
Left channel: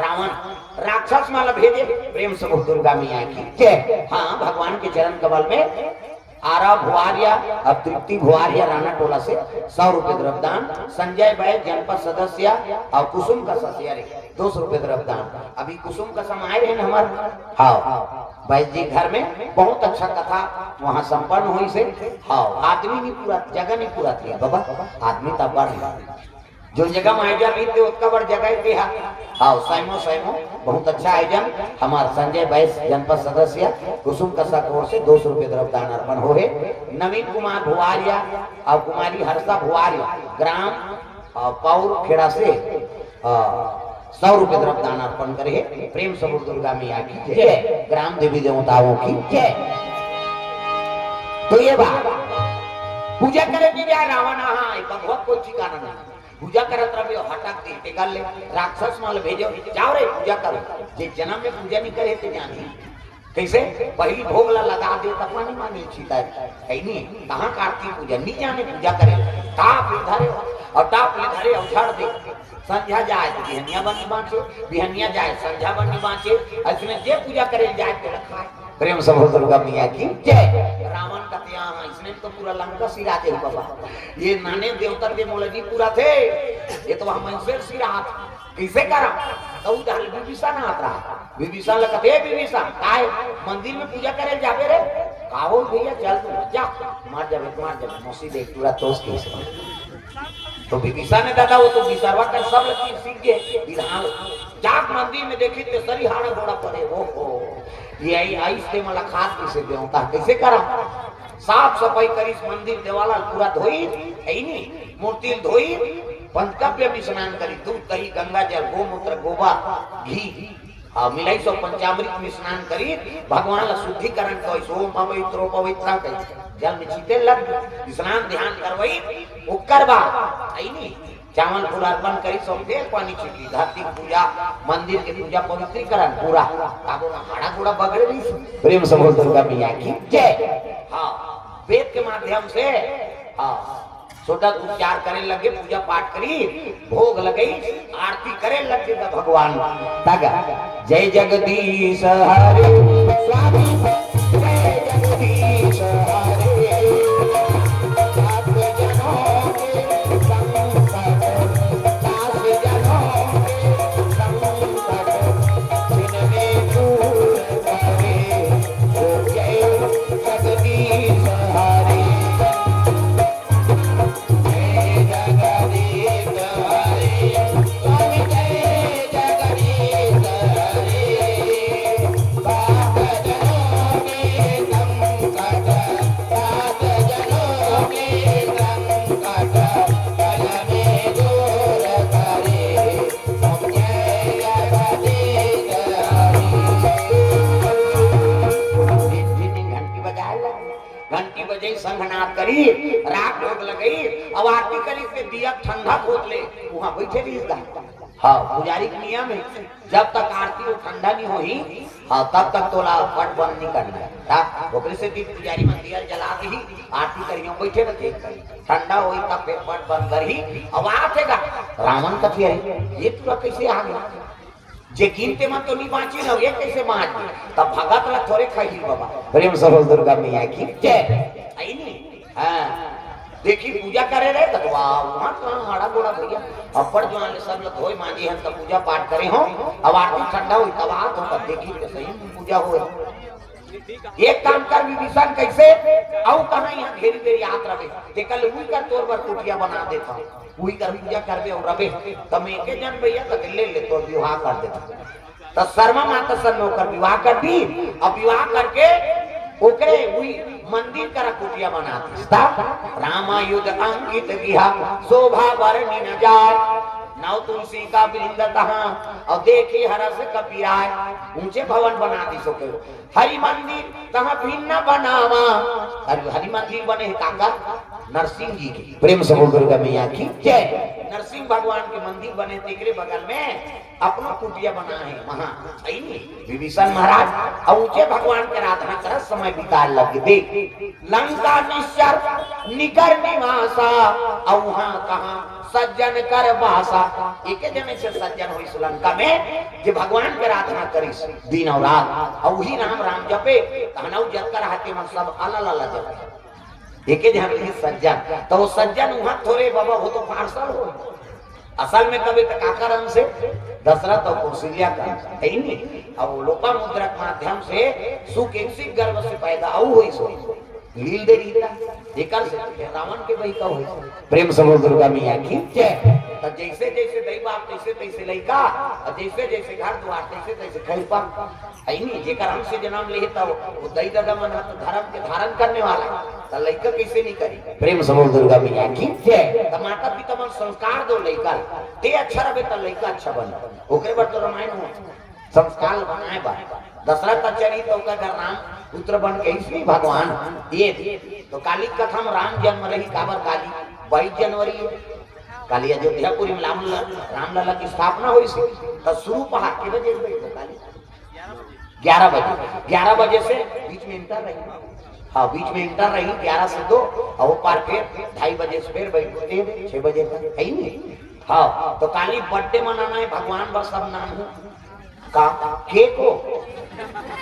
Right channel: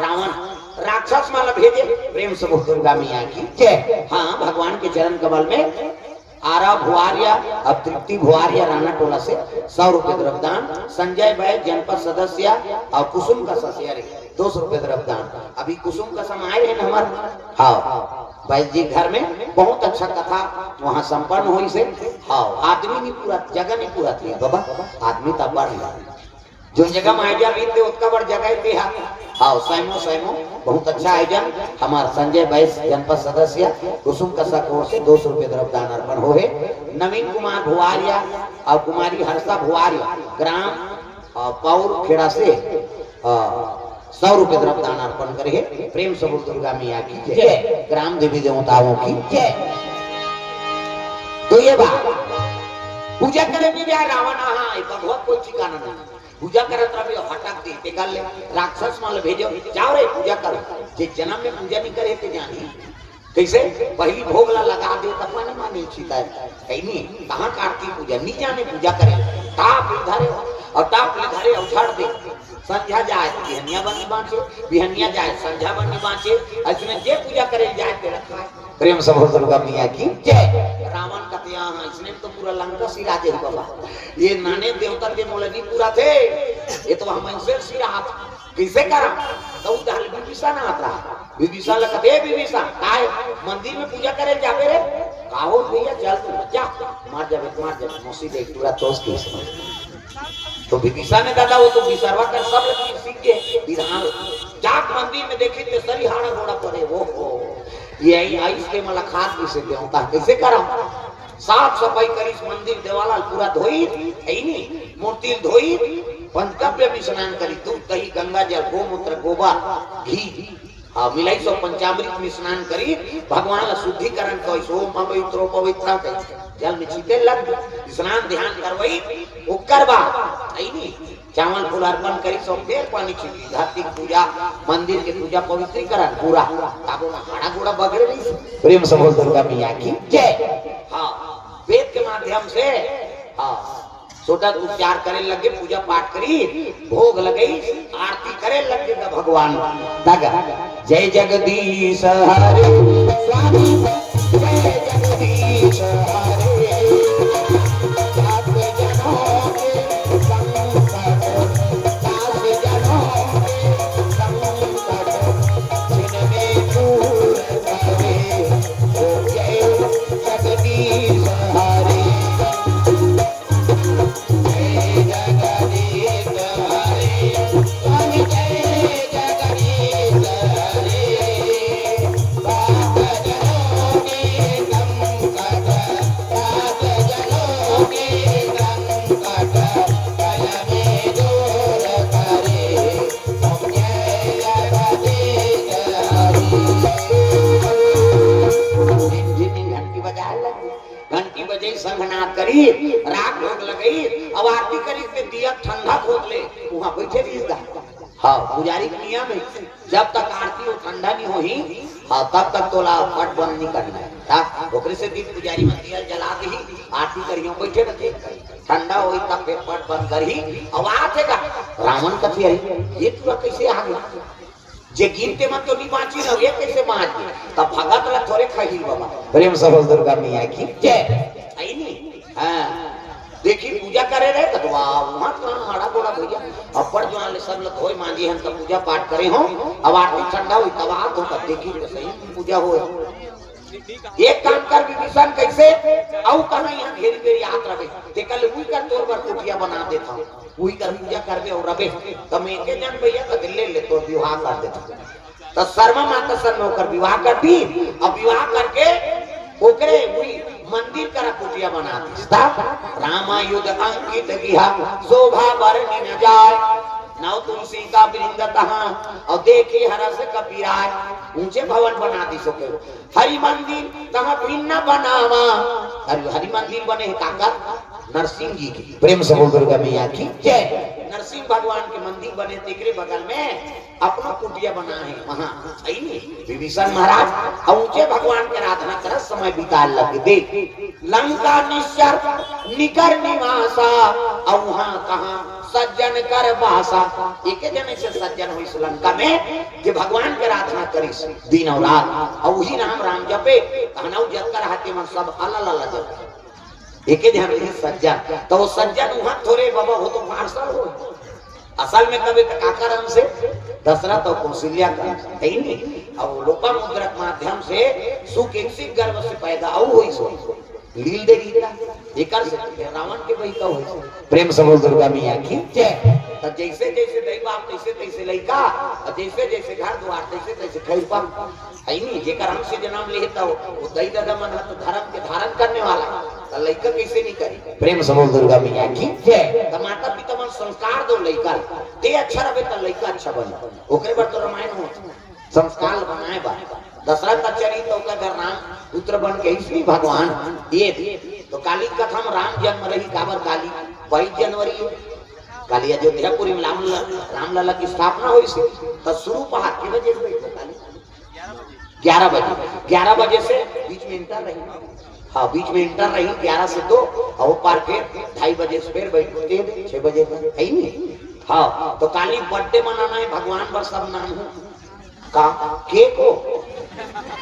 रावण राक्षस माला भेजे प्रेम से दुर्गा मैया की जय हां भगवान के चरण कमल में आरा भुआरिया और तृप्ति भुआरिया राणा टोला से 100 रुपए द्रव्यदान संजय भाई जनपद सदस्य और कुसुम का सदस्य 200 रुपए द्रव्यदान अभी कुसुम का समय रहे हमारे हाँ भाई जी घर में बहुत अच्छा कथा वहाँ संपन्न हुई से हाँ आदमी नहीं पूरा जगह नहीं पूरा थी बाबा आदमी तब बढ़ जो जगह में आयोजन भी थे उसका बड़ जगह भी है हाँ सैमो बहुत अच्छा आयोजन हमारा संजय बैस जनपद सदस्य कुसुम कसा कोर से 200 रुपए द्रव्यदान अर्पण हो नवीन कुमार भुआरिया और कुमारी हर्षा भुआरिया ग्राम पौर खेड़ा से 100 रुपए द्रव्यदान अर्पण करे प्रेम से दुर्गा मैया की जय ग्राम देवी देवताओं की जय तो ये बात पूजा करे भी जाए रावण हाँ भगवत कोई ठिकाना नहीं पूजा करत रहे हटक दे ते कर ले राक्षस माल भेजो जाओ रे पूजा करो जे जन्म में पूजा नहीं करे ते जानी कैसे पहली भोग लगा दे तब माने माने छीता है नहीं कहां कार्तिक पूजा नहीं जाने पूजा करे ताप धरे और ताप ले धरे उछाड़ दे संध्या जाए बिहनिया बन बांचे बिहनिया जाए संध्या बन बांचे इसमें जे पूजा करे जाए ते रखा है प्रेम से दुर्गा मैया की जय रावण का यहाँ इसने तो पूरा लंका सिरा दे बाबा ये नाने देवता के मौलवी पूरा थे ये तो हम से सिरा कैसे करा तो उधर विभीषण आता विभीषण लगते विभीषण काय मंदिर में पूजा करे जावे रे काहो भैया चल तू जा मार जावे मौसी देख पूरा तोस के तो विभीषण ने कहा वो तो विचारवा कर सब लोग सीख के विधान जाग मंदिर में देखे तो सरी हाड़ा घोड़ा पड़े वो ये आई से मुलाकात किसे देवता कैसे करा साफ सफाई करी मंदिर देवाला पूरा धोई है नहीं मूर्ति धोई पंचकव्य भी स्नान करी दूध दही गंगा जल गोमूत्र गोबर घी मिलाई सब पंचामृत में स्नान करी भगवान शुद्धिकरण कर सोम पवित्र पवित्र जल में छीटे लग स्नान ध्यान करवाई ओकर बाद आई नहीं चावल फूल अर्पण करी सब दे पानी छिटी धरती पूजा मंदिर के पूजा पवित्रीकरण पूरा काबो हाड़ा घोड़ा बगड़े नहीं प्रेम से दुर्गा मैया की जय हां वेद के माध्यम से हां सोटा उपचार करे लगे पूजा पाठ करी भोग लगई आरती करे लगे भगवान तगा जय जगदीश हरे स्वामी जय जगदीश हरे शंखनाद करी, राग भोग लगई, अब आरती करी के दिया ठंडा खोले वहां बैठे रही दा। हाँ पुजारी के नियम है जब तक आरती वो ठंडा नहीं होई हाँ तब तक तोला फट बंद नहीं करना है। हाँ ओकरे से दिन पुजारी मंदिर जला दी आरती करियो बैठे बैठे ठंडा होई तब फिर फट बंद करी। अब आतेगा रावण कथी है ये तो कैसे आ गया जे गिनते मत तो नहीं बाची न ये कैसे बात तब भगत ला थोड़े खही बाबा प्रेम सबल दुर्गा मैया की जय आई नहीं। हां देखी पूजा करे रहे तो वहां कहां आड़ा बोला भैया अपर जो वाले सब लोग होई मांझी हम तो पूजा पाठ करे हो अब आरती ठंडा हुई तब आ तो तब देखी तो सही पूजा हो। एक काम कर विभीषण कैसे आउ कहां यहां घेरी घेरी हाथ रखे ते कल उई कर तोर पर कुटिया बना देता वही कर पूजा कर दे और रबे तब एके जन भैया तो ले ले तो विवाह कर देता तो शर्मा माता सर नौकर विवाह कर दी। अब विवाह करके ओकरे हुई मंदिर करा कुटिया बना दिस्ता रामायुध अंकित गिहा शोभा वर्णि न जाय नव तुलसी का वृंद कहां और देखी हरस कपिराय ऊंचे भवन बना दी सके हरि मंदिर कहां भिन्न बनावा हरि मंदिर बने है काका नरसिंह जी की प्रेम सबल दुर्गा मैया की जय। नरसिंह भगवान के मंदिर बने तेरे बगल में अपना कुटिया बना है वहां सही नहीं विभीषण महाराज और ऊंचे भगवान के आराधना कर समय बिता लग दे लंका की निकर निवासा और वहां कहां सज्जन कर भाषा एक जने से सज्जन हुई श्रीलंका में जो भगवान के आराधना करी दिन और रात और वही नाम राम जपे कहना जप कर हाथे में सब अलग अलग जपे एक ध्यान रखिए सज्जन तो वो सज्जन वहां थोड़े बाबा हो तो पार्षद हो असल में कभी तक आकाराम से दशरथ और कौशल्या का है नहीं अब लोपा मुद्रा के माध्यम से सुकेंसी गर्भ से पैदा हुई सो लील दे रीता एकर से रावण के वही का हो प्रेम सबल दुर्गा मैया की जय। तो जैसे जैसे दैव बाप तैसे तैसे लइका और जैसे जैसे घर द्वार तैसे तैसे खैपा है नहीं जेकर हम से जन्म लेता हो वो दई दादा मन तो धर्म के धारण करने वाला तो लइका कैसे नहीं करी प्रेम सबल दुर्गा मैया की जय। तो माता पिता मन संस्कार दो लइका ते अच्छा रहे तो लइका अच्छा बने ओकरे पर तो रामायण हो संस्कार बनाए बा दशरथ का चरित्र ओकर घर नाम पुत्र बन के इसलिए भगवान ये तो काली कथा में राम जन्म रही काबर काली 22 जनवरी काली अयोध्यापुरी में रामलला की स्थापना हुई थी तो शुरू पहाड़ के बजे 11 बजे से बीच में इंटर रही हाँ बीच में इंटर रही 11 से 2 और वो पार फिर 2:30 बजे से फिर बैठते 6 बजे तक है नहीं। हाँ तो काली बर्थडे मनाना है भगवान पर सब नाम हो का केक हो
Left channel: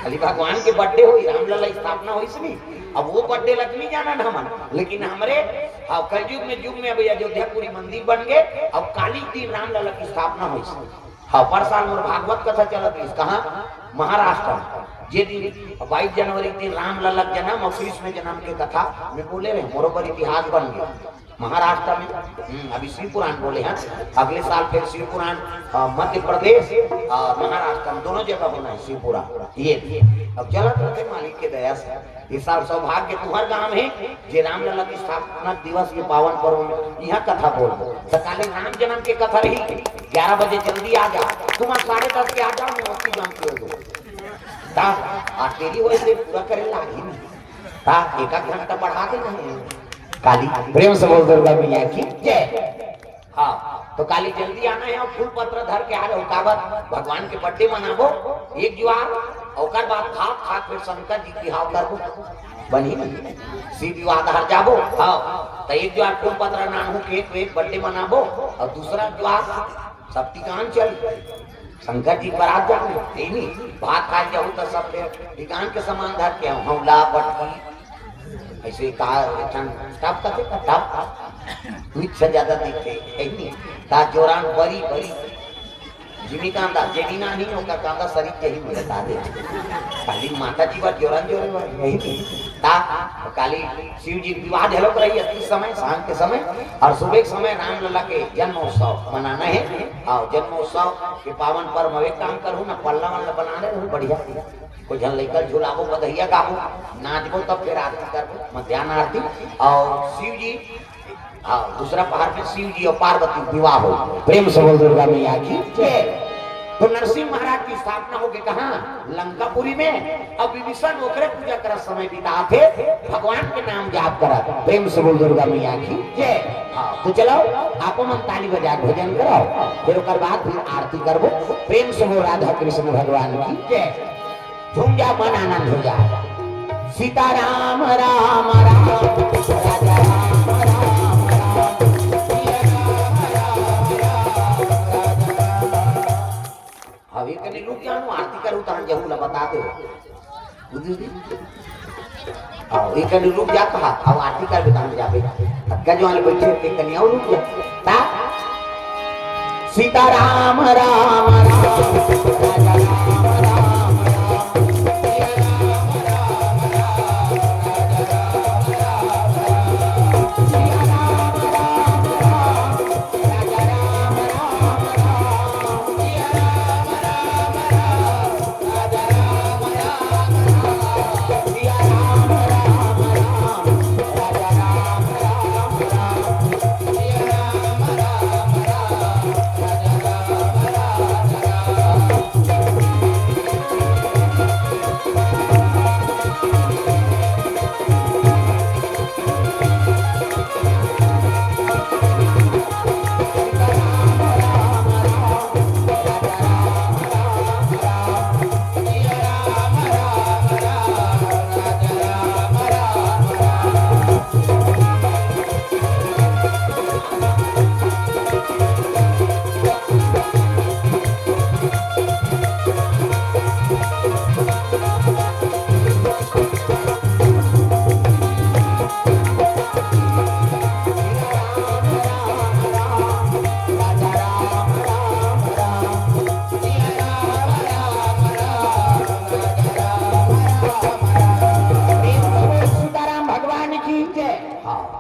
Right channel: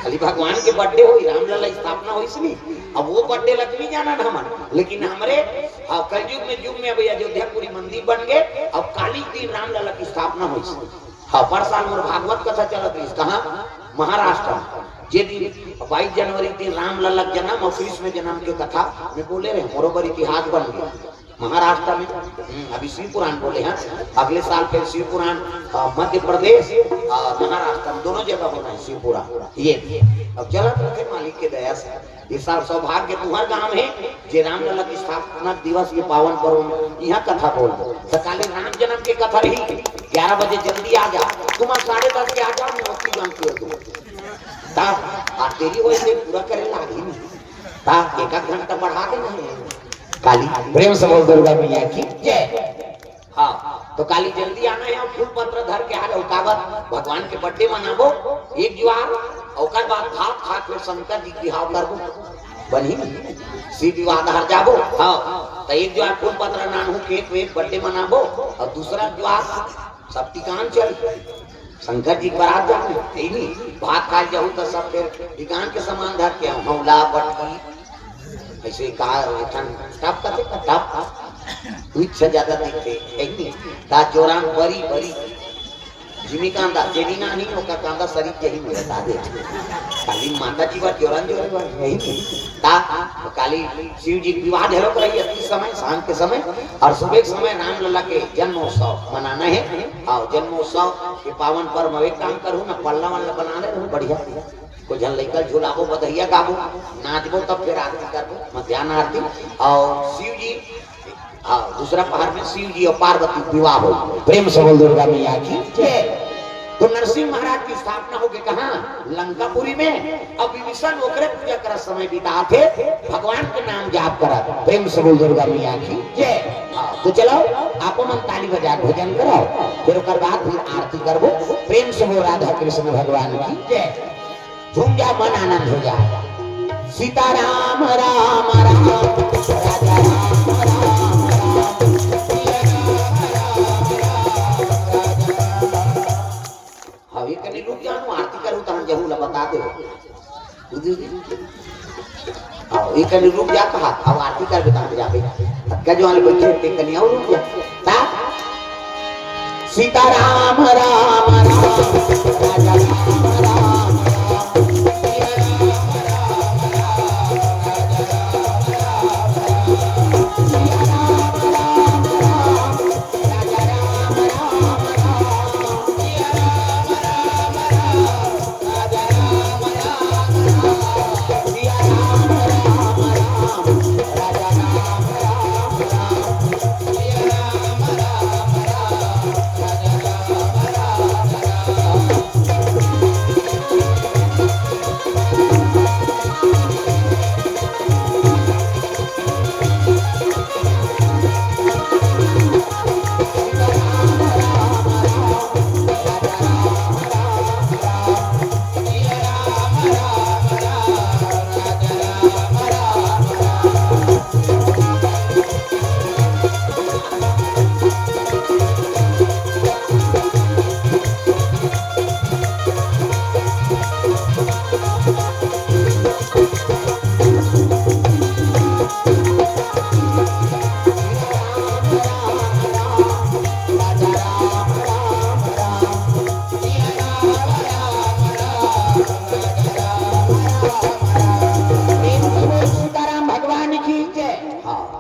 खाली भगवान के बर्थडे हुई रामलला स्थापना हुई इसलिए अब वो बर्थडे लक्ष्मी जाना ढमन लेकिन हमारे कलयुग में युग में अभी अयोध्यापुरी मंदिर बन गए अब काली दिन रामलला की स्थापना हुई। हाँ पर साल मोर भागवत कथा चलत है कहा महाराष्ट्र जे दिन 22 जनवरी दिन रामलला जन्म और कृष्ण जन्म के कथा में बोले रहे बरोबर इतिहास बन गया महाराष्ट्र में अभी शिव पुराण बोले हैं अगले साल फिर शिव पुराण मध्य प्रदेश महाराष्ट्र दोनों जगह बना है शिव पुराण ये अब चलत रखे मालिक के दया से इस साल सौभाग्य तुम्हार गांव है जे रामलला की स्थापना दिवस के पावन पर्व यहाँ कथा बोल सकाले राम जन्म के कथा रही 11 बजे जल्दी आ जा तुम 10:30 के आ जाओ मैं जाऊँ छोड़ तेरी वैसे पूरा करे लागी एक घंटा बढ़ा दे काली प्रेम सबल दुर्गा मैया की जय। हाँ तो काली जल्दी आना है फूल पत्र धर के आ जाओ काबर भगवान के बर्थडे मनाबो एक जुआर ओकर बाद भात खा फिर शंकर जी की हाव करबो बनी शिव विवाह धर जाबो। हाँ तो एक जुआर फूल पत्र नानू केक वेक बर्थडे मनाबो और दूसरा जुआर शक्तिकान चल शंकर जी बारात जाने नहीं भात खा जाऊँ तो सब फिर विज्ञान के समान धर के हमला बटकी ऐसे कहा टप का टप कुछ से ज्यादा दिखते नहीं ता जोरान बड़ी बड़ी जीविका दा जेडीना नहीं होगा कांदा शरीर के ही बता दे काली माता जी पर जोरान जोरान नहीं ता काली शिव जी विवाह ढेरों रही है समय शाम के समय और सुबह के समय रामलला के जन्मोत्सव मनाना है। हाँ जन्मोत्सव के पावन पर्व में एक काम करूँ मैं पल्ला वाला बनाना है बढ़िया को जन लेकर झूलाबो बधैया गाबो नाचबो तब फिर आरती करबो मध्याह्न आरती और शिव जी हाँ दूसरा पहाड़ में शिव जी और पार्वती विवाह हो प्रेम सबल दुर्गा मैया की जय। तो नरसिंह महाराज की की स्थापना होगी कहाँ? लंकापुरी में। अब विभीषण ओकरे पूजा कर समय बिता थे, भगवान के नाम जाप करा। प्रेम से बोल दुर्गा मैया की जय। हाँ तो चलो आपो मन ताली बजा भोजन कराओ, फिर ओकर बाद फिर आरती करबो। प्रेम से बोल राधा कृष्ण भगवान की जय। झूम जा मन आनंद हो जा। सीताराम राम राम राजा हवे कने लोग जानो आरती करू तन जहू ला बता दे बुझी आओ एक कने लोग जा कहा अब आरती कर बता जाबे अक्का जो वाले बैठे के कने आओ लोग ता सीताराम राम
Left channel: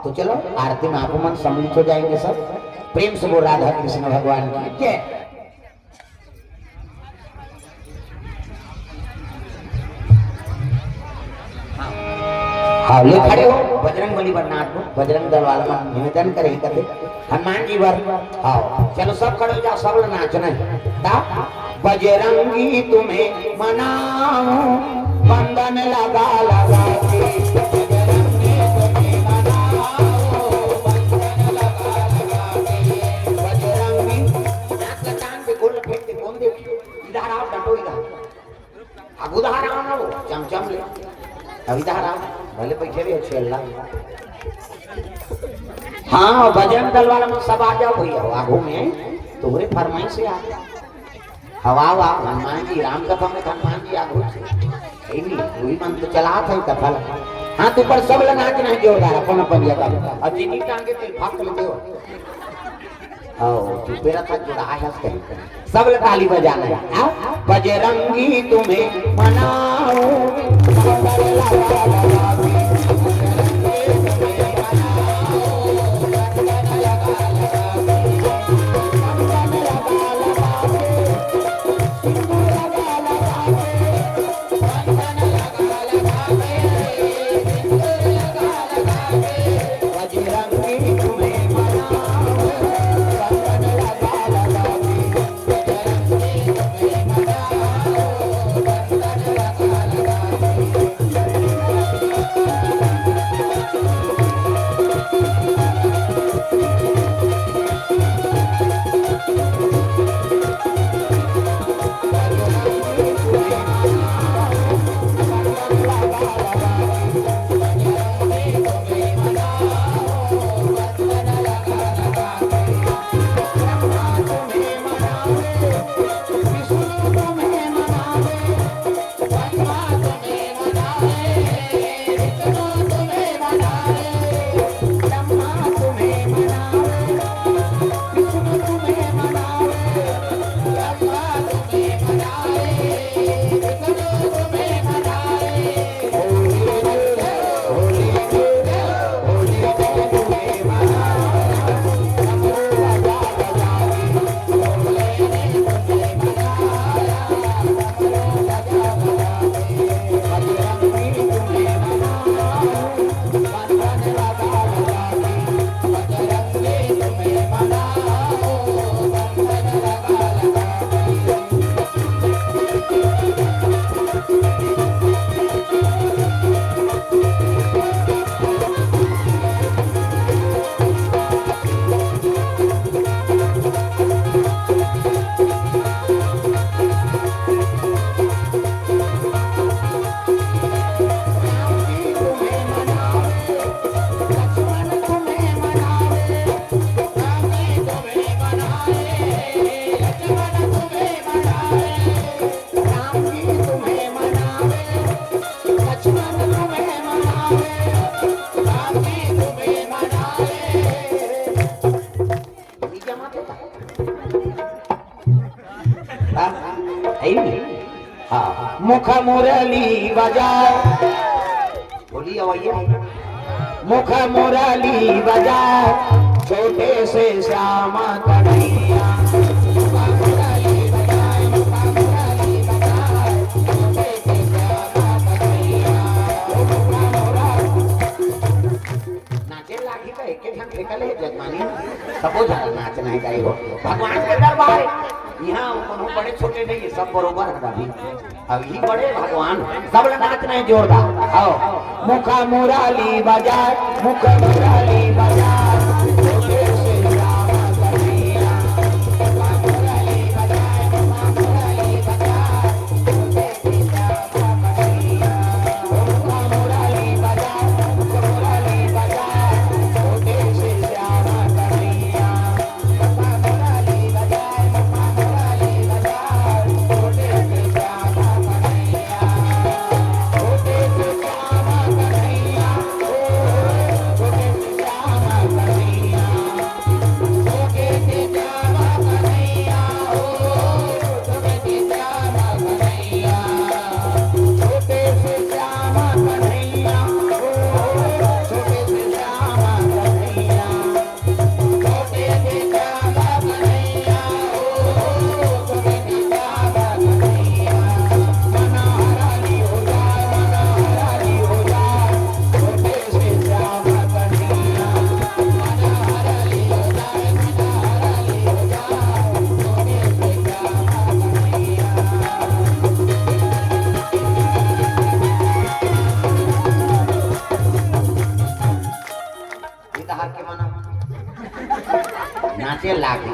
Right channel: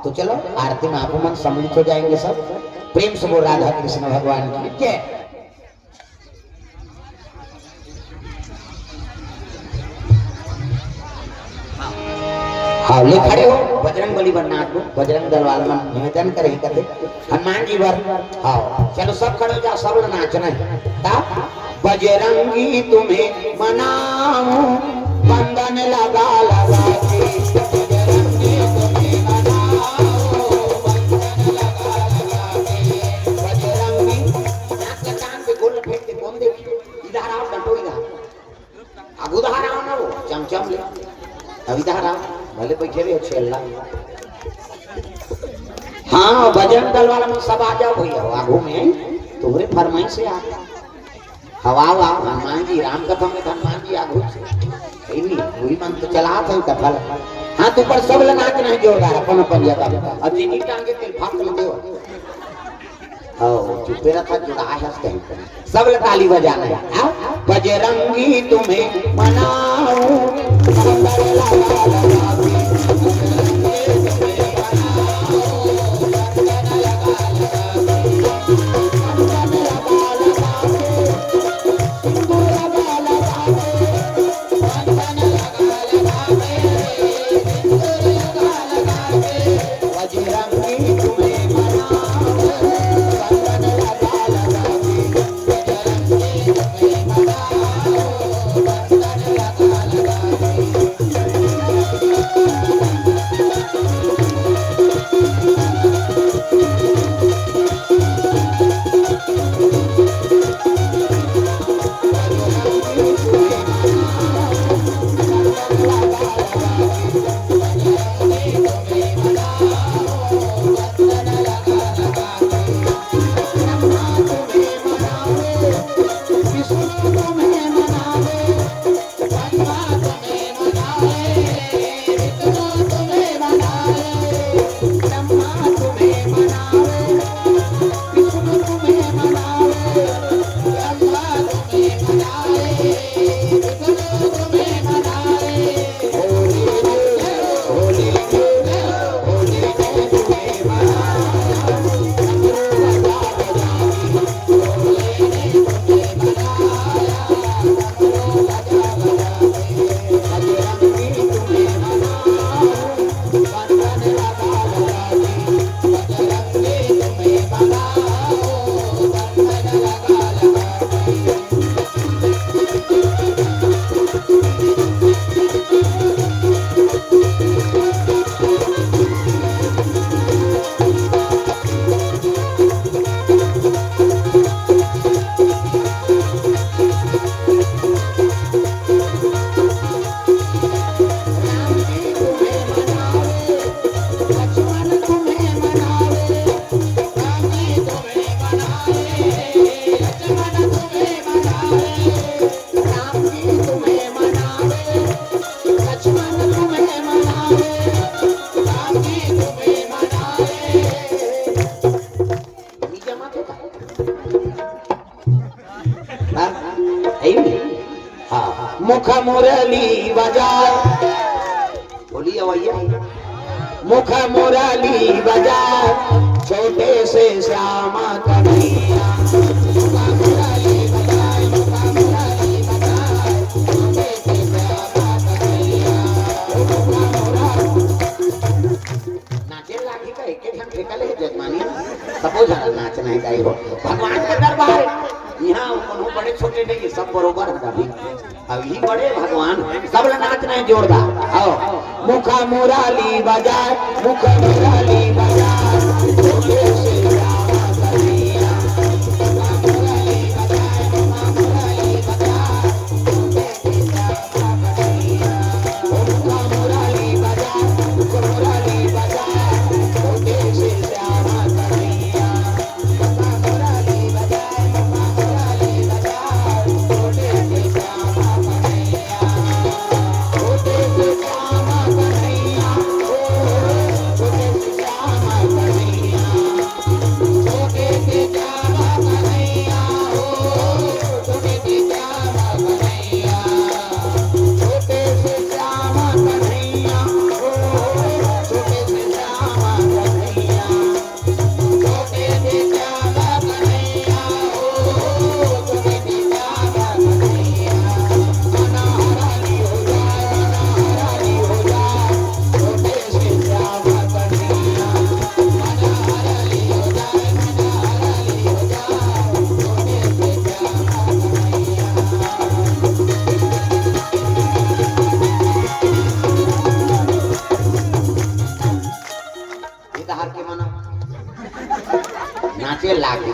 तो चलो आरती में आपको मन सम्मिलित हो जाएंगे सब। प्रेम से बोल राधा कृष्ण भगवान की जय। हाँ ले खड़े हो बजरंग बली बनना को बजरंग दल वाले मन निवेदन करे करते हनुमान जी वर। हाँ चलो सब खड़े हो जाओ सब लोग नाचना ता बजरंगी तुम्हें मनाऊं बंधन लगा लगा के चमचम ले अविधारा भले पैसे भी अच्छे अल्लाह। हाँ बजरंग दल वाला में सब आ जाओ भैया आगू में तुम्हारे फरमाइश से आ हवा हवा हनुमान जी राम का पंडित हनुमान जी आगू से वही मन तो चला था कपल। हाँ तू पर सब लगा के नहीं जोड़ रहा अपन अपन जगह अब चीनी टांगे तेल फाट में दो तू तेरा तक जुड़ा आवाज कहीं सब ताली बजा रहे हैं। बजरंगी तुम्हें मनाऊं हाँ मुख मुरली बजाए, बोलिए भैया, मुख मुरली बजाए छोटे से श्यामा कन्हैया। नाचना है भगवान के दरबार यहाँ बड़े छोटे नहीं सब बरोबर अब ही बड़े भगवान सब नाच रहे जोरदार। आओ मुखा मुराली बजाए, मुख मुराली बजाए छोटे से रामा कन्हैया।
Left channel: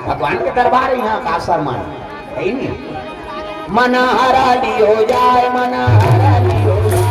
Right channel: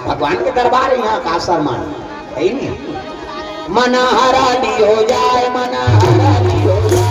भगवान के दरबार यहाँ का असर मान है नहीं। मन हराली हो जाए, मन हराली हो जाए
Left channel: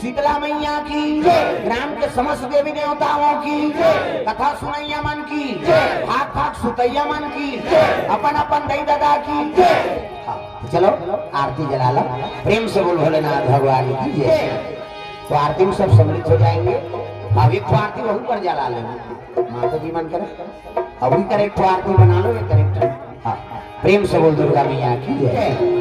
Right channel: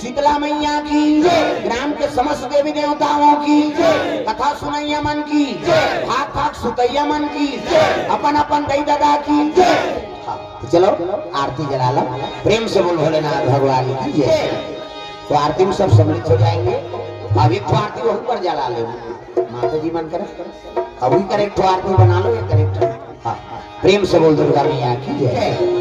शीतला मैया की, ग्राम के समस्त देवी देवताओं की, कथा सुनैया मन की, भाग भाग सुतैया मन की, अपन अपन दई दादा की। चलो आरती जला लो, प्रेम से बोल भोलेनाथ भगवान की जय। तो आरती में सब सम्मिलित हो जाएंगे। अब एक तो आरती वहीं पर जला लेना, माता जी मन करे अभी करेक्ट आरती बना लो, ये करेक्ट। हाँ प्रेम से बोल दुर्गा मैया की जय।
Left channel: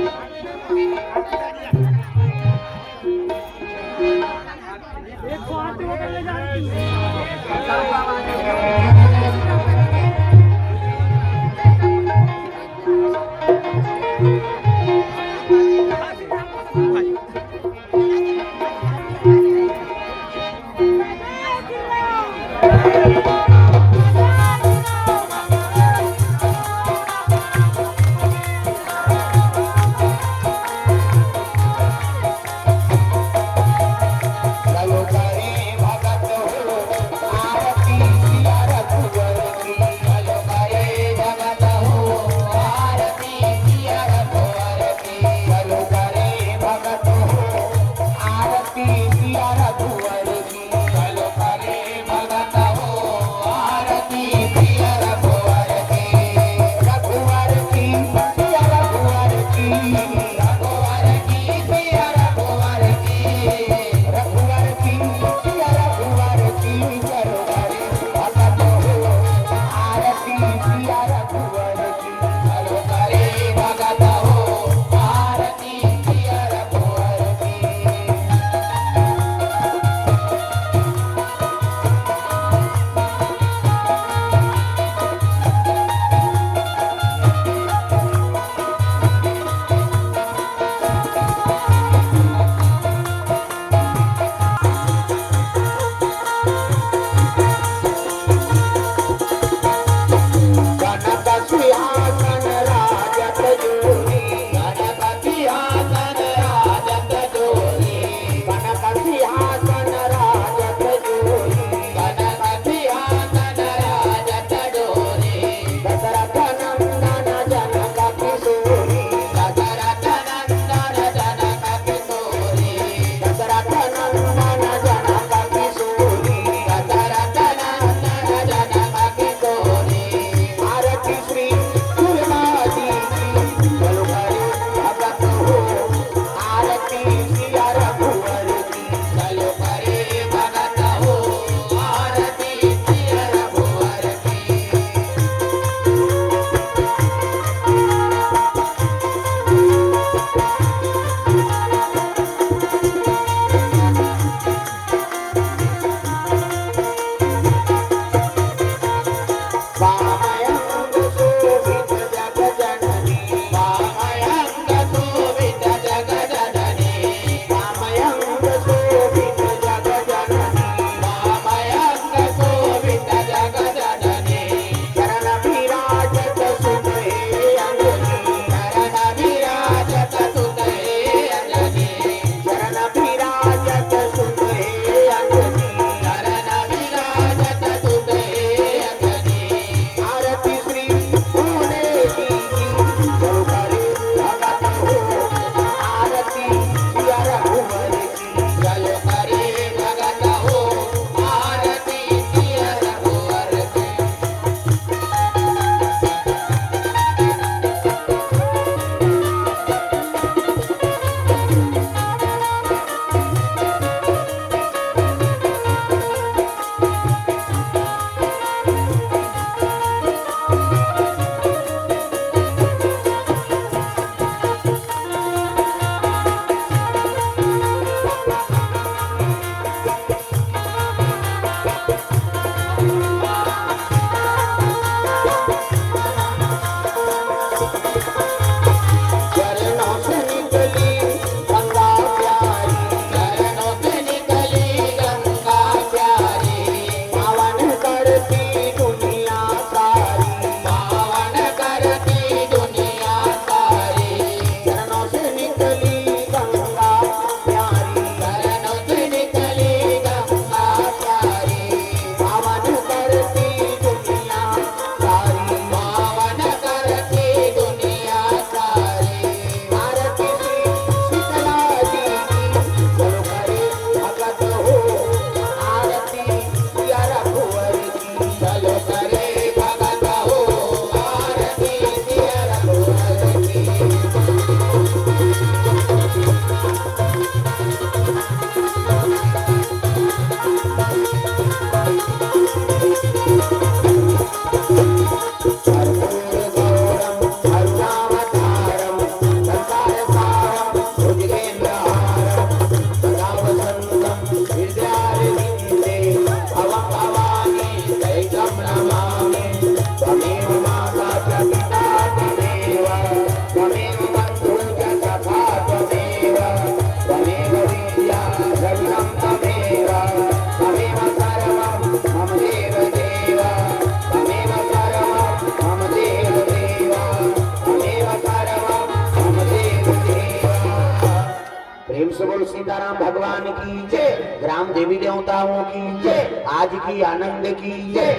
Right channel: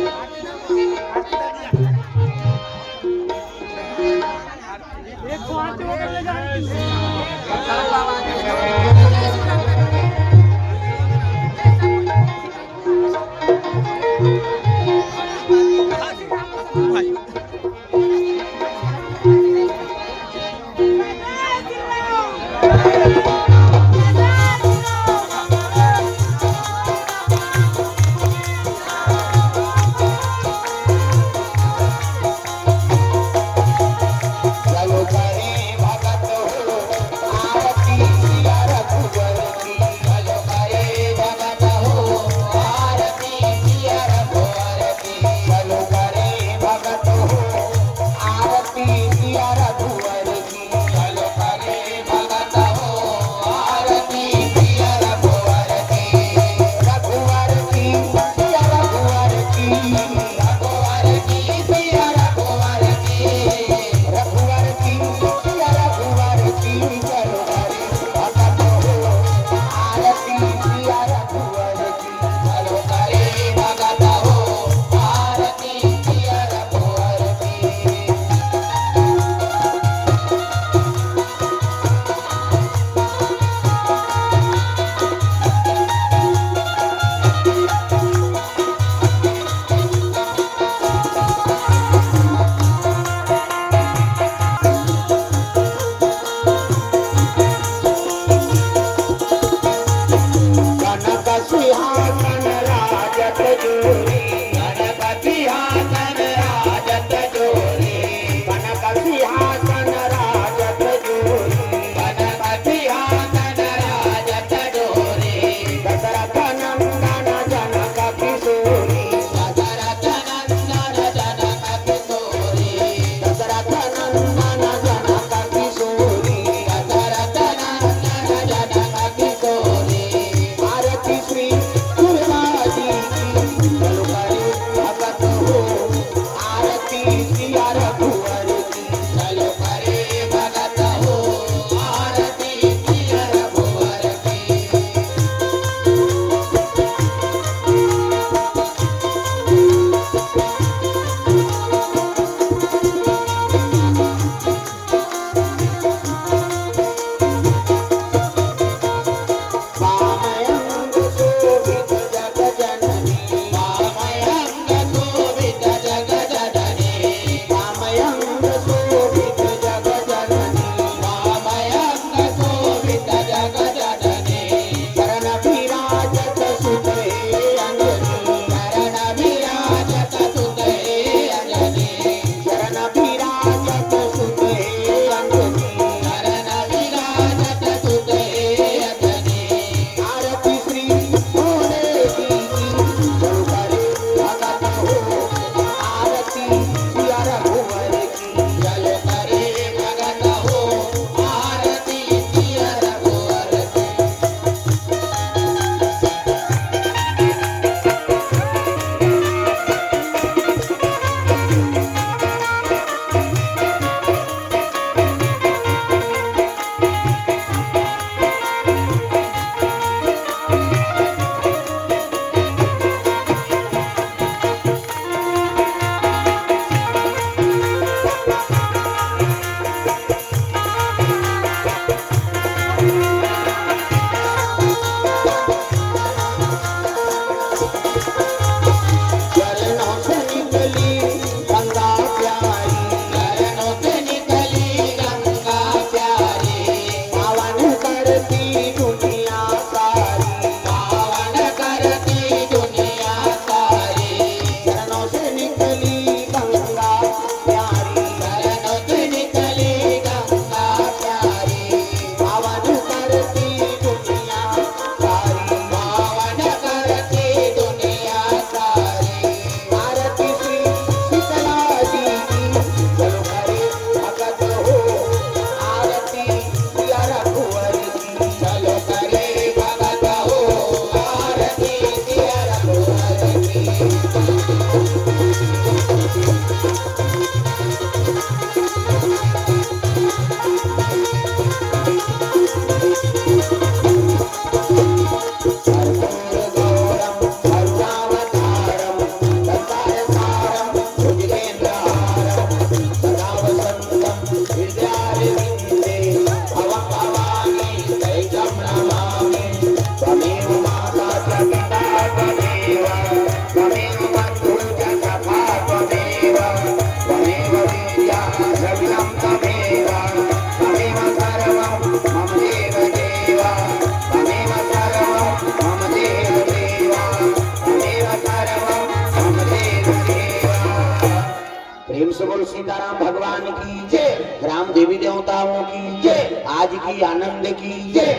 ग्राम देवी देवताओं की जय, आज की आनंद की जय।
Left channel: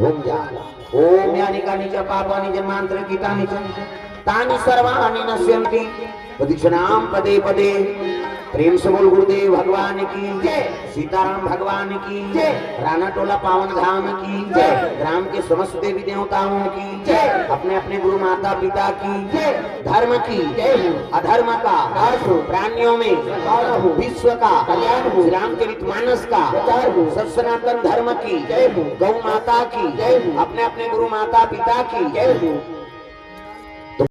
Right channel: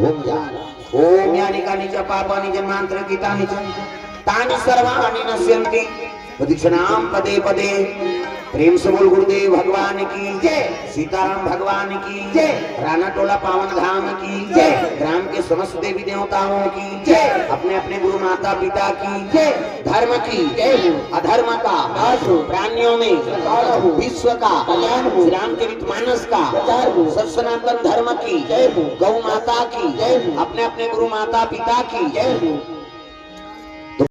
ओम जा ओम यानी का निज पापानि जन्मांतरे गीतानि तानि सर्वाणि नश्यन्ति प्रदक्षिणाम पदे पदे। प्रेम से बोल गुरुदेव भगवान की जय, सीताराम भगवान की जय, राणा टोला पावन धाम की जय, ग्राम के समस्त देवी देवताओं की जय, अपने अपने गुरु माता पिता की जय, धर्म की जय, अधर्म का प्राणियों में विश्व का राम चरित मानस का सनातन धर्म की जय, गौ माता की जय, अपने अपने गुरु माता पिता की जय।